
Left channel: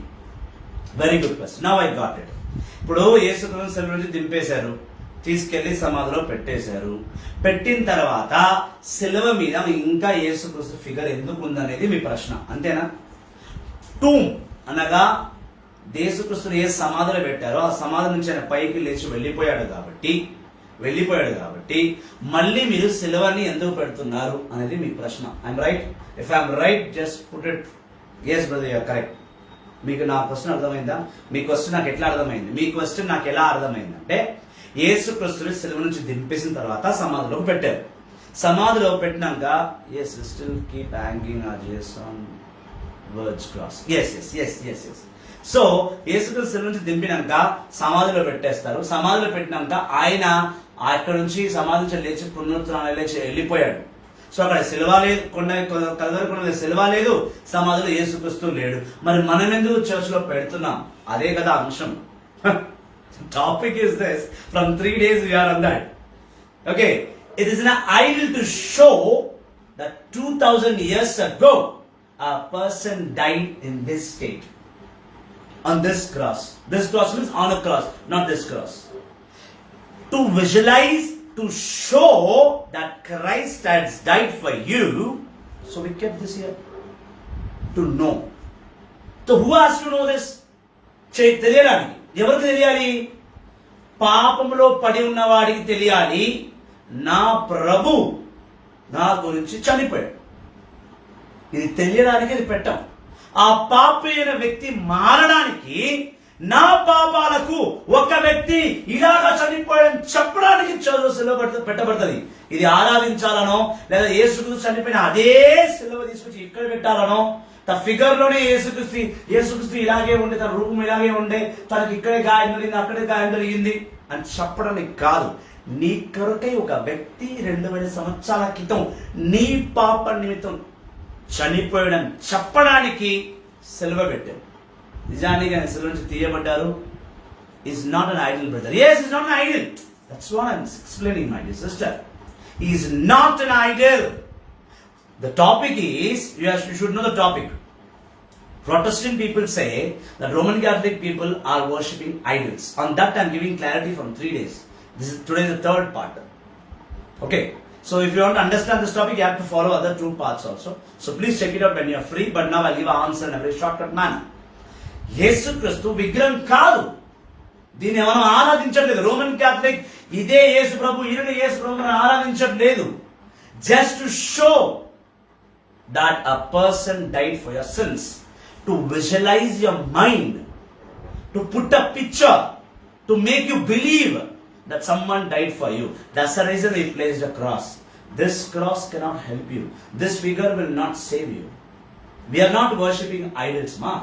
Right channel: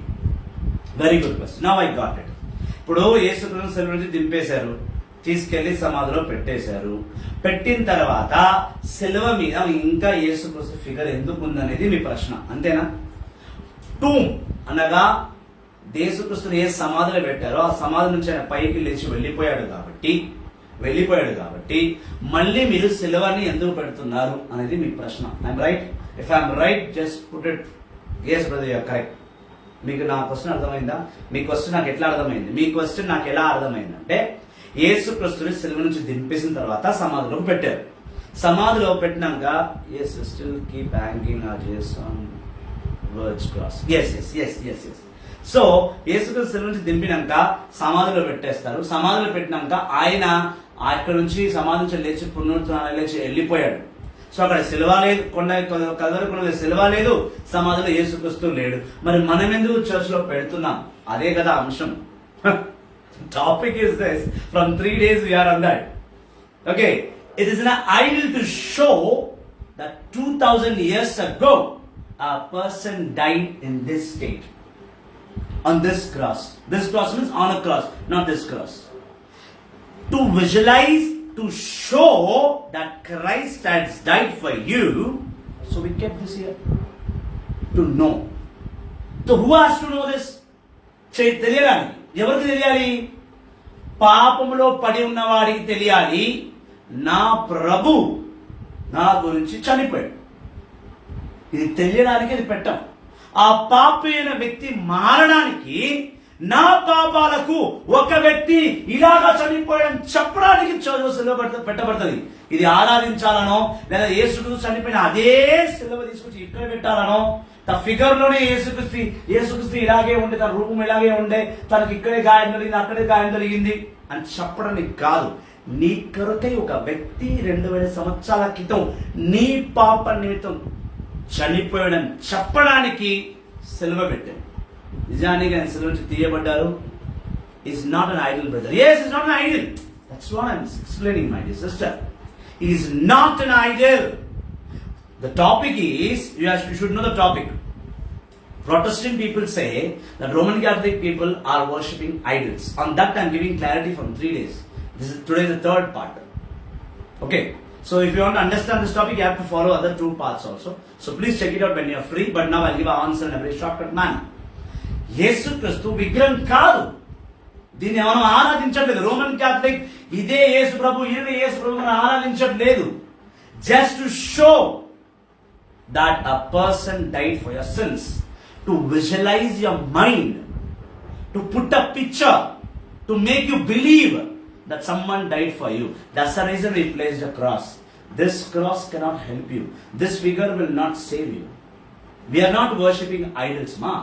Very good question. Now I got it. ఇప్పుడు యేసుక్రీస్తు శిలువ నుంచి దింపేశారు, తీసుకెళ్లి సమాధిలో పెట్టేశారు. పెట్టిన తర్వాత శిలువ మీద ఇంకా యేసుక్రీస్తు ఫిగర్ ఎందుకు ఉందనేది మీ ప్రశ్న, అంతేనా? టూమ్ అనగా యేసుక్రీస్తుని ఏ సమాధిలో పెట్టారో ఆ సమాధి నుంచి ఆయన పైకి లేచి వెళ్ళిపోయాడు కాబట్టి మళ్ళీ మీరు శిలువని ఎందుకు పెడుతున్నారు అనేది మీ ప్రశ్న. I'm right? If I'm right just put it yes brother, you are correct. మీకు నా క్వశ్చన్ అర్థమైందా? మీ క్వశ్చన్ నాకు ఎట్లా అర్థమైంది? మీ క్వశ్చన్ నాకు ఎలా అర్థమైంది అంటే, యేసుక్రీస్తుని శిలువ నుంచి దింపేసిన తర్వాత సమాధిలోకి పెట్టారు. సమాధిలో పెట్టినాక yes still keep hanging our Jesus on words cross. yes so యేసుక్రీస్తు శిలువ నుంచి దింపినాక సమాధిలో పెట్టేస్తారు. సమాధిలో పెట్టినాక ఆయన అక్కడ నుంచి సమాధి నుంచి లేచి పునరుత్థానం లేచి వెళ్ళిపోయాడు. సో అక్కడ శిలువ లేదు, కల్వరి కొండ శిలువ లేదు, సమాధిలో యేసుక్రీస్తు లేడు. మరి మనం ఎందుకు చర్చ్ లో పెడుతున్నాం? అదే కదా అంశం. Topic is this. From 3 days we are on that. Okay, it is an idol to show that 2000 years ago a person died in this state, on this cross. This cross means on a cross, not this cross. To visualize, to show that Christ has died for you, so we kept this here. To know. So who has to know this? తెలియాలి. ఎవరికి తెలియాలి? పాపములో పడి ఉన్నవాడికి తెలియాలి, నా ప్రభు నా గురించి చనిపోయాడు. ఇది తెలియడానికి ఇది పెట్టాం. ఆ పాపి అయిన వ్యక్తి మారడానికి, నా పాపాలకు ఒక వ్యక్తి ఇలాగా చనిపోయాడని చెప్పడానికి సిలువ పెట్టబడుతుంది. ఇది ఆరాధించాలనో లేదా యేసుక్రీస్తు చనిపోయిన అదే సిలువ తీసుకొచ్చి ఇక్కడ పెట్టాలనో, తన ఫిగర్ లోనే యేసుక్రీస్తు ఇలాగే ఉండే, తన రూపం ఇలాగే ఉండే, తనకి ఇక్కడే గాయం జరిగింది, అక్కడే గాయం జరిగింది అని చెప్పడానికి కాదు. నీ కొరకై ఒక వ్యక్తి 2000 సంవత్సరాల క్రితం నీ పాప నిమిత్తం చనిపోయాడని చెప్పడానికి సిలువ పెట్టాడు. నిజానికి ఆయన సిలువ నుంచి తీయబడ్డారు. Is not an idol brother. yes, is not an idol. That's what I'm explaining, my dear sister. He is not an idol. The topic is, you should know the topic. Protestant people say that Roman Catholic people are worshipping idols. On that I'm giving clarity from 3 days. Today is the third part. Okay. So if you want to understand this topic, you have to follow other 2 parts also. So please check it out when you are free. But now I'll give an answer in a very shortcut manner. యేసుక్రీస్తు విగ్రహం కాదు. దీన్ని మనం ఆరాధించట్లేదు. Roman Catholic ఇదే యేసు ప్రభు, ఈయన యేసు ప్రభుని ఆరాధించట్లేదు. Just to show that a person died for your sins, to visualize your mind, to put a picture, to make you believe that someone died for you. That's the reason he placed a cross. This cross cannot help you. This figure will not save you. We are not worshipping idols, ma.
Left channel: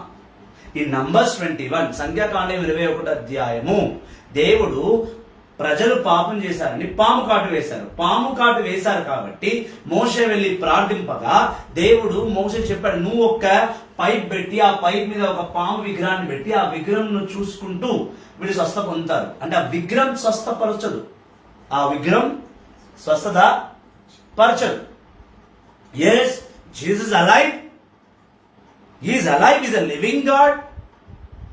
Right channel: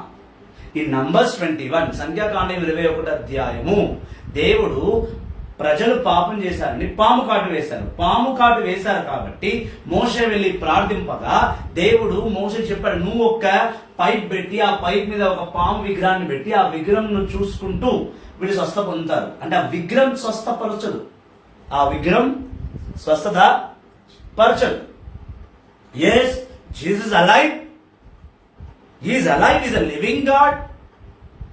In Numbers 21, సంఖ్యాకాండం 21వ అధ్యాయము, దేవుడు ప్రజలు పాపం చేశారని పాము కాటు వేశారు. పాము కాటు వేశారు కాబట్టి మోషే వెళ్లి ప్రార్థింపగా దేవుడు మోషే చెప్పాడు, నువ్వు ఒక పైప్ పెట్టి ఆ పైప్ మీద ఒక పాము విగ్రహాన్ని పెట్టి ఆ విగ్రహం నువ్వు చూసుకుంటూ వీళ్ళు స్వస్థ పొందుతారు. అంటే ఆ విగ్రహం స్వస్థపరచదు, ఆ విగ్రహం స్వస్థత పరచదు. yes, Jesus is alive. He is alive. He is a living God.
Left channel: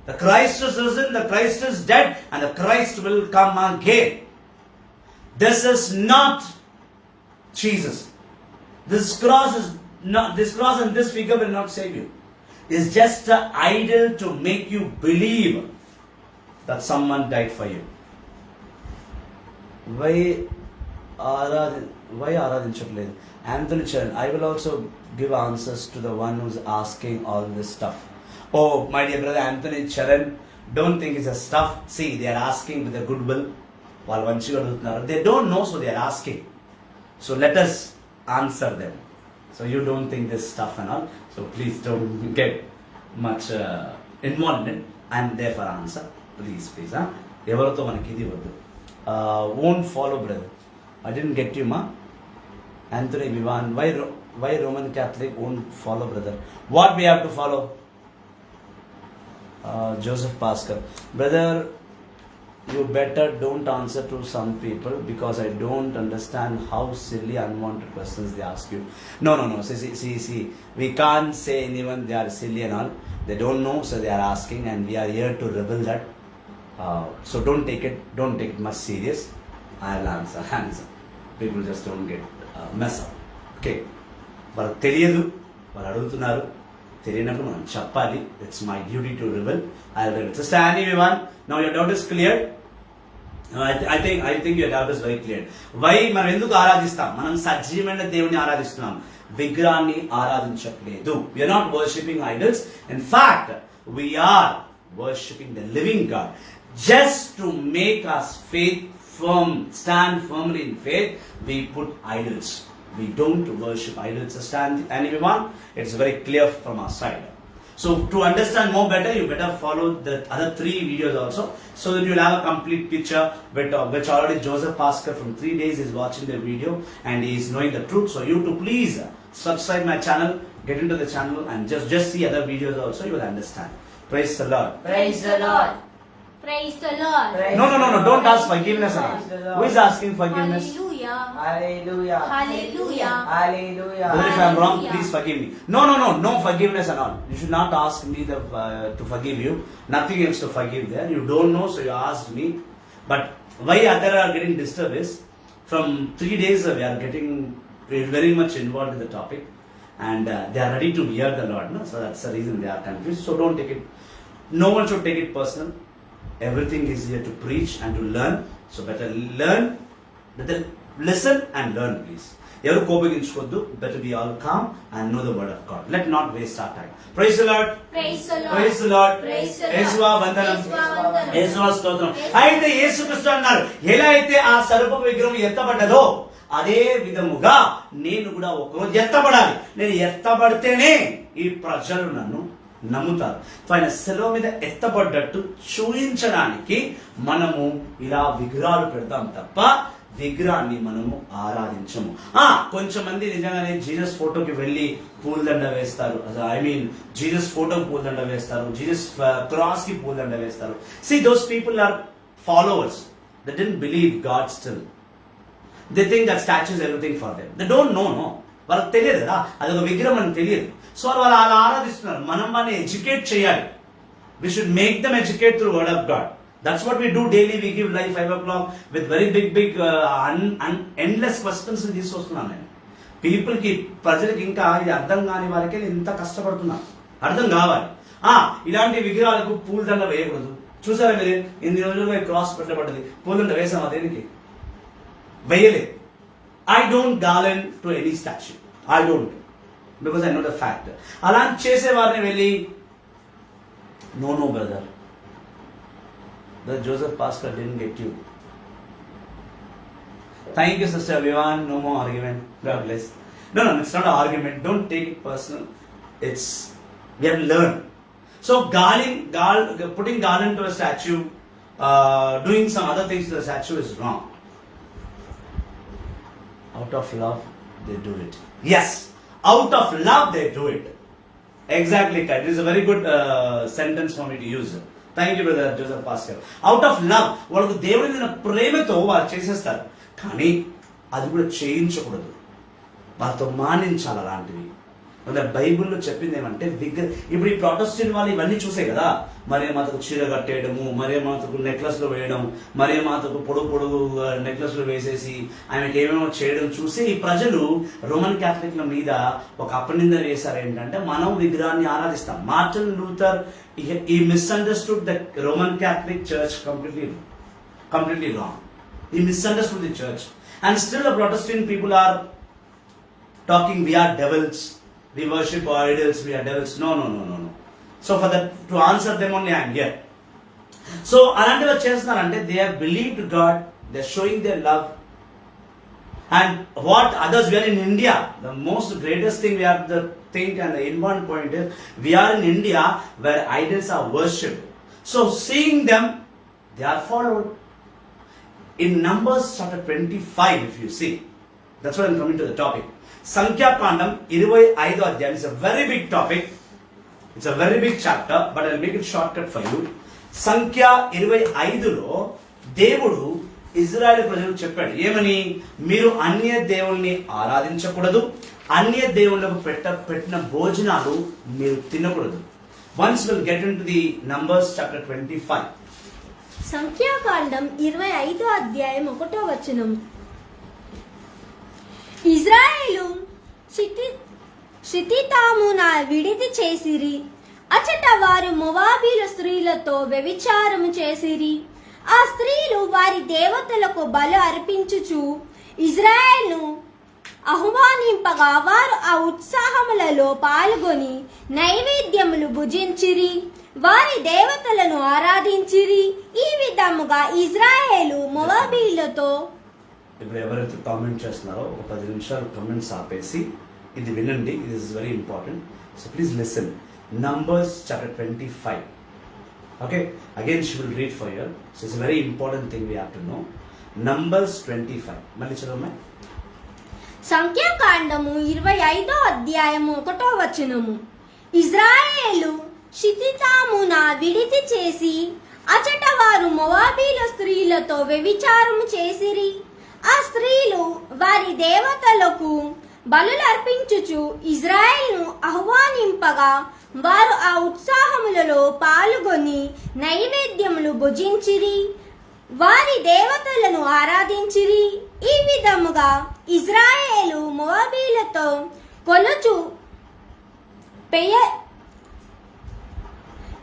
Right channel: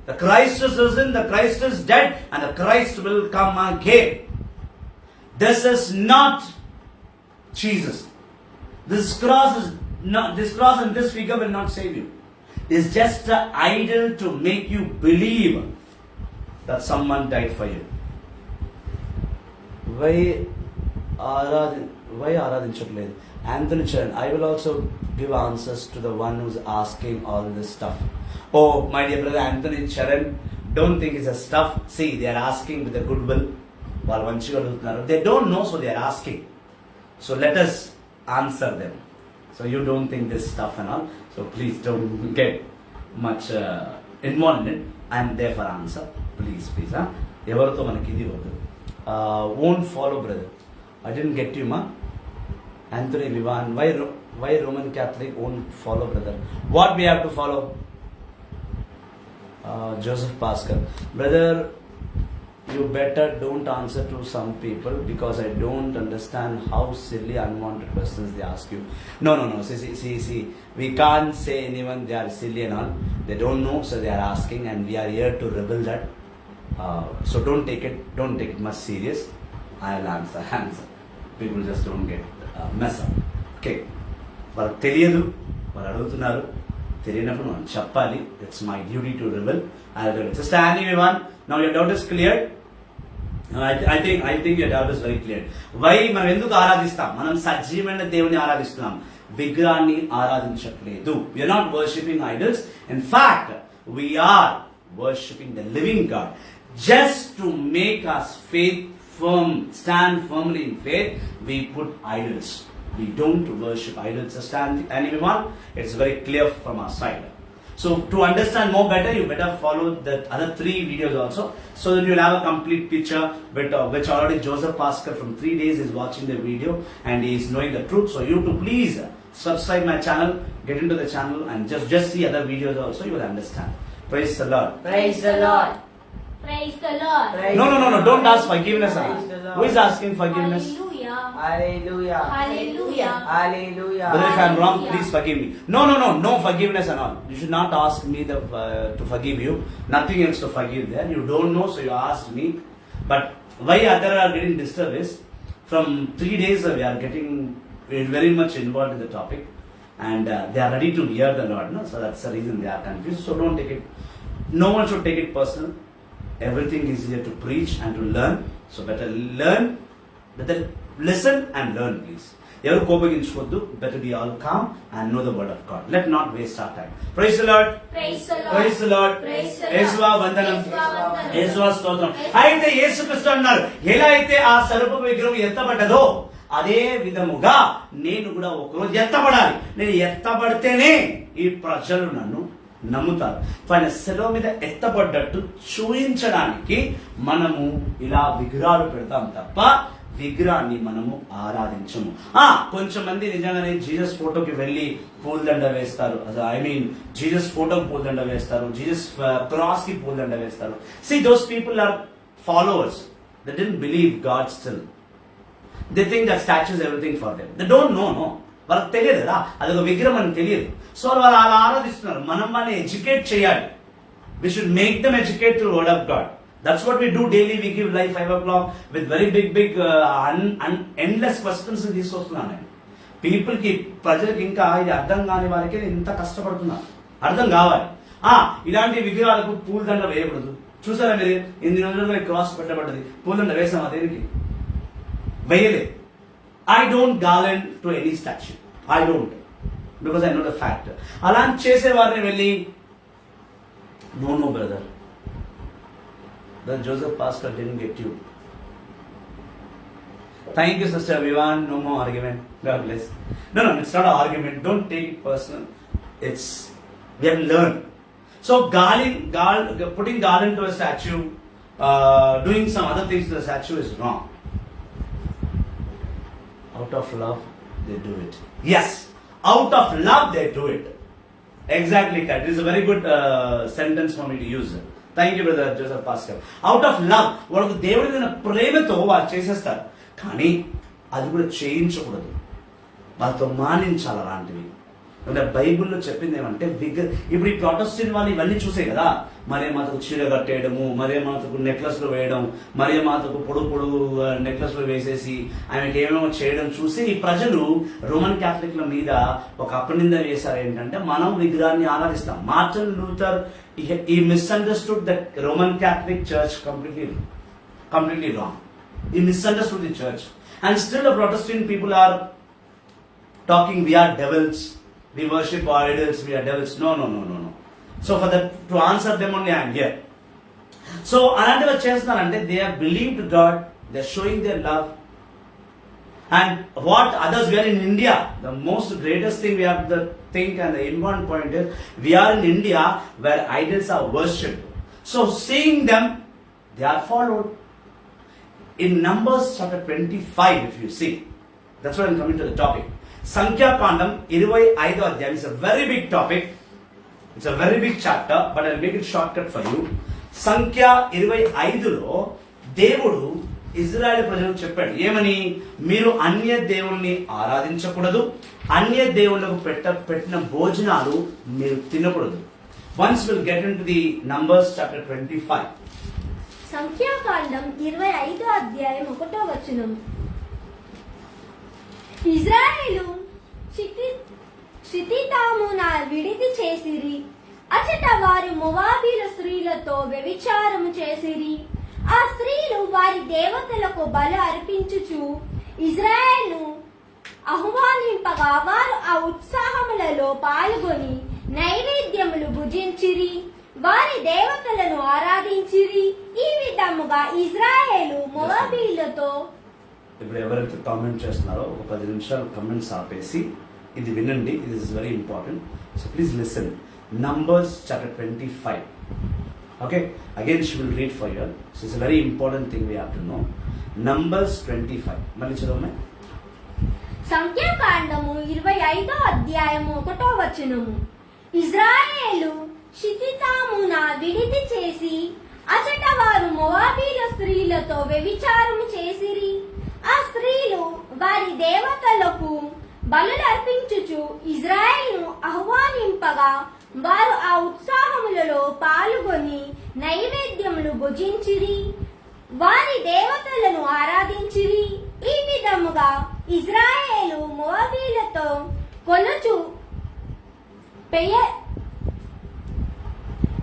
The Christ is risen, the Christ is dead, and the Christ will come again. This is not Jesus. This cross and this figure will not save you. It's just an idol to make you believe that someone died for you. Why ఆరాధించట్లేదు? Anthony Charan, I will also give answers to the one who's asking all this stuff. Oh, my dear brother Anthony Charan, don't think it's a stuff. See, they are asking with a goodwill. They don't know, so they are asking. So let us answer them. So you don't think this stuff and all. So please don't get much involved in it. I am there for answer. Please. Huh? Everto manaki idi vaddu. Won't follow, brother. I didn't get you, ma. Anthony Vivan, why Roman Catholic won't follow, brother? What we have to follow? Joseph Pascal, brother, you better don't answer to some people because I don't understand how silly unwanted questions they ask you. No. See. We can't say anyone they are silly and all. They don't know, so they are asking, and we are here to reveal that. So don't take it much serious. I'll answer. People just don't get mess up. Okay. వాళ్ళకి తెలియదు, వాళ్ళు అడుగుతున్నారు, తెలియనప్పుడు మనం చెప్పాలి. It's my duty to reveal. I'll reveal. Sister Annie Vivan, now your doubt is cleared. I think your doubt is very clear. Why మనం ఎందుకు ఆరాధిస్తాం? మనం సజీవమైన దేవుని ఆరాధిస్తున్నాం, విగ్రహాన్ని ఆరాధించట్లేదు. We are not worshipping idols. In fact, we are worshipping the living God. Just to make us stand firmly in faith, we put idols. We don't worship idols. And everyone, it's very clear from our side. So to understand more better, you better follow the other 3 videos also, so that you'll have a complete picture which already Joseph Pascal from 3 days is watching the video and he is knowing the truth. So you to please subscribe my channel, get into the channel and just see other videos also, you will understand. Praise the Lord. Praise the Lord. Praise the Lord. No, don't ask forgiveness. Who is asking forgiveness? Hallelujah. Hallelujah. Hallelujah. Brother, if I am wrong, please forgive me. No forgiveness and all. You should not ask me to forgive you. Nothing else to forgive there. You don't know, so you asked me. But why others are getting disturbed is, from 3 days we are getting very much involved in the topic, and they are ready to hear the Lord. No? So that's the reason they are confused. So don't take it. No one should take it personal. Everything is here to preach and to learn. So better learn. Better listen and learn please. ఎవరు కోపగించుకోవద్దు. Better be all calm and know the word of God. Let not waste our time. Praise the Lord. Praise the Lord. Praise the Lord. Praise the Lord. యేసువా వందనం. యేసువా వందనం. యేసువా స్తోత్రం. అయితే యేసుక్రీస్తు అన్నారు, ఎలా అయితే ఆ సర్ప విగ్రహం ఎత్తబడ్డదో అదే విధముగా నేను కూడా ఒకరోజు ఎత్తబడాలి. నేను ఎత్తబడితేనే ఈ ప్రజలు నన్ను నమ్ముతారు. ఆయన సెలవు మీద ఎత్తబడ్డట్టు చూయించడానికి మనము ఇలా విగ్రహాలు పెడతాం తప్ప విగ్రహాన్ని మనము ఆరాధించము. కొంచెం మంది నిజంగానే జీసస్ ఫోటోకి వెళ్ళి పూలదండ వేస్తారు. ఐ మీన్ జీసస్ ఫోటోకి పూలదండ వేస్తారు, జీసస్ క్రాస్ కి పూలదండ వేస్తారు. See, those people are followers. They didn't believe God still. They think that statue is everything for them. They don't know, no. వాళ్ళకి తెలియదు కదా అదొక విగ్రహం అని తెలియదు. సో వాళ్ళు అలా ఆరాధిస్తున్నారు. మనం వాళ్ళని ఎడ్యుకేట్ చేయాలి. We should make them educate through word of God. That's what we do daily. We give live 5 o'clock with very big endless questions తీసుకొస్తున్నాను నేను. పీపుల్ కి, ప్రజలకి ఇంకా ఇది అర్థం కాని వారికి ఇంత కష్టపడుతున్నా అర్థం కావాలి. ఇలాంటి విగ్రహాలకు పూలదండ వేయకూడదు. చూసారా మీరు, ఇన్ని రోజులుగా క్రాస్ పెట్టబడ్డది, పూలదండ వేసామా దేనికి? వేయలేదు. I don't garland to any statue. I don't, because I know the fact. అలా చేసే వారిని వెళ్ళి no brother, the Joseph Pascal didn't get you. Thank you, Sister Vivan. No more argument. God bless. No, it's not an argument. Don't take it personal. It's, we have to learn. So putting garland to a statue, doing some other things to the statue is wrong. Out of love, they do it. Yes, out of love, they do it. Exactly, Kat. It is a very good sentence for me to use. Thank you, Brother Joseph Pascal. Out of love, వాళ్ళకు దేవుడి మీద ప్రేమతో వాళ్ళు చేసేస్తారు. కానీ అది కూడా చేయించకూడదు. వాళ్ళతో మానించాలి అలాంటివి. బైబిల్లో చెప్పింది ఏమంటే ఇప్పుడు ఈ ప్రొటెస్టెంట్ వాళ్ళు ఇవన్నీ చూసే కదా, మరియ మాతకు చీర కట్టేయడము, మరియ మాతకు నెక్లెస్లు వేయడం, మరియ మాతకు పొడుగు నెక్లెస్లు వేసేసి ఆమెకి ఏమేమో చేయడం చూసి ఈ ప్రజలు రోమన్ క్యాథలిక్ల మీద ఒక అపనింద వేశారు. ఏంటంటే మనం విగ్రహాన్ని ఆరాధిస్తాం. Martin Luther he misunderstood the Roman Catholic Church completely wrong. He misunderstood the church, and still the Protestant people are talking we are devils, we worship our idols, we are devils. No. So for that, to answer them only I am here. So అలాంటివి చేస్తున్నారంటే they have believed God, they are showing their love. And what others, we are in India. The most greatest thing we have to think, and the important point is we are in India where idols are worshipped. So seeing them, they are followed. In Numbers chapter 25, if you see, that's why I'm coming to the topic. సంఖ్యాకాండం 25వ అధ్యాయం. It's a very big topic. It's a very big chapter, but I'll make it shortcut for you. సంఖ్య 25లో దేవుడు Israel ప్రజలకు చెప్పాడు ఏమని? మీరు అన్య దేవుల్ని ఆరాధించకూడదు, అన్య దేవుళ్లకు పెట్టిన భోజనాలు మీరు తినకూడదు. Once we'll get into the Numbers chapter 25. సంఖ్యాకాండం 25వ అధ్యాయం 1వ వచనం. ఇజ్రాయేలు షితితామున విడిది చేసిరి, అచట వారు మోవాబీల స్త్రీలతో వ్యభిచారము చేసిరి. ఆ స్త్రీలు వారి దేవతలకు బలి అర్పించుచు ఇజ్రాయేలును ఆహ్వానింపగా వారు ఆ ఉత్సాహములలో పాల్గొని నైవేద్యములు భుజించిరి, వారి దేవతలను ఆరాధించిరి. ఈ విధముగా ఇజ్రాయేలు మోవాబీలతో. ఇప్పుడు ఎవరైతే కామెంట్ చేస్తున్నారో ఒక 10 నిమిషాలు కమెంట్స్ ఆపేసి ఇది వినండి. ఇది is very important. So please listen. Numbers chapter 25. Okay, again she will read for you. So it's a very important thing we have to know. Numbers 25. మళ్ళీ చదవమ్మా. సంఖ్యాకాండము 25వ అధ్యాయము 1వ వచనము. ఇజ్రాయేలు షితితామున విడిది చేసి అచట వారు మోవాబీల స్త్రీలతో వ్యభిచారము చేసిరి. ఆ స్త్రీలు వారి దేవతలకు బలులు అర్పించుచు ఇజ్రాయేలును ఆహ్వానింపగా వారు ఆ ఉత్సాహములలో పాల్గొని నైవేద్యములు భుజించిరి, వారి దేవతలను ఆరాధించిరి. ఈ విధముగా ఇజ్రాయేలు మోవాబీలతో కొనుచు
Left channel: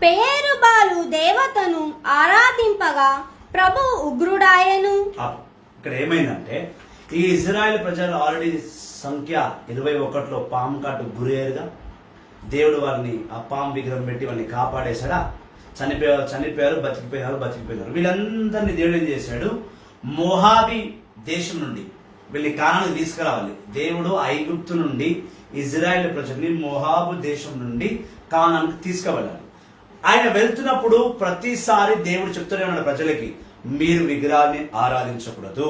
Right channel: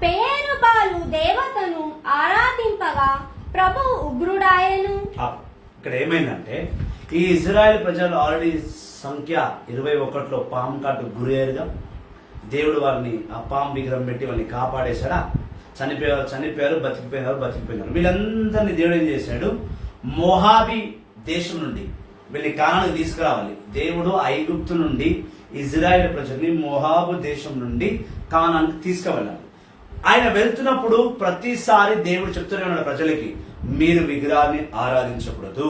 పెయేరుబాలు దేవతను ఆరాధింపగా ప్రభు ఉగ్రుడాయను. ఇక్కడ ఏమైందంటే ఈ ఇజ్రాయెల్ ప్రజలు ఆల్రెడీ సంఖ్య 21లో పాము కాటు గురయ్యారుగా. దేవుడు వారిని ఆ పాము విగ్రహం పెట్టి వాళ్ళని కాపాడేశాడా? చనిపోయారు, బతికిపోయినారు. వీళ్ళందరినీ దేవుడు ఏం చేశాడు? మోహాబీ దేశం నుండి వీళ్ళని కానానికి తీసుకురావాలి. దేవుడు ఐగుప్తు నుండి ఇజ్రాయెల్ ప్రజల్ని మోహాబు దేశం నుండి కానానికి తీసుకువెళ్ళాలి. ఆయన వెళ్తున్నప్పుడు ప్రతిసారి దేవుడు చెప్తూనే ఉన్నాడు ప్రజలకి, మీరు విగ్రహాన్ని ఆరాధించకూడదు,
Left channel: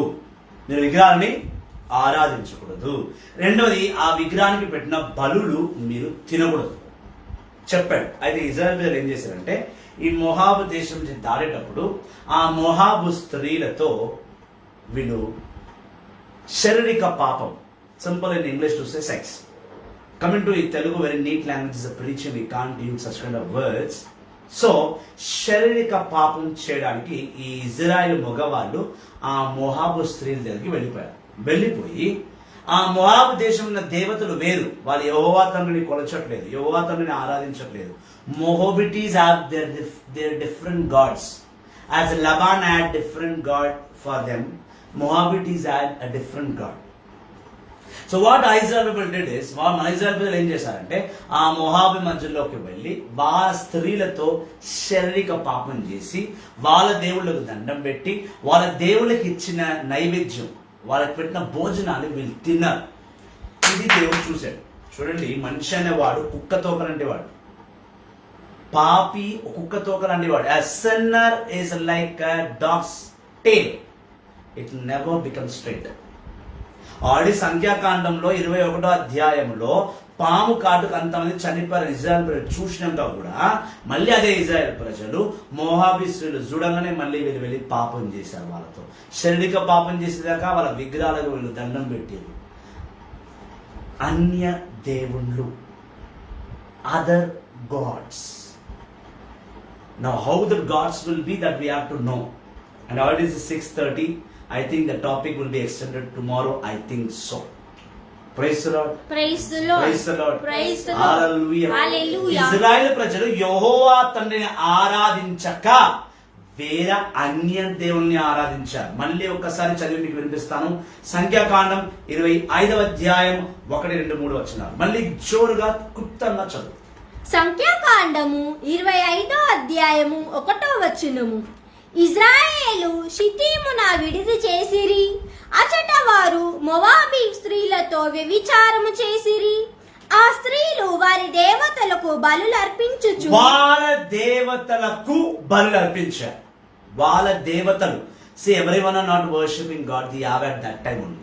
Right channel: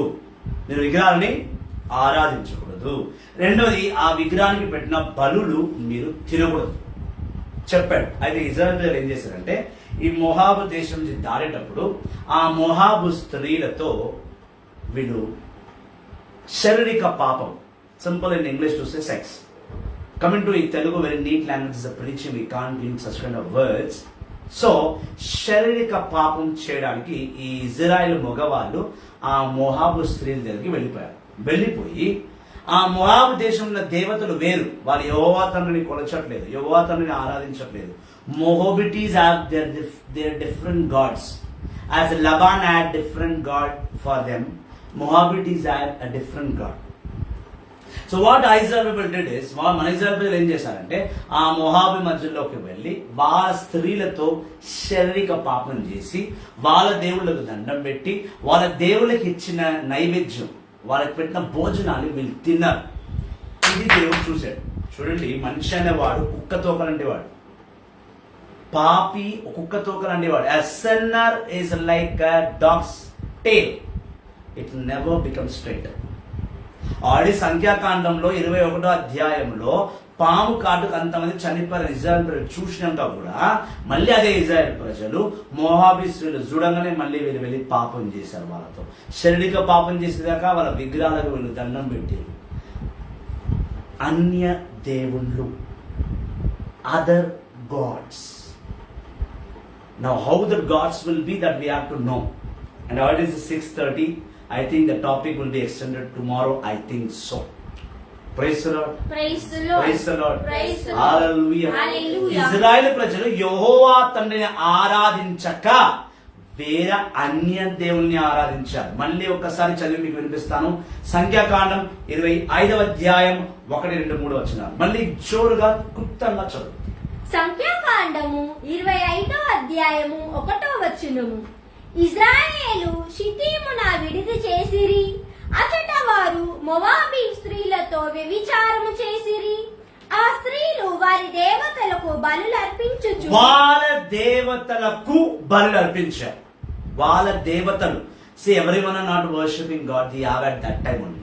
మీరు విగ్రహాన్ని ఆరాధించకూడదు. రెండవది, ఆ విగ్రహానికి పెట్టిన బలులు మీరు తినకూడదు చెప్పాడు. అయితే ఇజ్రాయెల్ ప్రజలు ఏం చేశారంటే, ఈ మోహాబు దేశం నుంచి దాడేటప్పుడు ఆ మోహాబు స్త్రీలతో వీళ్ళు శారీరక పాపం, simple in English to say sex. Coming to ఈ Telugu very neat language is preaching, we can't use such kind of words. So శారీరక పాపం చేయడానికి ఈ ఇజ్రాయెల్ మగవాళ్ళు ఆ మోహాబు స్త్రీల దగ్గరికి వెళ్ళిపోయి ఆ మోహాబు దేశంలో ఉన్న దేవతలు వేరు, వాళ్ళు యెహోవా తండ్రిని కొలచట్లేదు, యెహోవా తండ్రిని ఆరాధించట్లేదు. Moabites have their different gods. As Laban had different god for them, Moabites had a different god. So what Israel people did is, మన ఇజ్రాయెల్ ప్రజలు ఏం చేశారంటే ఆ మొహాబి మధ్యలోకి వెళ్ళి వాళ్ళ స్త్రీలతో శారీరక పాపం చేసి వాళ్ళ దేవుళ్ళకు దండం పెట్టి వాళ్ళ దేవుళ్ళకి ఇచ్చిన నైవేద్యం, వాళ్ళకి పెట్టిన భోజనాన్ని వీళ్ళు తిన్నారు. ఇది దేవుడు చూశాడు. చూడండి, మనిషి అనేవాడు కుక్క తోకలంటే వాడు, పాపి కుక్క తోకలంటే వాడు. A sinner is like a dog's tail, it never becomes straight. Already సంఖ్యాకాండంలో 21వ అధ్యాయంలో పాము కాటుకు అంతమంది చనిపోయారు ఇజ్రాయెల్ ప్రజలు చూసినాక కూడా మళ్ళీ అదే ఇజ్రాయెల్ ప్రజలు మోహాబీ స్త్రీలు చూడంగానే మళ్ళీ వీళ్ళు వెళ్ళి పాపం చేశారు. వాళ్ళతో శారీరక పాపం చేసేదాకా వాళ్ళ విగ్రహాలకు వీళ్ళు దండం పెట్టారు. అన్య దేవుళ్ళు, other gods. Now how the gods will be, that we have to know. And already it is 6:30. I think the topic will be extended tomorrow. I think so. Praise the Lord. Praise the Lord. Praise the Lord. Praise the Lord. Hallelujah. Hallelujah. Israel ప్రజలు యెహోవా తండ్రిని ఆరాధించక వేరే అన్య దేవుల్ని ఆరాధించారు. మళ్ళీ ఒక్కసారి చదివి మీకు వినిపిస్తాను. సంఖ్యాకాండం 25వ అధ్యాయం 1, 2, 3 వచనాలు. మళ్ళీ జోరుగా క్లుప్తంగా చదువు. సంఖ్యాకాండము 25వ అధ్యాయము 1వ వచనము. ఇజ్రాయేలు షితీమున విడిది చేసిరి, అచట వారు మోవాబీ స్త్రీలతో వ్యభిచారము చేసిరి. ఆ స్త్రీలు వారి దేవతలకు బలులు అర్పించుచు, వాళ్ళ దేవతలకు బలులు అర్పించారు. వాళ్ళ దేవతలు. See, everyone are not worshipping God. They have at that time only.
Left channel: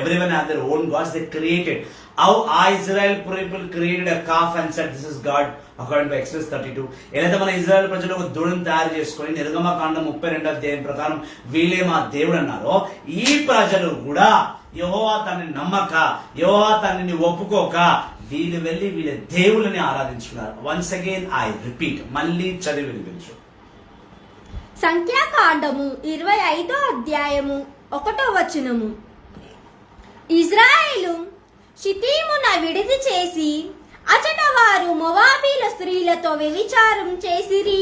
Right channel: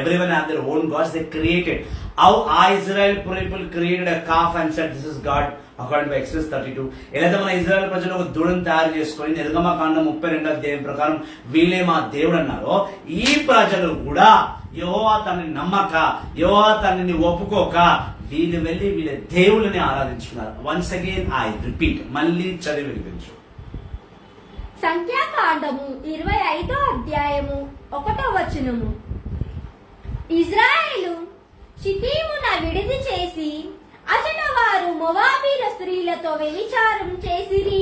Everyone have their own gods they created. How Israel people created a calf and said this is God according to Exodus 32. ఏదైతే మన ఇజ్రాయెల్ ప్రజలు ఒక దూడను తయారు చేసుకొని నిర్గమకాండం 32వ అధ్యాయం ప్రకారం వీళ్ళే మా దేవుడు అన్నారో, ఈ ప్రజలు కూడా యెహోవా తండ్రిని నమ్మక, యెహోవా తండ్రిని ఒప్పుకోక వీళ్ళు వెళ్ళి వీళ్ళ దేవుళ్ళని ఆరాధించుకున్నారు. వన్స్ అగైన్ ఐ రిపీట్, మళ్ళీ చదివి వినిపించు. సంఖ్యాకాండము 25వ అధ్యాయము 1వ వచనము. ఇజ్రాయేలు షితీమున విడిది చేసి, అచట వారు మోవాబీల స్త్రీలతో వ్యభిచారం చేసిరి.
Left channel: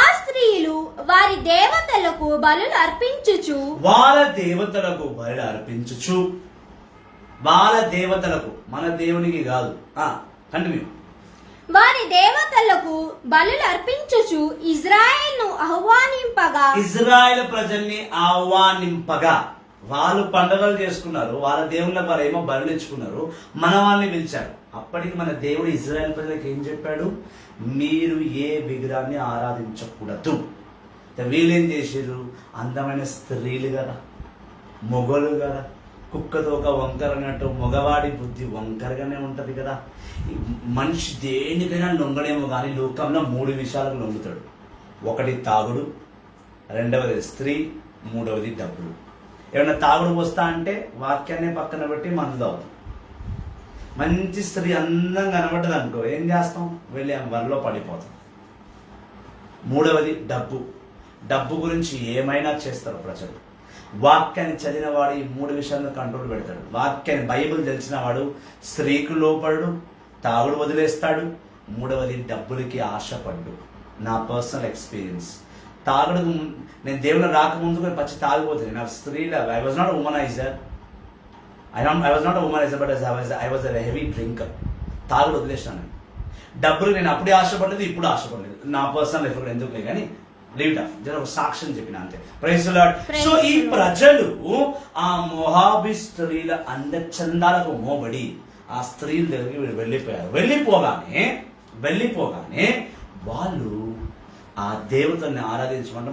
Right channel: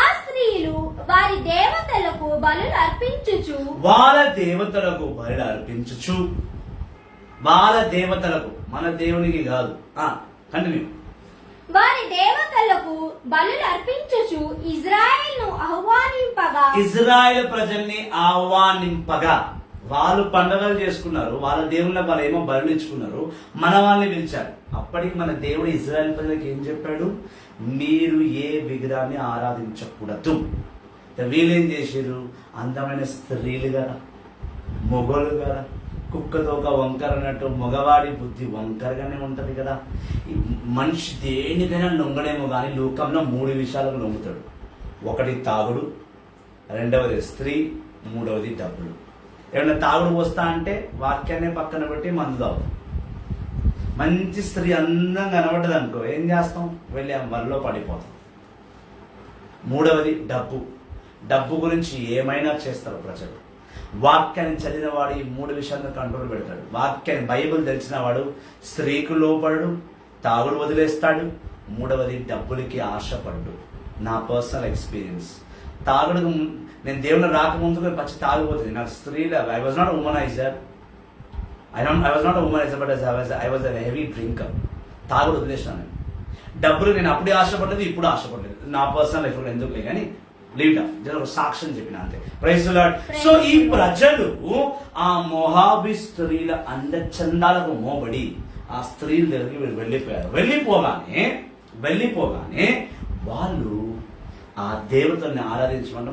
ఆ స్త్రీలు వారి దేవతలకు బలులు అర్పించుచు, వాళ్ళ దేవతలకు బలులు అర్పించుచు, వాళ్ళ దేవతలకు, మన దేవునికి కాదు. కంటిన్యూ. వారి దేవతలకు బలులు అర్పించుచు ఇజ్రాయేలును ఆహ్వానింపగా, ఇజ్రాయెల్ ప్రజల్ని ఆహ్వానింపగా, వాళ్ళు పండుగలు చేసుకున్నారు, వాళ్ళ దేవుళ్ళకి వాళ్ళు ఏమో బలులు ఇచ్చుకున్నారు, మన వాళ్ళని పిలిచారు. అప్పటికి మన దేవుడు ఇజ్రాయెల్ ప్రజలకు ఏం చెప్పాడు? మీరు ఏ విగ్రహాన్ని ఆరాధించకూడదు. వీళ్ళేం చేశారు? అందమైన స్త్రీలు కదా, మొగలు కదా, కుక్కతో ఒక వంకర అన్నట్టు మగవాడి బుద్ధి వంకరగానే ఉంటది కదా. మనిషి దేనికైనా లొంగడేమో కానీ లోకంలో 3 విషయాలకు లొంగుతాడు. ఒకటి తాగుడు, రెండవది స్త్రీ, మూడవది డబ్బులు. ఏమన్నా తాగుడు వస్తా అంటే వాక్యాన్ని పక్కన పెట్టి మందు తాగుతాం. మంచి స్త్రీ అందంగా కనబడ్డది అనుకో, ఏం చేస్తాం? వెళ్ళి వరలో పడిపోతాం. మూడవది డబ్బు. డబ్బు గురించి ఏమైనా చేస్తారు ప్రజలు. వాక్యాన్ని చదివిన వాడు ఈ 3 విషయాలను కంట్రోల్ పెడతాడు. వాక్యాన్ని, బైబిల్ తెలిసిన వాడు స్త్రీకు లోపడు, తాగుడు వదిలేస్తాడు, మూడవది డబ్బులకి ఆశపడ్డు. నా పర్సనల్ ఎక్స్పీరియన్స్. తాగుడు, నేను దేవుని రాకముందుకు పచ్చి తాగిపోతుంది. నాకు స్త్రీల, I was not womaniser, I was not a womaniser, but I was a heavy drinker. తాగుడు వదిలేసినాను నేను. డబ్బులు నేను అప్పుడే ఆశపడలేదు, ఇప్పుడు ఆశపడలేదు. నా పర్సనల్ లైఫ్ ఎందుకులే కానీ లీవ్ ఆఫ్ జర ఒక సాక్ష్యం చెప్పిన అంతే. Praise the Lord. సో ఈ ప్రజలు ఆ మొహాబీ స్త్రీల అందచందాలకు మోబడి ఆ స్త్రీల దగ్గరికి వీళ్ళు వెళ్ళిపోయారు. వెళ్ళిపోగానే వాళ్ళు ఆ దేవతల్ని ఆరాధించమంటే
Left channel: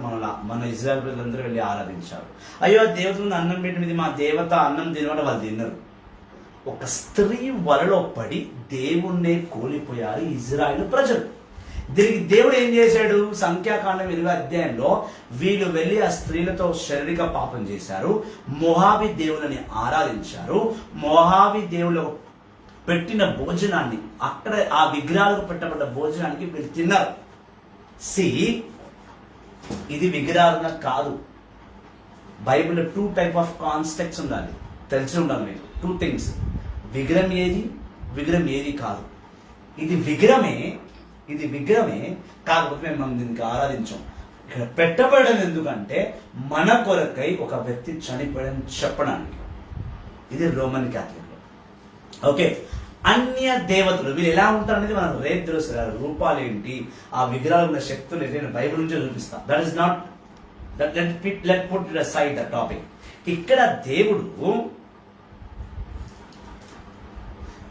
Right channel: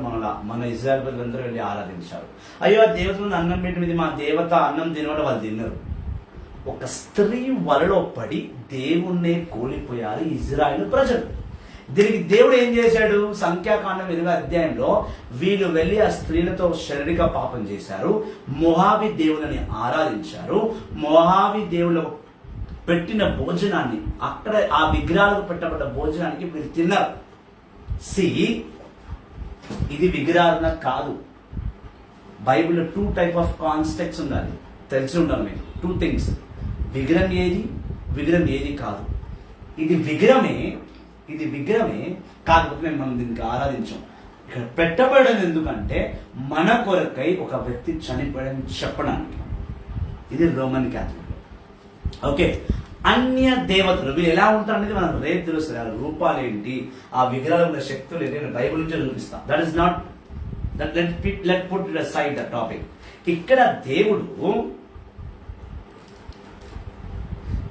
మన ఇజ్రాయెల్ ప్రజలందరూ వెళ్ళి ఆరాధించారు. అయ్యో ఆ దేవతలను అన్నం పెట్టినది మా దేవత అన్నం తినమంటే వాళ్ళు తిన్నారు. ఒక స్త్రీ వలలో పడి దేవుణ్ణే కోల్పోయారు ఇజ్రాయెల్ ప్రజలు. దీనికి దేవుడు ఏం చేశాడు? సంఖ్యాకాండం 20వ అధ్యాయంలో వీళ్ళు వెళ్ళి ఆ స్త్రీలతో శారీరక పాపం చేశారు. మొహాబీ దేవులని ఆరాధించారు. మొహాబీ దేవులు పెట్టిన భోజనాన్ని, అక్కడ ఆ విగ్రహాలకు పెట్టబడ్డ భోజనానికి వీళ్ళు తిన్నారు. ఇది విగ్రహారాధన కాదు. బైబిల్లో 2 టైప్ ఆఫ్ కాన్సెప్ట్స్ ఉండాలి, తెలిసి ఉండాలి మీరు. 2 థింగ్స్. విగ్రహం ఏది కాదు. ఇది విగ్రహమే కాకపోతే మనం దీనికి ఆరాధించాం. ఇక్కడ పెట్టబడడం ఎందుకంటే మన కొరకై ఒక వ్యక్తి చనిపోయాడని చెప్పడానికి. ఇది రోమన్ క్యాథలిక్. ఓకే, అన్య దేవతలు వీళ్ళు ఎలా ఉంటారు అనేది మనం రేపు తెలుస్తుంది. రూపాలు ఏంటి, ఆ విగ్రహాలు ఉన్న శక్తులు ఏంటి, నేను బైబిల్ నుంచే చూపిస్తాం. That is not that let put it aside the topic. ఇక్కడ దేవుడు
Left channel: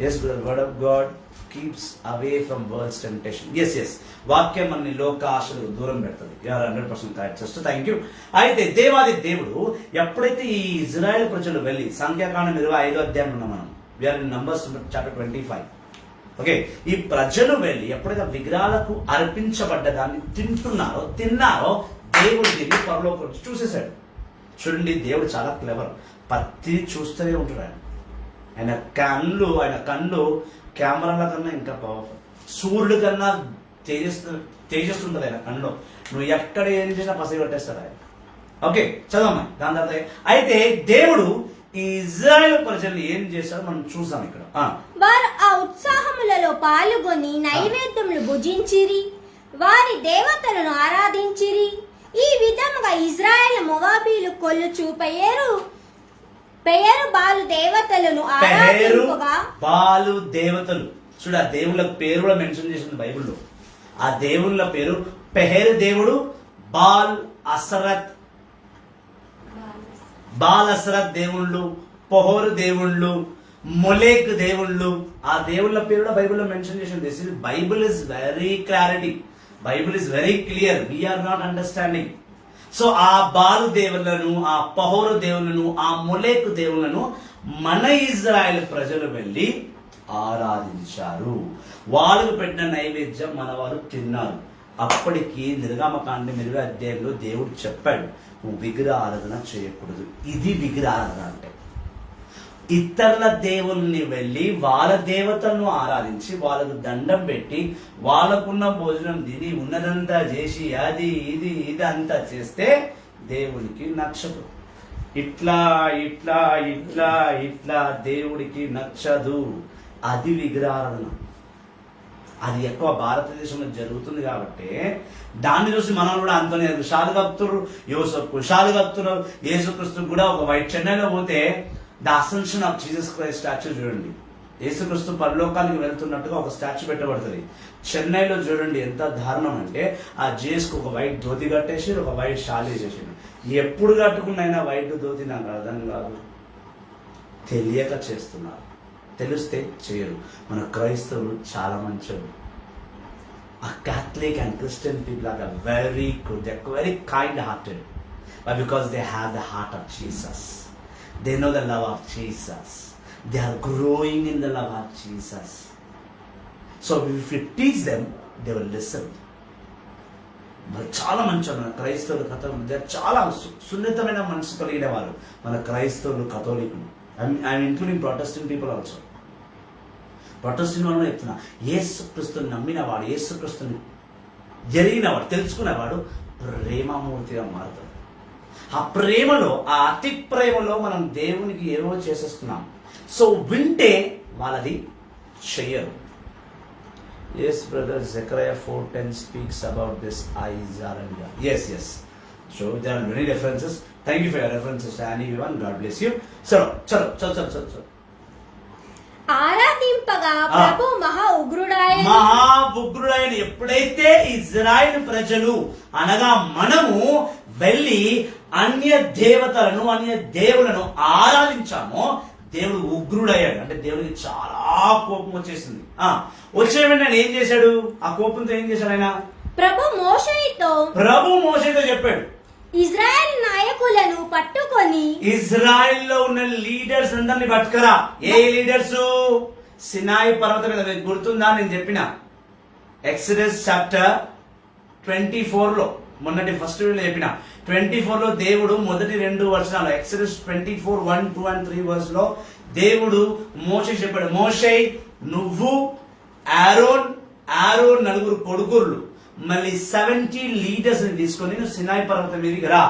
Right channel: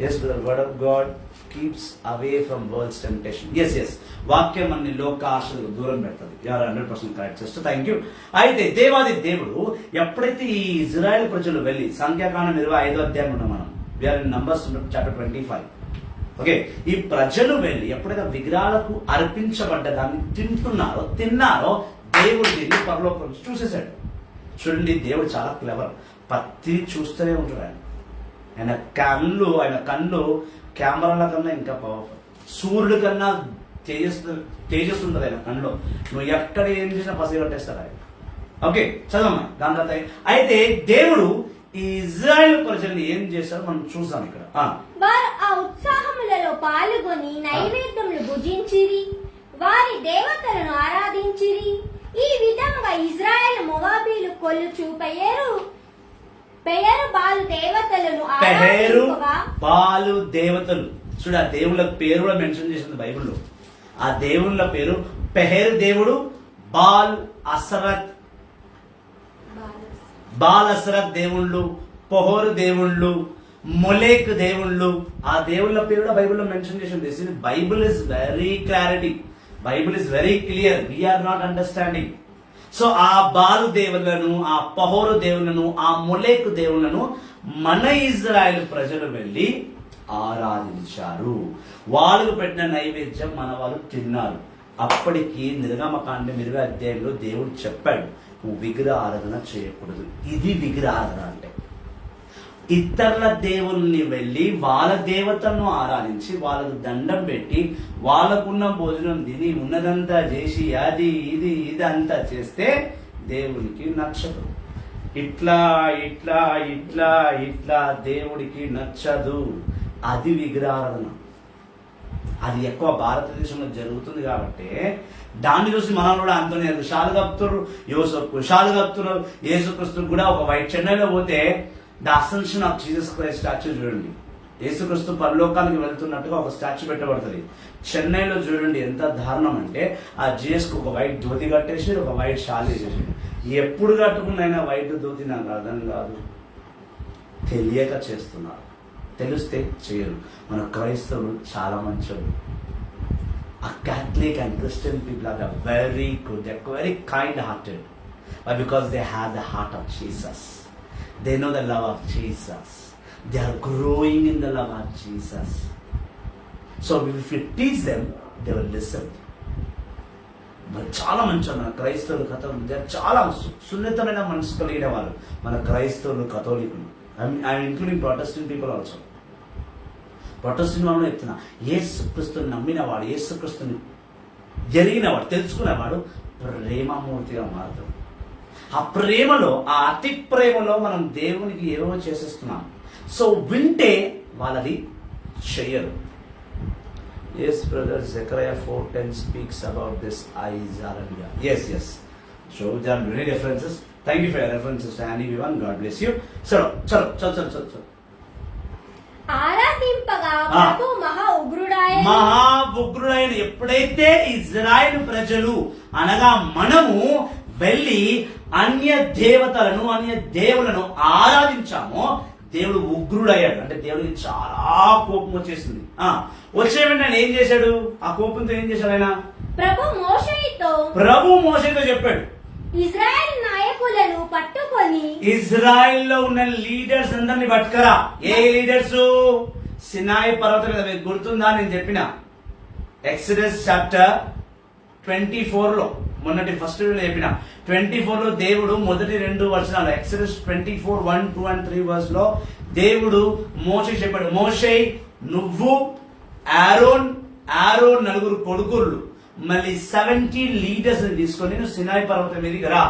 yes the word of God keeps away from world's temptation. yes వాక్యం మనని లోక ఆశలు దూరం పెడుతుంది. 100% కరెక్ట్ సిస్టర్, థ్యాంక్ యూ. అయితే దేవాది దేవుడు ఎప్పుడైతే ఈ ఇజ్రాయెల్ ప్రజలు వెళ్ళి సంఖ్యాకాండం 25వ అధ్యాయం ఉన్నాం మనం, we're in numbers chapter 25. Okay, ఈ ప్రజలు వెళ్ళి ఎప్పుడైతే విగ్రహాలకు అర్పించబడ్డ దాన్ని తిన్నారో దేవుడు దీన్ని పరలోకం నుంచి చూసేశాడు. చూడండి, దేవుడు చాలా క్లెవర్. పత్తి చూస్తూనే ఉంటాడు ఆయన కళ్ళు కెమెరాల కన్నా ఇంకా పవర్ఫుల్. సూర్యుడి కన్నా తేజస్సుంటది ఆయన కళ్ళు. నువ్వు ఎక్కడ ఏం చేసినా పసి కట్టేస్తాడు ఆయన. ఓకే, చదవమ్మా దాని తర్వాత. అయితే దేవుడు ఈ ఇజ్రాయెల్ ప్రజల్ని ఏం చేశారో మనం చూసాం ఇక్కడ. వారు ఆ ఉత్సాహములలో పాల్గొని నైవేద్యములు భుజించిరి, వారి దేవతలను ఆరాధించిరి. ఈ విధముగా ఇజ్రాయెల్ మొవాబీలు కొల్లుచు పెయరు బాలు దేవతలను బాలు దేవతలు. చూడ, ఆ దేవుళ్ళ పేరు కూడా మెన్షన్ చేసింది బైబిల్లో. ఆ దేవుళ్ళ పేరు పెహేరు దేవుడు, బాల్ అసరత్ దేవుళ్ళు, పొహోరు దేవుళ్ళు, మొలేక్ దేవుళ్ళు. ఆ దేవుళ్ళ పేరు కూడా బైబిల్లో మెన్షన్ చేసింది. Bible is very clarity, Bible is very clear. We're not understanding. So ఆ బాలు దేవుళ్లను, ఆ పహోరు దేవుళ్లను, ఆ మొలేకు దేవుళ్లను మన ఇజ్రాయెల్ ప్రజలు వెళ్ళి ఆరాధించారు. వాళ్ళకు పెట్టిన నైవేద్యం మన వాళ్ళు తిన్నారు. అప్పటికి నిర్గమకాండం 20వ అధ్యాయంలో దేవుడు చెప్పాడు, నువ్వు విగ్రహ ఆరాధన చేయకూడదు. ఇది విగ్రహ ఆరాధన అంటే. ఇతరుల దేవుల్ని వెళ్ళి వాళ్ళ దేవతలను ఆరాధించి వాళ్ళకు దండం పెట్టి వాళ్ళకున్న భోజనం తిని ఉన్నదంతా చేసి అది ఇది అంతా చేస్తే దేవునికి నచ్చదు. ఇట్లా ఇట్లా ఇట్లా ఇట్లా దేవుడికి నచ్చదు. అది విగ్రహారాధన. అది ఎక్కువ భారతదేశంలో జరుగుతుంది కాబట్టి దాన్ని చూసి మనం కూడా అంతనే షాలు కప్తున్నారు. షాలు కప్తున్నారు. యేసుక్రీస్తు కూడా ఒక వైట్ చెన్నైలో పోతే the ascension of Jesus Christ statue చూడండి. యేసుక్రీస్తు పరలోకానికి వెళ్తున్నట్టుగా ఒక స్టాచ్యూ పెట్టబడుతుంది. చెన్నైలో చూడండి ఎంత దారుణం అంటే, ఆ జీసస్కి ఒక వైట్ ధోతి కట్టేసి ఒక వైట్ షాల్ వేసేసి, ఎప్పుడు కట్టుకున్నైనా వైట్ ధోతి నాకు అర్థం కాదు. తెలియక చేస్తున్నారు, తెలిస్తే చేయరు. మన క్రైస్తవులు చాలా మంచోళ్ళు. ఆ Catholic and Christian people are very good. They're very kind-hearted, but because they have the heart of Jesus, they know the love of Jesus. They are growing in the love of Jesus. So if you teach them, they will listen. మరి చాలా మంచి మన క్రైస్తవులు కథోలికులు చాలా సున్నితమైన మనసు కలిగిన వారు మన క్రైస్తవులు కథోలికులు. I'm including Protestant people also. Protestant వాళ్ళు చెప్తున్నా, యేసుక్రీస్తుని నమ్మినవాడు, యేసుక్రీస్తుని జరిగినవాడు, తెలుసుకునేవాడు ప్రేమమూర్తిగా మారుతాడు. ఆ ప్రేమలో, ఆ అతి ప్రేమలో మనం దేవునికి ఏవో చేసేస్తున్నాం. సో వింటే వాళ్ళది చెయ్యరు. Yes, brother, Zechariah 4:10 speaks about this eyes. Yes. So there are many references. Thank you for your references, everyone. God bless you. చలో. ఆరాధింపగా ప్రభు మహా ఉగ్రుడైన ఎప్పుడైతే ఇజ్రాయెల్ ప్రజలు అనగా మనము వెళ్ళి అన్య దేవతలను అన్య దేవులను ఆరాధించామో దేవుడు ఉగ్రుడయ్యాడు. అంటే దేవుడికి చాలా కోపం వచ్చేసింది. వచ్చే వెంటనే ఏం చేశాడు? ఆ కోపంతో ఏం చేశాడు ఆయన? ప్రభు మోషేతో చెప్పాడు, ఇజ్రాయెల్ నాయకులను పట్టుకొని ఇజ్రాయెల్లో ఉన్న లీడర్స్ అందరిని పట్టుకరా. ఏ లీడర్స్? సినాయి పర్వతం మీద. మీకు గుర్తుందా నేను చెప్పిన ఎక్సడస్ చాప్టర్ 24 లో, మొన్నటి ఫస్ట్ వీడియోలో చెప్పిన 24 లో దేవుడు మొదటి 2 వచనాలు ఎక్సడస్ 24 1, 2 and 3 వర్స్ లో దేవుడు మోషే చెప్పాడు, మోషే నువ్వు ఆరోన్ 9 కొడుకులు మళ్ళీ 70 లీడర్స్ ని తీసుకొని నువ్వు సినాయి పర్వతం మీదకి రా,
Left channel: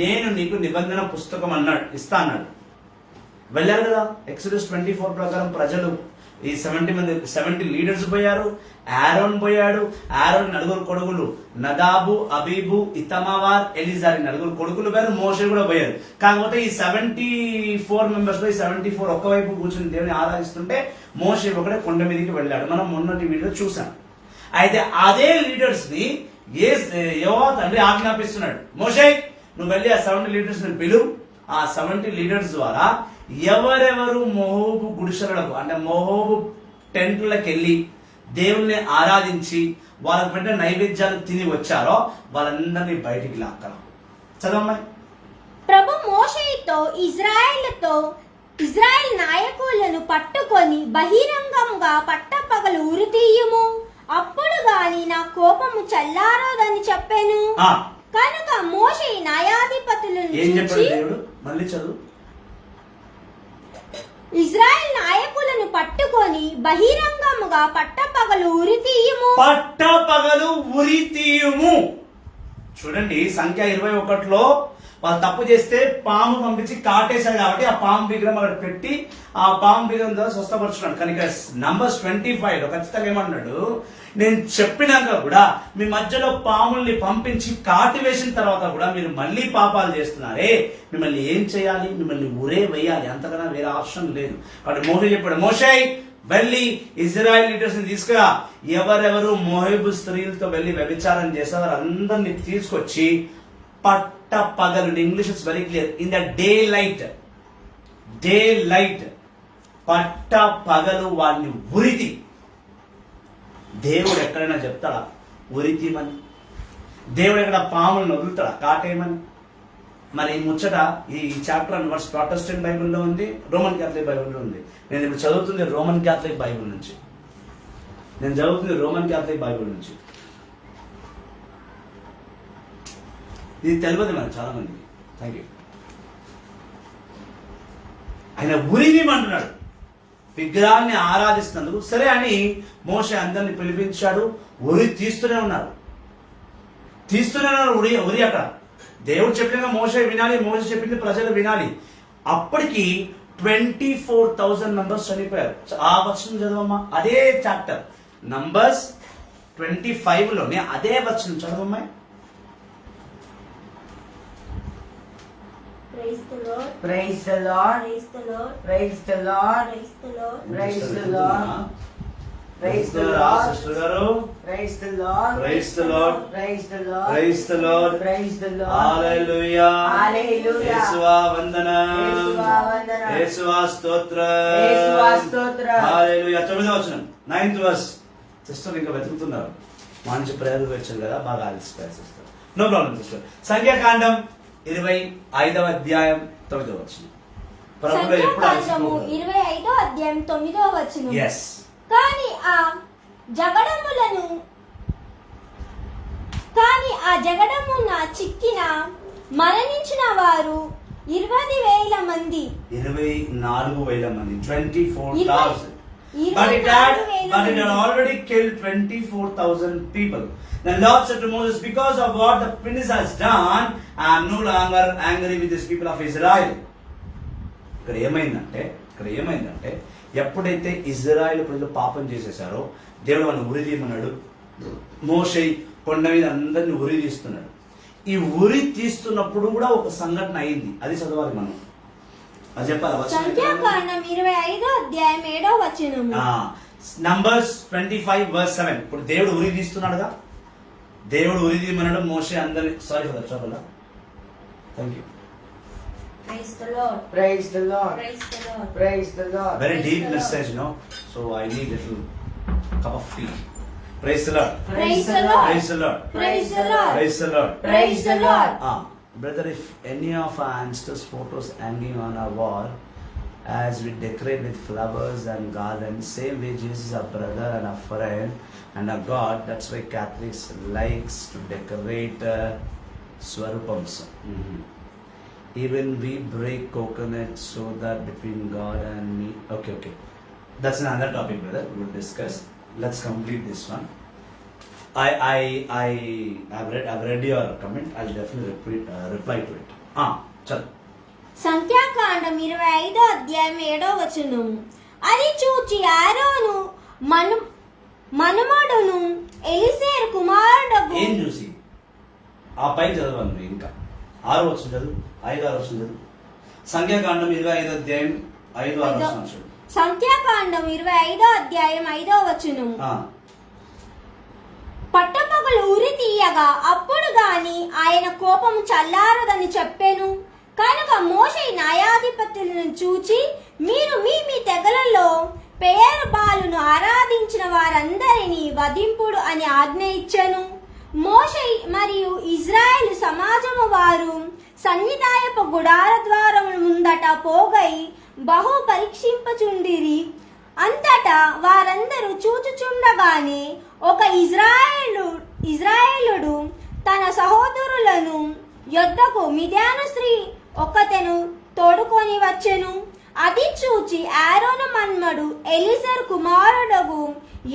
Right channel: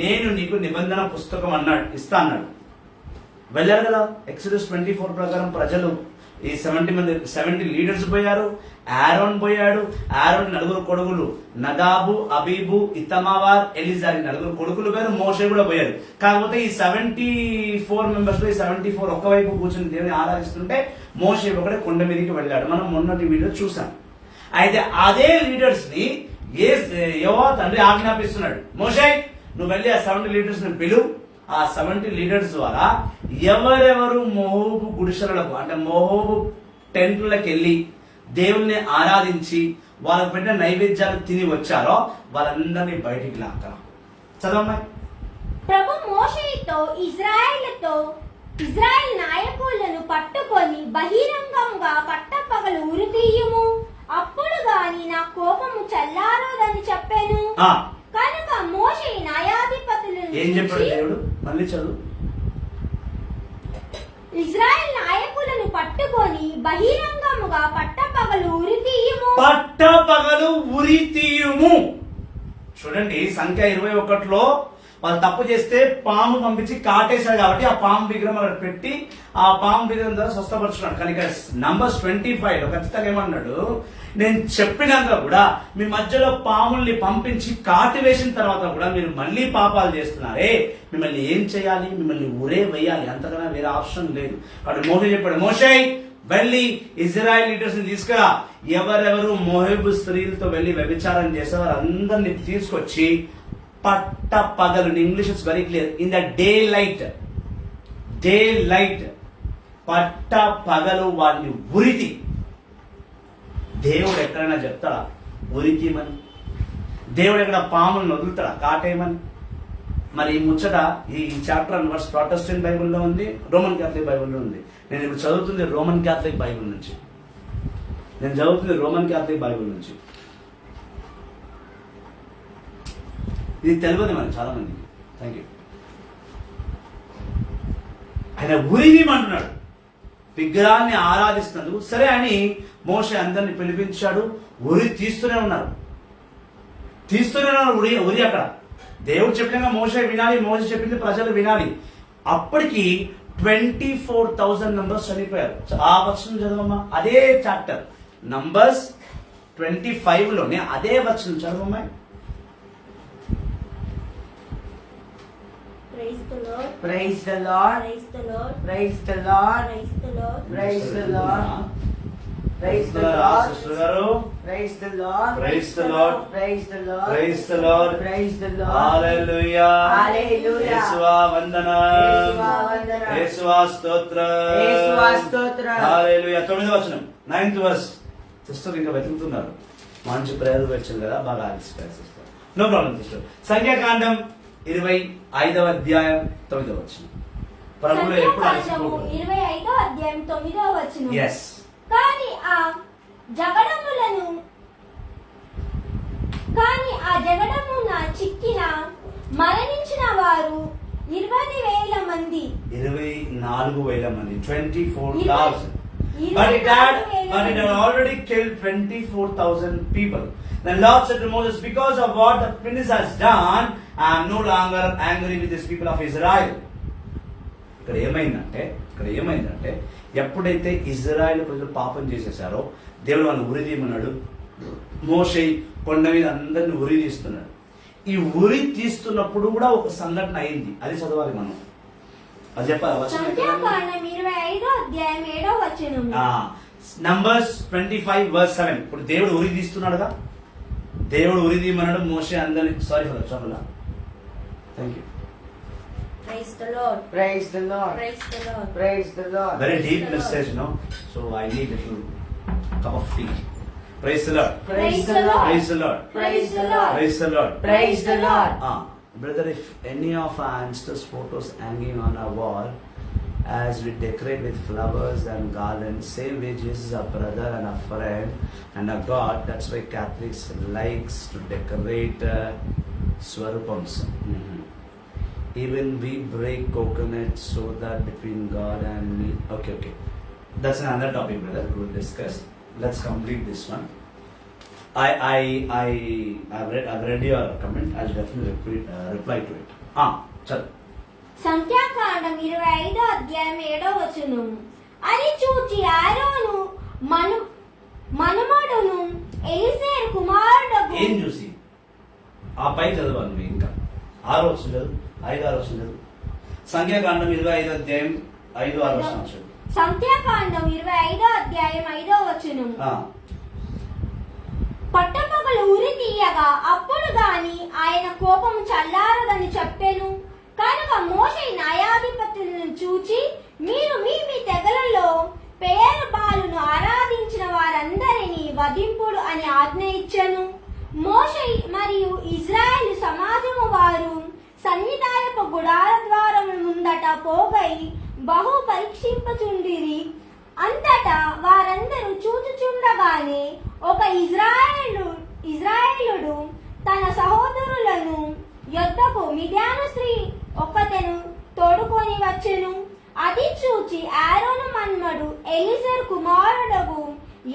నేను నీకు నిబంధన పుస్తకం ఇస్తా అన్నాడు. వెళ్ళారు కదా. ఎక్సడస్ 24 ప్రకారం ప్రజలు ఈ 70 లీడర్స్ పోయారు. ఆరోన్ పోయాడు. ఆరోన్ 9 కొడుకులు నదాబు, అబీబు, ఇతమావార్, ఎలిజార్ 9 కొడుకులు పోయారు. మోషే కూడా పోయారు. కాకపోతే ఈ 74 మెంబర్స్ లో ఈ 74 ఒక్కవైపు కూర్చుని దేవుని ఆరాధిస్తుంటే మోషే ఒకటే కొండ మీదకి వెళ్ళాడు. మనం మొన్నటి వీడియో చూసాం. అయితే అదే లీడర్స్ ని యెహోవా తండ్రి ఆజ్ఞాపిస్తున్నాడు, మోషే నువ్వు వెళ్ళి ఆ 70 లీడర్స్ ని పిలువు. ఆ 70 లీడర్స్ ద్వారా ఎవరెవరు మోహోబు గుడిసెలకు అంటే మోహోబు టెంట్లకు వెళ్ళి దేవుల్ని ఆరాధించి వాళ్ళకు పెట్టిన నైవేద్యాలు తిని వచ్చారో వాళ్ళందరినీ బయటికి లాక్కరా. చదవమ్మాయి. ప్రభు మోషేతో ఇజ్రాయెల్ నాయకులను పట్టుకొని బహిరంగంగా పట్టపగలు ఉరితీయుము, అప్పుడు గాని నా కోపము చల్లారదని చెప్పాను. కనుక మోషే న్యాయాధిపతులను ఏం చెప్పాడు దేవుడు? మళ్ళీ చదువు. ఇజ్రాయెల్ నాయకులను పట్టుకొని బహిరంగముగా పట్టపగలు ఉరితీయుము. చూడండి, సంఖ్య 21లో వాళ్ళు తప్పు చేస్తే పాము పంపించి కాటేశాడు కాబట్టి ఆ పాము విగ్రహం అక్కడ పెట్టి ఆ పాము విగ్రహం ద్వారా స్వస్థపరుచున్నాడు. కానీ ఇక్కడ నంబర్స్ 25 ఖచ్చితంగా ఏమన్నాడు, నేను చెప్పినాక కూడా మీ మధ్యలో పాముల్ని పంపించి కాటి వేసిన తర్వాత కూడా మీరు మళ్ళీ పాపాలు చేస్తున్నారే, మిమ్మల్ని ఏం చేయాలి? మిమ్మల్ని ఊరే వేయాలి, అంతకన్నా వేరే ఆప్షన్ లేదు. కాబట్టి మోషే చెప్పాడు, మోషే వెళ్ళి ఇజ్రాయెల్ లీడర్స్ ని తీసుకురా, ఎవరెవరు మోహబు స్త్రీలతో వెళ్ళి వ్యభిచారం చేస్తే వారందరినీ తీసుకొచ్చి పట్ట పగలు, English it's very clear, in the day light పట్ట పగలు వారిని ఉరితి. దేవుడు ఎక్కడైనా చెప్తాడా ఉరితీమని? దేవుడు ఎక్కడ పాములను వదులుతాడా కాటేయమని? మరి ఈ ముచ్చట ఈ చాప్టర్ వర్స్ ప్రొటెస్టెంట్ బైబిల్లో ఉంది, రోమన్ క్యాథలిక్ బైబిల్లో ఉంది. నేను ఇప్పుడు చదువుతుంది రోమన్ క్యాథలిక్ బైబిల్ నుంచి. ఇది తెలియదు మనకి చాలా మందికి. Thank you. ఆయన ఉరిదీమంటున్నాడు విగ్రహాన్ని ఆరాధిస్తున్నందుకు. సరే అని మోషే అందరిని పిలిపించాడు. ఉరి తీస్తూనే ఉన్నారు. ఉరి అక్కడ దేవుడు చెప్పినాక మోషే వినాలి, మోషే చెప్పింది ప్రజలు వినాలి. అప్పటికి 24,000 మెంబర్స్ చనిపోయారు. ఆ వచనం చదవమ్మా, అదే చాప్టర్ నంబర్స్ 25లోనే అదే వచనం చదవమ్మా. Praise the Lord. Praise the Lord. Praise the Lord. Praise the Lord. Praise the Lord. Praise the Lord. Praise the Lord. Sister గారు, Praise the Lord. Praise the lord, Praise the Lord. Praise the lord, Praise the Lord. Hallelujah, Hallelujah. యేసువా వందనం, యేసువా వందనం, యేసువా స్తోత్రం, యేసువా స్తోత్రం. హల్లెలూయా. 9వ వచనం 9th వర్స్. సిస్టర్ ఇంకా వెతుకుతున్నారు, మంచి ప్రేయర్ వచ్చారు కదా, బాగా ఆలిసిపోయారు సిస్టర్. No problem sister. సంఖ్యాకాండం 25వ అధ్యాయం 9వ వచనం. ప్రభువులో ఎప్పుడు సంఖ్యాకాండము 25వ అధ్యాయం 9వ వచనం. ఎస్. కానీ ఆ జగడమున చిక్కిన మరణించిన వారు 20,000 మంది. 24,000 మంది. 24,000. But it had already killed 24,000 people. The Lord said to Moses, because of what the prince has done, I am no longer angry with these people of Israel. ఇక్కడ ఏమైందంటే ఎప్పుడైతే ఇజ్రాయెల్ ప్రజలు పాపం చేసేసారో దేవుడు వాళ్ళని ఉరిదీయమన్నాడు. మోషే కొండ మీద అందరిని ఉరిదీస్తున్నాడు. ఈ ఉరి తీస్తున్నప్పుడు కూడా ఒక సంఘటన అయింది, అది చదవాలి మనం. అది చెప్పాలి. సంఖ్యాకాండం 25వ అధ్యాయం 7వ వచనం. నంబర్స్ 25:7. ఇప్పుడు దేవుడు ఉరి తీస్తున్నాడుగా, దేవుడు ఉరి తీయమన్నాడు మోషే అందరి. Sorry for trouble. Thank you. Praise the Lord. Praise the Lord. Praise the Lord. Praise the Lord. Very Praise deep the Lord. message, so I need a little cup of tea. Praise the Lord. Praise the Lord. Praise the Lord. Praise the Lord. Praise the Lord. Praise the Lord. Brother, if any of our ancestors' photos hanging on our wall, as we decorate with flowers and garlands, same way Jesus our brother and our friend and our God. That's why Catholics likes to decorate Swarupams. Even we break coconut so that between God and me. Okay. That's another topic, brother. We'll discuss. Let's complete this one. I've read your comment. I'll definitely reply to it. Chal. సంఖ్యాకాండం 25వ అధ్యాయం 7వ వచనం. అది చూచి ఆరోను మనుమడును ఎలీజరు కుమారుడగు. ఏం చూసి? ఆ పై చదవాలి నువ్వు ఇంకా. 6వ వచనం చదువు, 5-6వ వచనం చదువు. సంఖ్యాకాండం 25వ అధ్యాయం 5-6వ వచనం చదువు. సంఖ్యాకాండం 25వ అధ్యాయం 5వ వచనం. పట్టపగలు ఉరి తీయగా అప్పుడు గాని ఆయన కోపం చల్లారదని చెప్పెను. కనుక మోషే న్యాయాధిపతులను చూచి, మీరు మీ తెగలలో పేరు బాలును ఆరాధించిన వారందరినీ వధింపుడు అని ఆజ్ఞ ఇచ్చెను. మోషే మరియు ఇజ్రాయేలు సమాజము వారు సన్నిధాయపు గుడార ద్వారముల ముందట పోగై బహు పరీక్షింపచుండిరి. అంతటా వారందరూ చూచుచుండగానే ఒక ఇజ్రాయేలుడు తన సహోదరులను యొద్దకు మిద్యాను స్త్రీ ఒకతెను తోడుకొని వచ్చెను. అది చూచి ఆరోను మన్మడు ఎలీజరు కుమారుడగు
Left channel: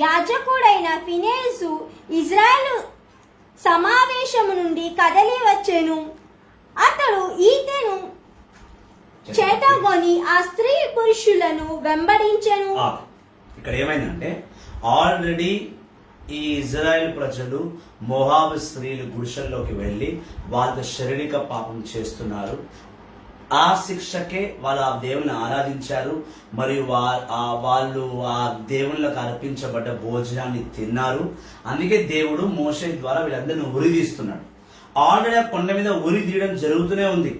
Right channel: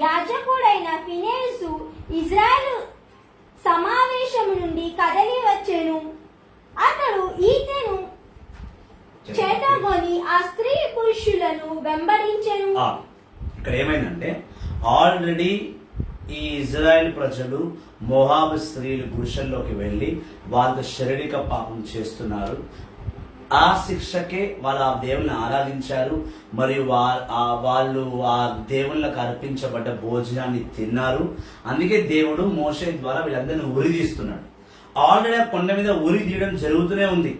యాజకుడైన ఫినేసు ఇజ్రాయేలు సమావేశము నుండి కదలి వచ్చెను. అతడు ఈతెను చేతగొని ఆ స్త్రీ పురుషులను వెంబడించెను. ఇక్కడ ఏమైందంటే, ఆల్రెడీ ఈ ఇజ్రాయెల్ ప్రజలు మోహాబు స్త్రీలు గుడిసెల్లోకి వెళ్ళి వాళ్ళ శారీరక పాపం చేస్తున్నారు. ఆ శిక్షకే వాళ్ళు ఆ దేవుని ఆరాధించారు, మరియు వాళ్ళు ఆ దేవుళ్ళకు అర్పించబడ్డ భోజనాన్ని తిన్నారు. అందుకే దేవుడు మోషే ద్వారా వీళ్ళందరినీ ఉరి తీస్తున్నాడు. ఆల్రెడీ ఆ కొండ మీద ఉరి తీయడం జరుగుతూనే ఉంది.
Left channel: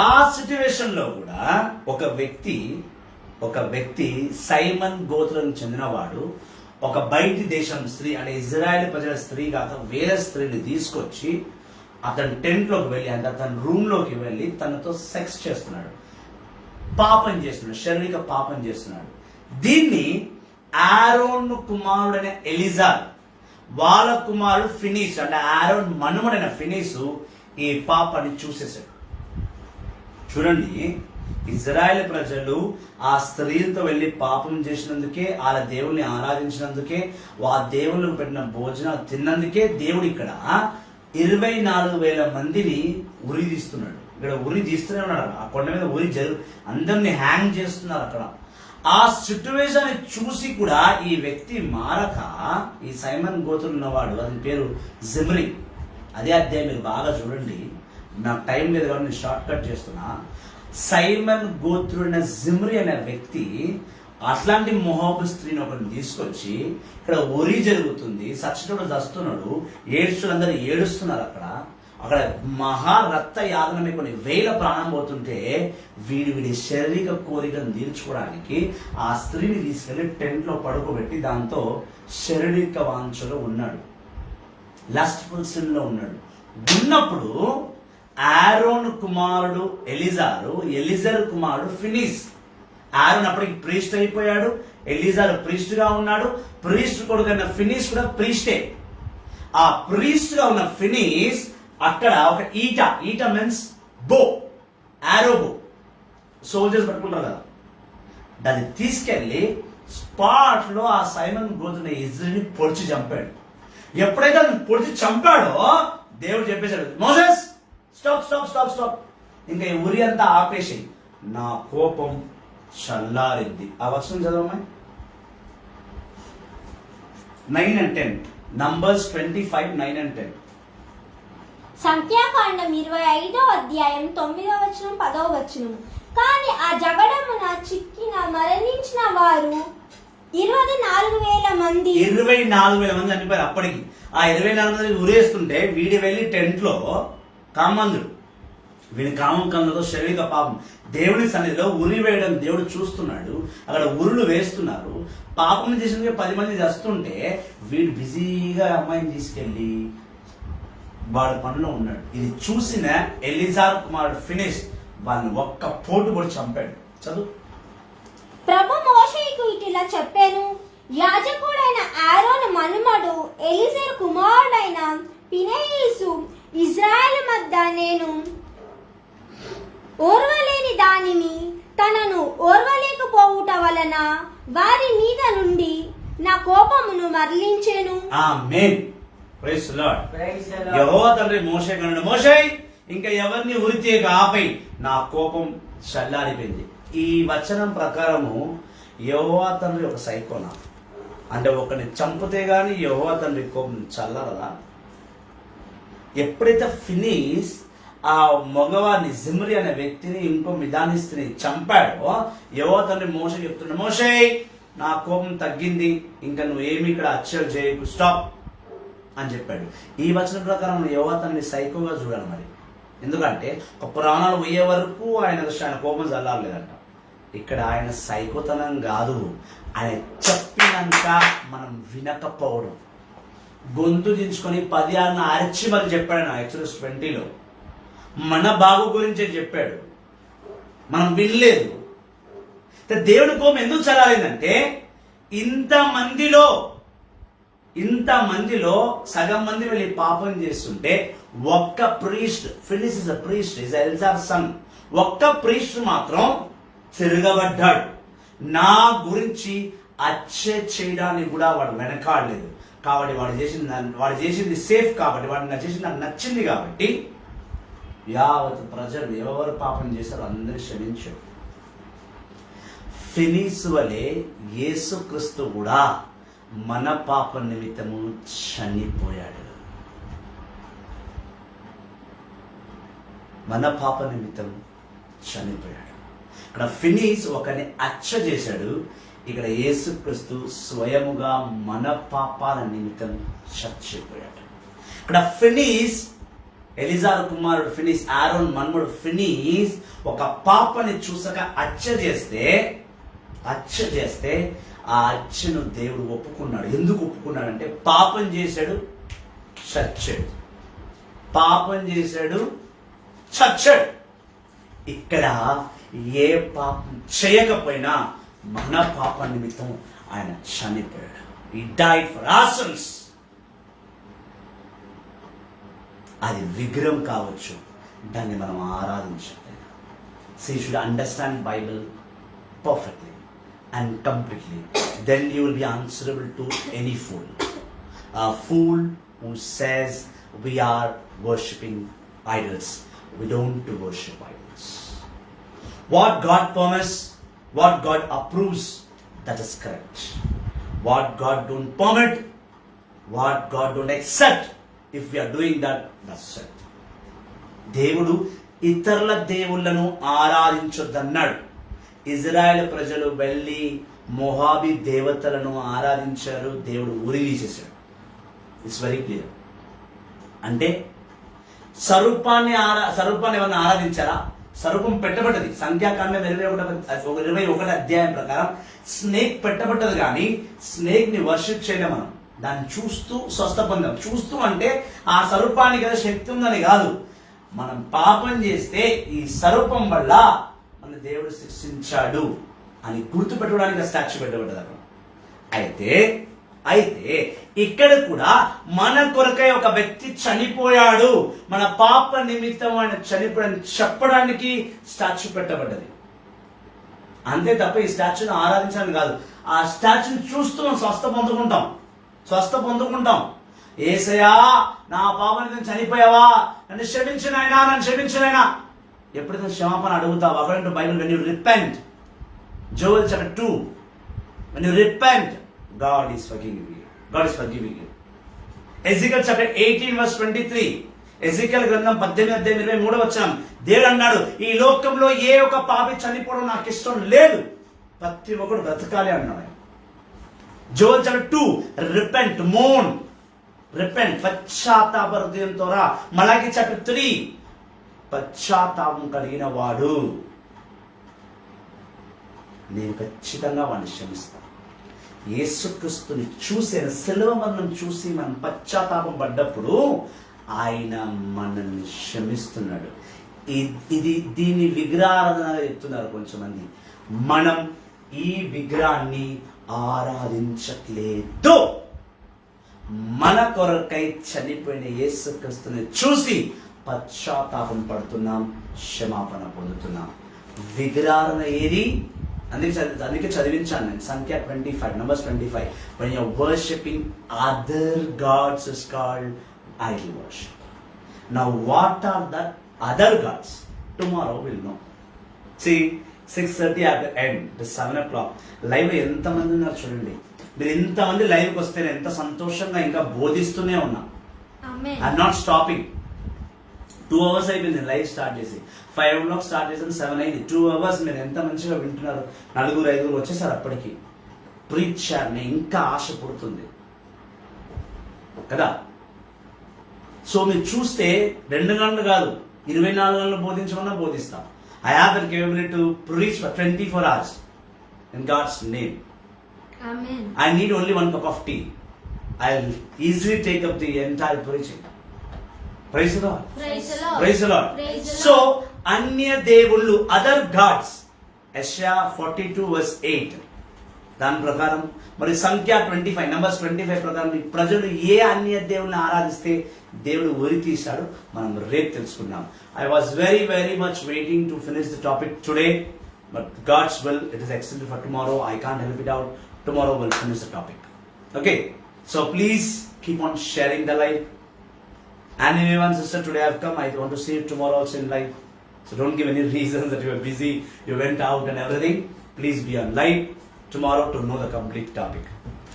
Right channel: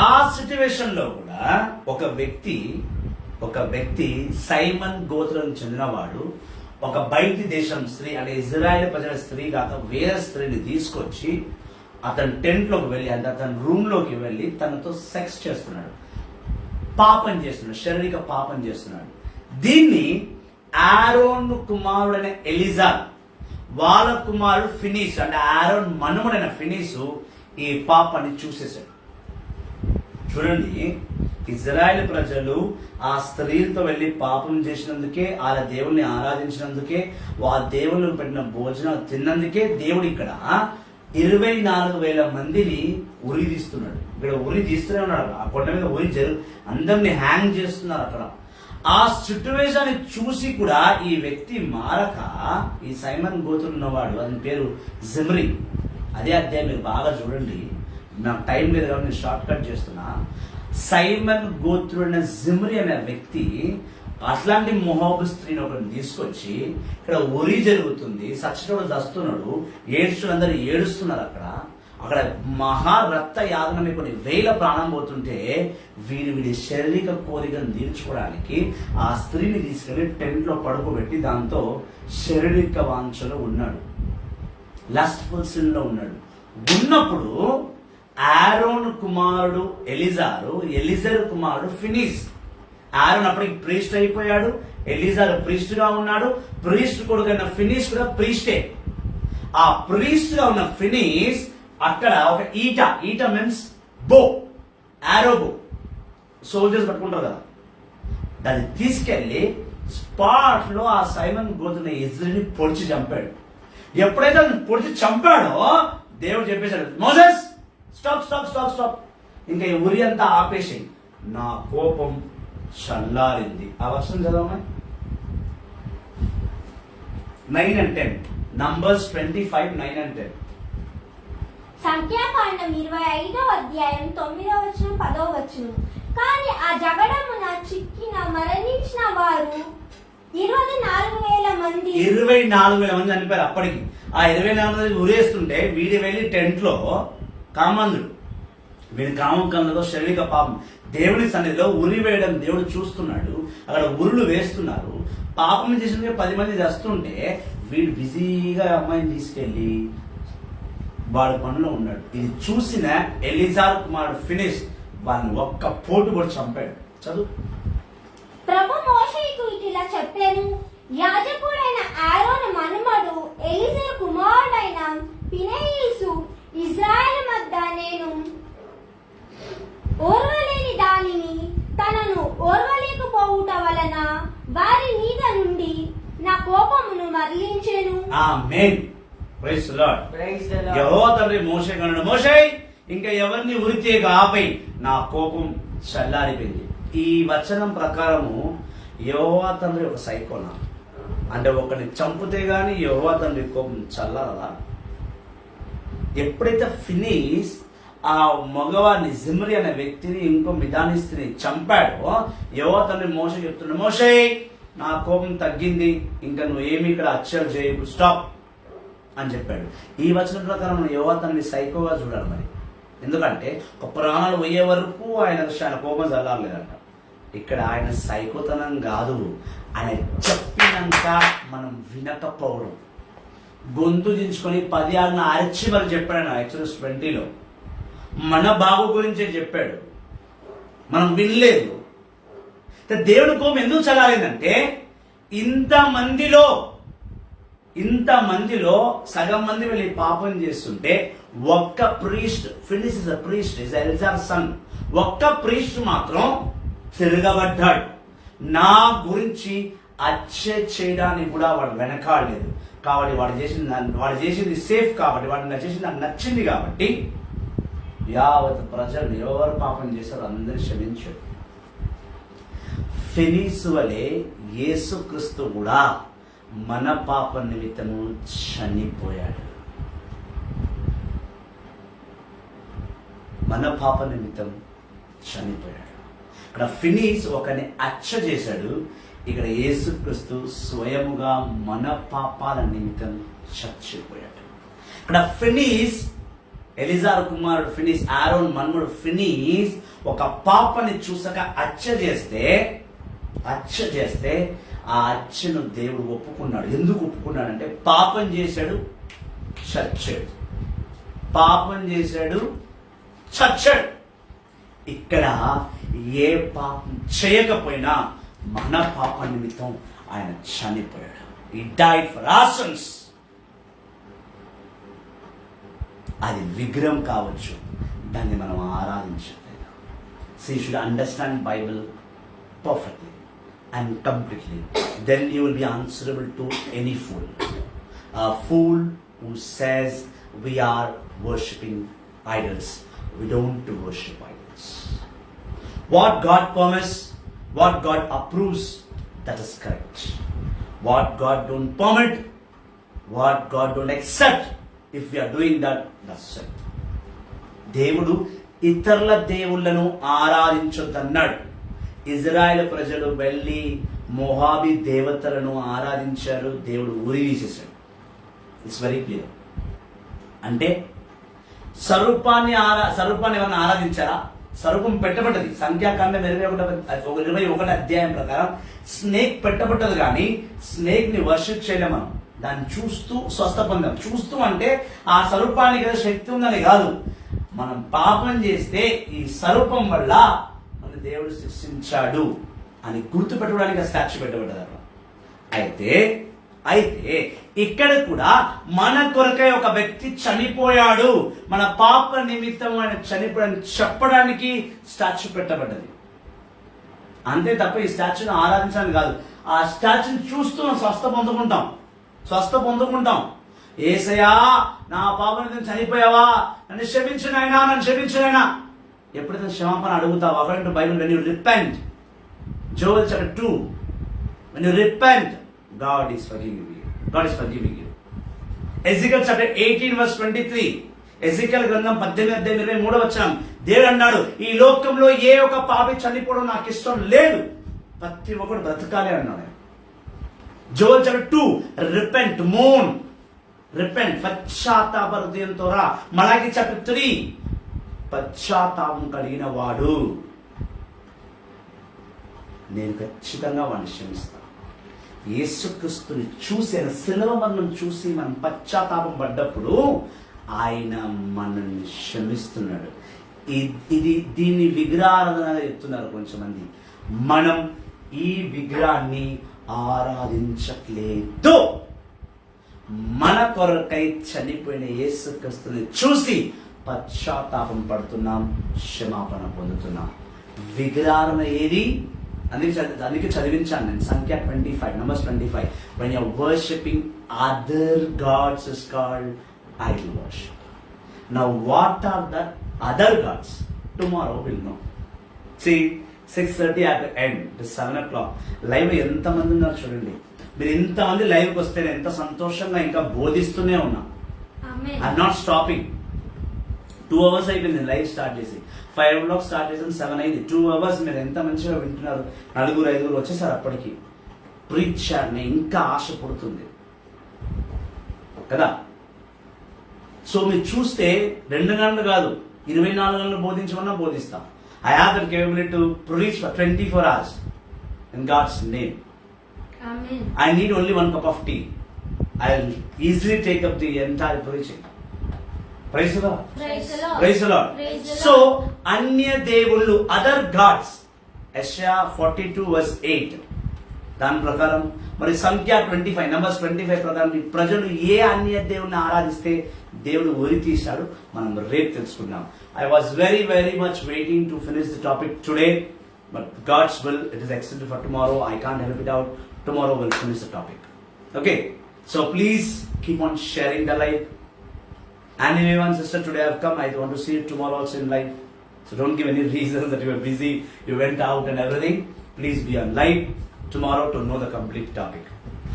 ఆ సిచ్యువేషన్ లో కూడా ఒక వ్యక్తి సైమన్ గోత్రం చెందినవాడు ఒక బయటి దేశం స్త్రీ, అంటే ఇజ్రాయెల్ ప్రజల స్త్రీ కాక వేరే స్త్రీని తీసుకొచ్చి అతని టెంట్ లోకి వెళ్ళి, అంటే అతని రూమ్ లోకి వెళ్ళి తనతో సెక్స్ చేస్తున్నాడు, పాపం చేస్తున్నాడు, శారీరక పాపం చేస్తున్నాడు. దీన్ని ఆరోన్ కుమారుడైన ఎలిజార్, వాళ్ళ కుమారుడు ఫినీస్, అంటే ఆరోన్ మనుమడైన ఫినీసు ఈ పాపాన్ని చూసేశాడు. చూడండి, ఇజ్రాయెల్ ప్రజలు ఆ స్త్రీలతో వెళ్ళి పాపం చేసినందుకే, వాళ్ళ దేవుల్ని ఆరాధించినందుకే, వాళ్ళ దేవుళ్ళకు పెట్టిన భోజనాలు తిన్నందుకే దేవుడు ఇక్కడ 24,000 మందిని ఉరి తీస్తున్నాడు. ఇక్కడ ఉరి తీస్తూనే ఉన్నాడు. ఆ కొండ మీద అందరిని హ్యాంగ్ చేస్తున్నారు అక్కడ. ఆ సిచ్యువేషన్ చూసి కూడా ఈ వ్యక్తి మారక, ఈ సైమన్ గోత్రులు ఉన్నవాడు, అతని పేరు జిమ్రీ. అదే అధ్యాయం మీరు బాగా చూడండి, నాకు టైం లేదు కాబట్టి నేను షార్ట్ కట్ చేస్తున్నా. సైమన్ గోత్రుడైన జిమ్రీ అనే వ్యక్తి అట్లాంటి మొహాబు స్త్రీని ఒకరిని తీసుకొచ్చి, ఇక్కడ ఉరి జరుగుతుంది, సచ్చినోడు దస్తున్నాడు, ఏడ్చులందరూ ఏడుస్తున్నారు. అక్కడ మహారక్త యాగనమే కొన్ని 1000 ప్రాణం పోతుంటే వీడి శారీరక కోరికను తీర్చుకోవడానికి ఆ స్త్రీని తీసుకెళ్లి టెంట్ లో పడుకోబెట్టి దాంతో శారీరక వాంఛలో ఉన్నాడు, లస్ట్ఫుల్ సిన్ లో ఉన్నాడు. ఉన్నప్పుడు ఆరోన్ కుమారుడు ఎలిజరు కుమారుడు ఫినీస్. ఆరోన్ అప్పటికి ప్రీస్ట్ అయిపోయాడు, ఎలిజారు ప్రీస్ట్ గా ఉన్నాడు. ప్రీస్ట్ కొడుకైన ఫినీస్ కూడా ప్రీస్టే. ఆ ప్రీస్ట్ గా ఉన్న ఫినీస్ అక్కడ ఒక ఈట మీన్స్ బో, ఆరో బో, సోల్జర్స్ పట్టుకుంటారు కదా, దాన్ని తీసుకెళ్లి స్పాట్ లో ఆ సైమన్ గోత్రుని ఇజ్రాయెల్ని పొడిచి చంపాడు. ఎప్పుడైతే అతను పొడిచి చంపాడో దేవుడు చెప్పేశాడు, Moses stop stop stop stop, ఇంకా ఈ ఉరి అంతా ఆపేసి, నా కోపం చల్లారింది. ఆ వర్షం చదవమా, 9 and 10, నంబర్స్ 25, 9 and 10. సంఖ్యాకాండం 25వ అధ్యాయం 9వ వచనం 10వ వచనం. కానీ ఆ జగడమున చిక్కిన మరణించిన వారు 24,000 మంది. 24,000 మంది చనిపోయారు అప్పటికి. ఆ 24 మంది ఉరేస్తుంటే వీడి వెళ్ళి టెంట్ లో కామందుడు వీడి కామం కళ్ళతో శారీరక పాపం దేవుని సన్నిధిలో ఉరి వేయడం దేవుడు చూస్తున్నాడు. అక్కడ ఉరులు వేస్తున్నారు. పాపం చేసిన 10 మంది చేస్తుంటే వీడు బిజీగా అమ్మాయిని తీసుకెళ్లి వాడి పనిలో ఉన్నాడు. ఇది చూసిన ఎలిజార్ కుమారుడు ఫినిష్ వాళ్ళని ఒక్క పోటు కూడా చంపాడు. చదువు. ప్రభు మోషేకు ఇట్లా చెప్పాను, యాజకుడైన ఆరోను మనుమడు ఎలిజరు కుమారుడైన ఫినెహాసు ఇశ్రాయేలు మధ్య నేను ఓర్వలేని దానిని తనను ఓర్వలేకపోవుట వలన వారి మీద నుండి నా కోపమును మరలించెను. Amen. Praise the Lord. Praise the Lord. యెహోవా తండ్రి మోషే కన్నాడు, మోషే ఇంకా ఎవరిని ఉరితీయక ఆపై నా కోపం చల్లారిపోయింది. ఈ వచనం ప్రకారము యెహోవా తండ్రి ఒక సైకోనా? అంటే ఒకరిని చంపితే గాని యెహోవా తండ్రి కోపం చల్లారదా? ఎప్పుడైతే ఫినీస్ ఆ మగవారిని జిమ్రి అనే వ్యక్తిని ఇంకో మిదానిస్తిని చంపాడో యెహోవా తండ్రి మోషే చెప్తున్నాడు, మోషే నా కోపం తగ్గింది, ఇంకా నువ్వు ఏమి ఇక్కడ అచ్చలు చేయకు, స్టాప్ అని చెప్పాడు. ఈ వచనం ప్రకారం యెహోవా తండ్రి సైకోగా చూడాలి మరి. ఎందుకంటే ఒక ప్రాణాలు పోయే వరకు ఆయన కోపం చల్లారలేదంట. ఇక్కడ ఆయన సైకోతనం కాదు, ఆయన చెప్పినాక మనం వినకపోవడం, గొంతు దించుకొని 10 ఆజ్ఞలు అరిచి మరి చెప్పాడు. ఆయన ఎక్సోడస్ 20లో మన బాగు గురించే చెప్పాడు, మనం వినలేదు. దేవుని కోపం ఎందుకు చల్లారిందంటే ఇంతమందిలో సగం మంది వెళ్ళి పాపం చేస్తుంటే ఒక్క priest, Phinehas is a priest, is Eleazar son, ఒక్క ప్రీస్ట్ మాత్రం తిరగబడ్డాడు. నా గురించి అచ్చే చేయడానికి కూడా వాడు వెనకాడలేదు. కాబట్టి వాడు చేసింది సేఫ్, కాబట్టి వాడు చేసింది నాకు నచ్చింది. కాబట్టి యావత్ ప్రజలు ఎవరు పాపం చేశారో అందరూ క్షమించాడు. ఫినీస్ వలె యేసుక్రీస్తు కూడా మన పాప నిమిత్తము చనిపోయాడు. మన పాప నిమిత్తం చనిపోయాడు. ఇక్కడ ఫినీస్ ఒకరిని హత్య చేశాడు. ఇక్కడ యేసుక్రీస్తు స్వయముగా మన పాపాల నిమిత్తం చచ్చిపోయాడు. ఇక్కడ ఫినీస్, ఎలిజారు కుమారుడు ఫినీస్, ఆరోన్ మన్మడు ఫినీస్ ఒక పాపని చూసాక హత్య చేస్తే ఆ హత్యను దేవుడు ఒప్పుకున్నాడు. ఎందుకు ఒప్పుకున్నాడంటే పాపం చేశాడు, చచ్చాడు. పాపం చేశాడు, చచ్చాడు. ఇక్కడ ఏ పాపం చేయకపోయినా మన పాప నిమిత్తం ఆయన చనిపోయాడు. He died for our sins. అది విగ్రహం కావచ్చు, దాన్ని మనం ఆరాధించలేదు. So you should understand Bible perfectly and completely. Then you will be answerable to any fool. A fool who says we are worshipping idols. We don't worship idols. What God permits, what God approves, that is correct. What God don't permit, what God don't accept, if we are doing that, that's it. దేవుడు ఇతరుల దేవుళ్ళను ఆరాధించొద్దన్నాడు. Israel ప్రజలు వెళ్ళి మోహాబీ దేవతలను ఆరాధించారు, దేవుడు ఉరి తీసేశాడు. It's very clear. అంటే స్వరూపాన్ని ఎవరిని ఆరాధించారా? స్వరూపం పెట్టబడ్డది. సంఖ్యాకాండం 21 అధ్యాయం ప్రకారం స్నేక్ పెట్టబడ్డది. కానీ స్నేక్ ని వర్షిప్ చేయడం, మనం దాన్ని చూస్తూ స్వస్థ పొందాం. చూస్తూ అంటే ఆ స్వరూపానికి ఏదో శక్తి ఉందని కాదు. మనం పాపం చేస్తే ఈ స్వరూపం వల్ల మన దేవుడు శిక్షించాడు అని గుర్తు పెట్టుకోవడానికి స్టాచ్యూ పెట్టబడ్డది అక్కడ. అయితే ఇక్కడ కూడా మన కొరకై ఒక వ్యక్తి చనిపోయాడు, మన పాప నిమిత్తం ఆయన చనిపోయాడని చెప్పడానికి స్టాచ్యూ పెట్టబడ్డది. అంతే తప్ప ఈ స్టాచ్యూని ఆరాధించాలని కాదు. ఆ స్టాచ్యూని చూస్తూ మనం స్వస్థ పొందుకుంటాం. యేసయ్యా నా పాప నిమిత్తం చనిపోయావా, నన్ను క్షమించినైనా. ఎప్పుడైతే క్షమాపణ అడుగుతావు, according to Bible, when you repent, Joel chapter 2, when you repent, God is forgiving you. Ezekiel chapter 18 verse 23, Ezekiel గ్రంథం 18:23 దేవుడు అన్నాడు, ఈ లోకంలో ఏ ఒక్క పాపి చనిపోవడం నాకు ఇష్టం లేదు, ప్రతి ఒక్కడు బ్రతకాలి అన్నాడు. జోయల్ చాప్టర్ 2, రిపెంట్, మోన్, రిపెంట్, పశ్చాత్తాప హృదయంతో రా. మలాకి చాప్టర్ 3, పశ్చాత్తాపం కలిగిన వాడు నేను ఖచ్చితంగా వాడిని క్షమిస్తాను. యేసుక్రీస్తుని చూసి, ఆయన శిలువ మరణం చూసి మనం పశ్చాత్తాపం పడ్డప్పుడు ఆయన మనల్ని క్షమిస్తున్నాడు. దీన్ని విగ్రహారాధన చెప్తున్నారు కొంచెమంది. మనం ఈ విగ్రహాన్ని ఆరాధించట్లేదు. మన కొరకై చనిపోయిన యేసుక్రీస్తుని చూసి పశ్చాత్తాపం పడుతున్నాం, క్షమాపణ పొందుతున్నాం. విగ్రహారాధన ఏది? అందుకే చదివించాను నేను సంఖ్య 25, Numbers 25. When you are worshipping other gods is called idol worship. Now what are the other gods? Tomorrow we'll know. See, 6:30 at the end, it is 7 o'clock. Live ఎంతమంది ఉన్నారు చూడండి. మీరు ఎంతమంది లైవ్కి వస్తే నేను ఎంత సంతోషంగా ఇంకా బోధిస్తూనే ఉన్నా. I'm not stopping. 2 hours అయిపోయింది లైవ్ స్టార్ట్ చేసి. 5 o'clock స్టార్ట్ చేసాం, 7 అయింది. 2 hours మీరు ఎంత మంచిగా వింటున్నారు. 4-5 వచ్చేసారు అప్పటికి. ప్రీచర్ని ఇంకా ఆశ పుడుతుంది కదా. సో మీరు చూస్తే 2 గంటలు కాదు, 24 గంటలు బోధించమన్నా బోధిస్తాం. I have the capability to preach for 24 hours in God's name. Amen. I need only 1 cup of tea. I'll easily take up the entire preaching. Praise the Lord. Praise the Lord. Praise the Lord. Praise the So, Lord. అన్య దేవుళ్ళు, other gods. Isaiah 42:8. దాని ప్రకారం మరి సంఖ్య 25, Numbers 25 ప్రకారం ఈ ప్రజలు ఏ అన్య దేవుని ఆరాధిస్తే దేవుడు ఉరి తీశాడు మనం రేపు తెలుసుకుందాం. I was very much waiting to finish the topic today, but God's will, it is extended for tomorrow. I can't help it out. Tomorrow we'll finish the topic. Okay, so please keep on sharing the live. And if anyone sister today I've come, I want to see you tomorrow also in live. So don't give any reasons that you were busy, you went out and everything. Please be on live tomorrow to know the complete topic.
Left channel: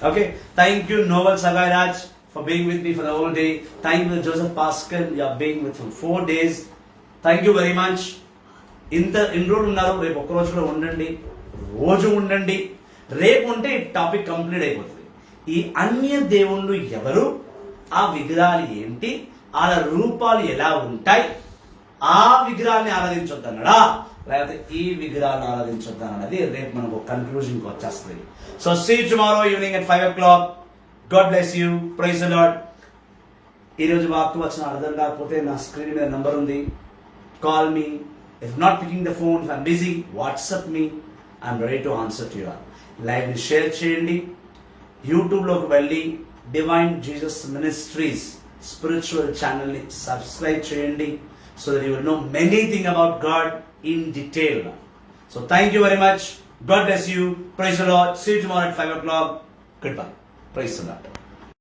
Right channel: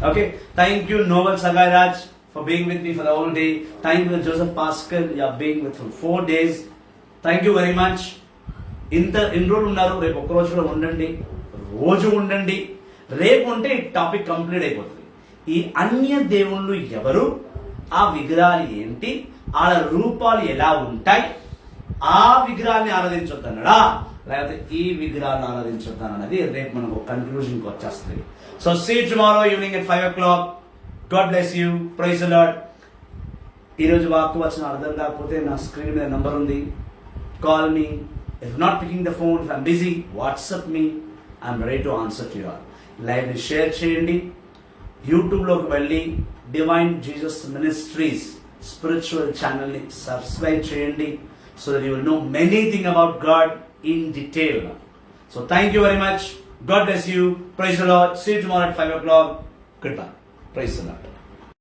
Okay, thank you Noel Sagai Raj for being with me for the whole day. Thank you Joseph Pascal, you are being with for 4 days. Thank you very much. ఇన్ని రోజులు ఉన్నారు, రేపు ఒక్క రోజు కూడా ఉండండి, రోజు ఉండండి. రేపు ఉంటే ఈ టాపిక్ కంప్లీట్ అయిపోతుంది. ఈ అన్య దేవుళ్ళు ఎవరు, ఆ విగ్రహాలు ఏంటి, వాళ్ళ రూపాలు ఎలా ఉంటాయి, ఆ విగ్రహాన్ని ఆరాధించొద్దన్నాడా లేకపోతే ఈ విగ్రహాన్ని ఆరాధించొద్దన్నది రేపు మనకు కన్క్లూజన్కి వచ్చేస్తుంది. So see tomorrow evening at 5 o'clock. God bless you. Praise the Lord. ఈరోజు వాక్కు వచ్చిన అర్థం కాకపోతే నా స్క్రీన్ మీద నంబర్ ఉంది, call me. If not picking the phone, if I'm busy, WhatsApp me. I'm ready to answer to you all. లైవ్ని share చేయండి. యూట్యూబ్లోకి వెళ్ళి డివైన్ జీసస్ మినిస్ట్రీస్ స్పిరిచువల్ ఛానల్ని సబ్స్క్రైబ్ చేయండి. So that you will know many things about God in detail. So thank you very much. God bless you. Praise the Lord. See you tomorrow at 5 o'clock. Goodbye. Praise the Lord.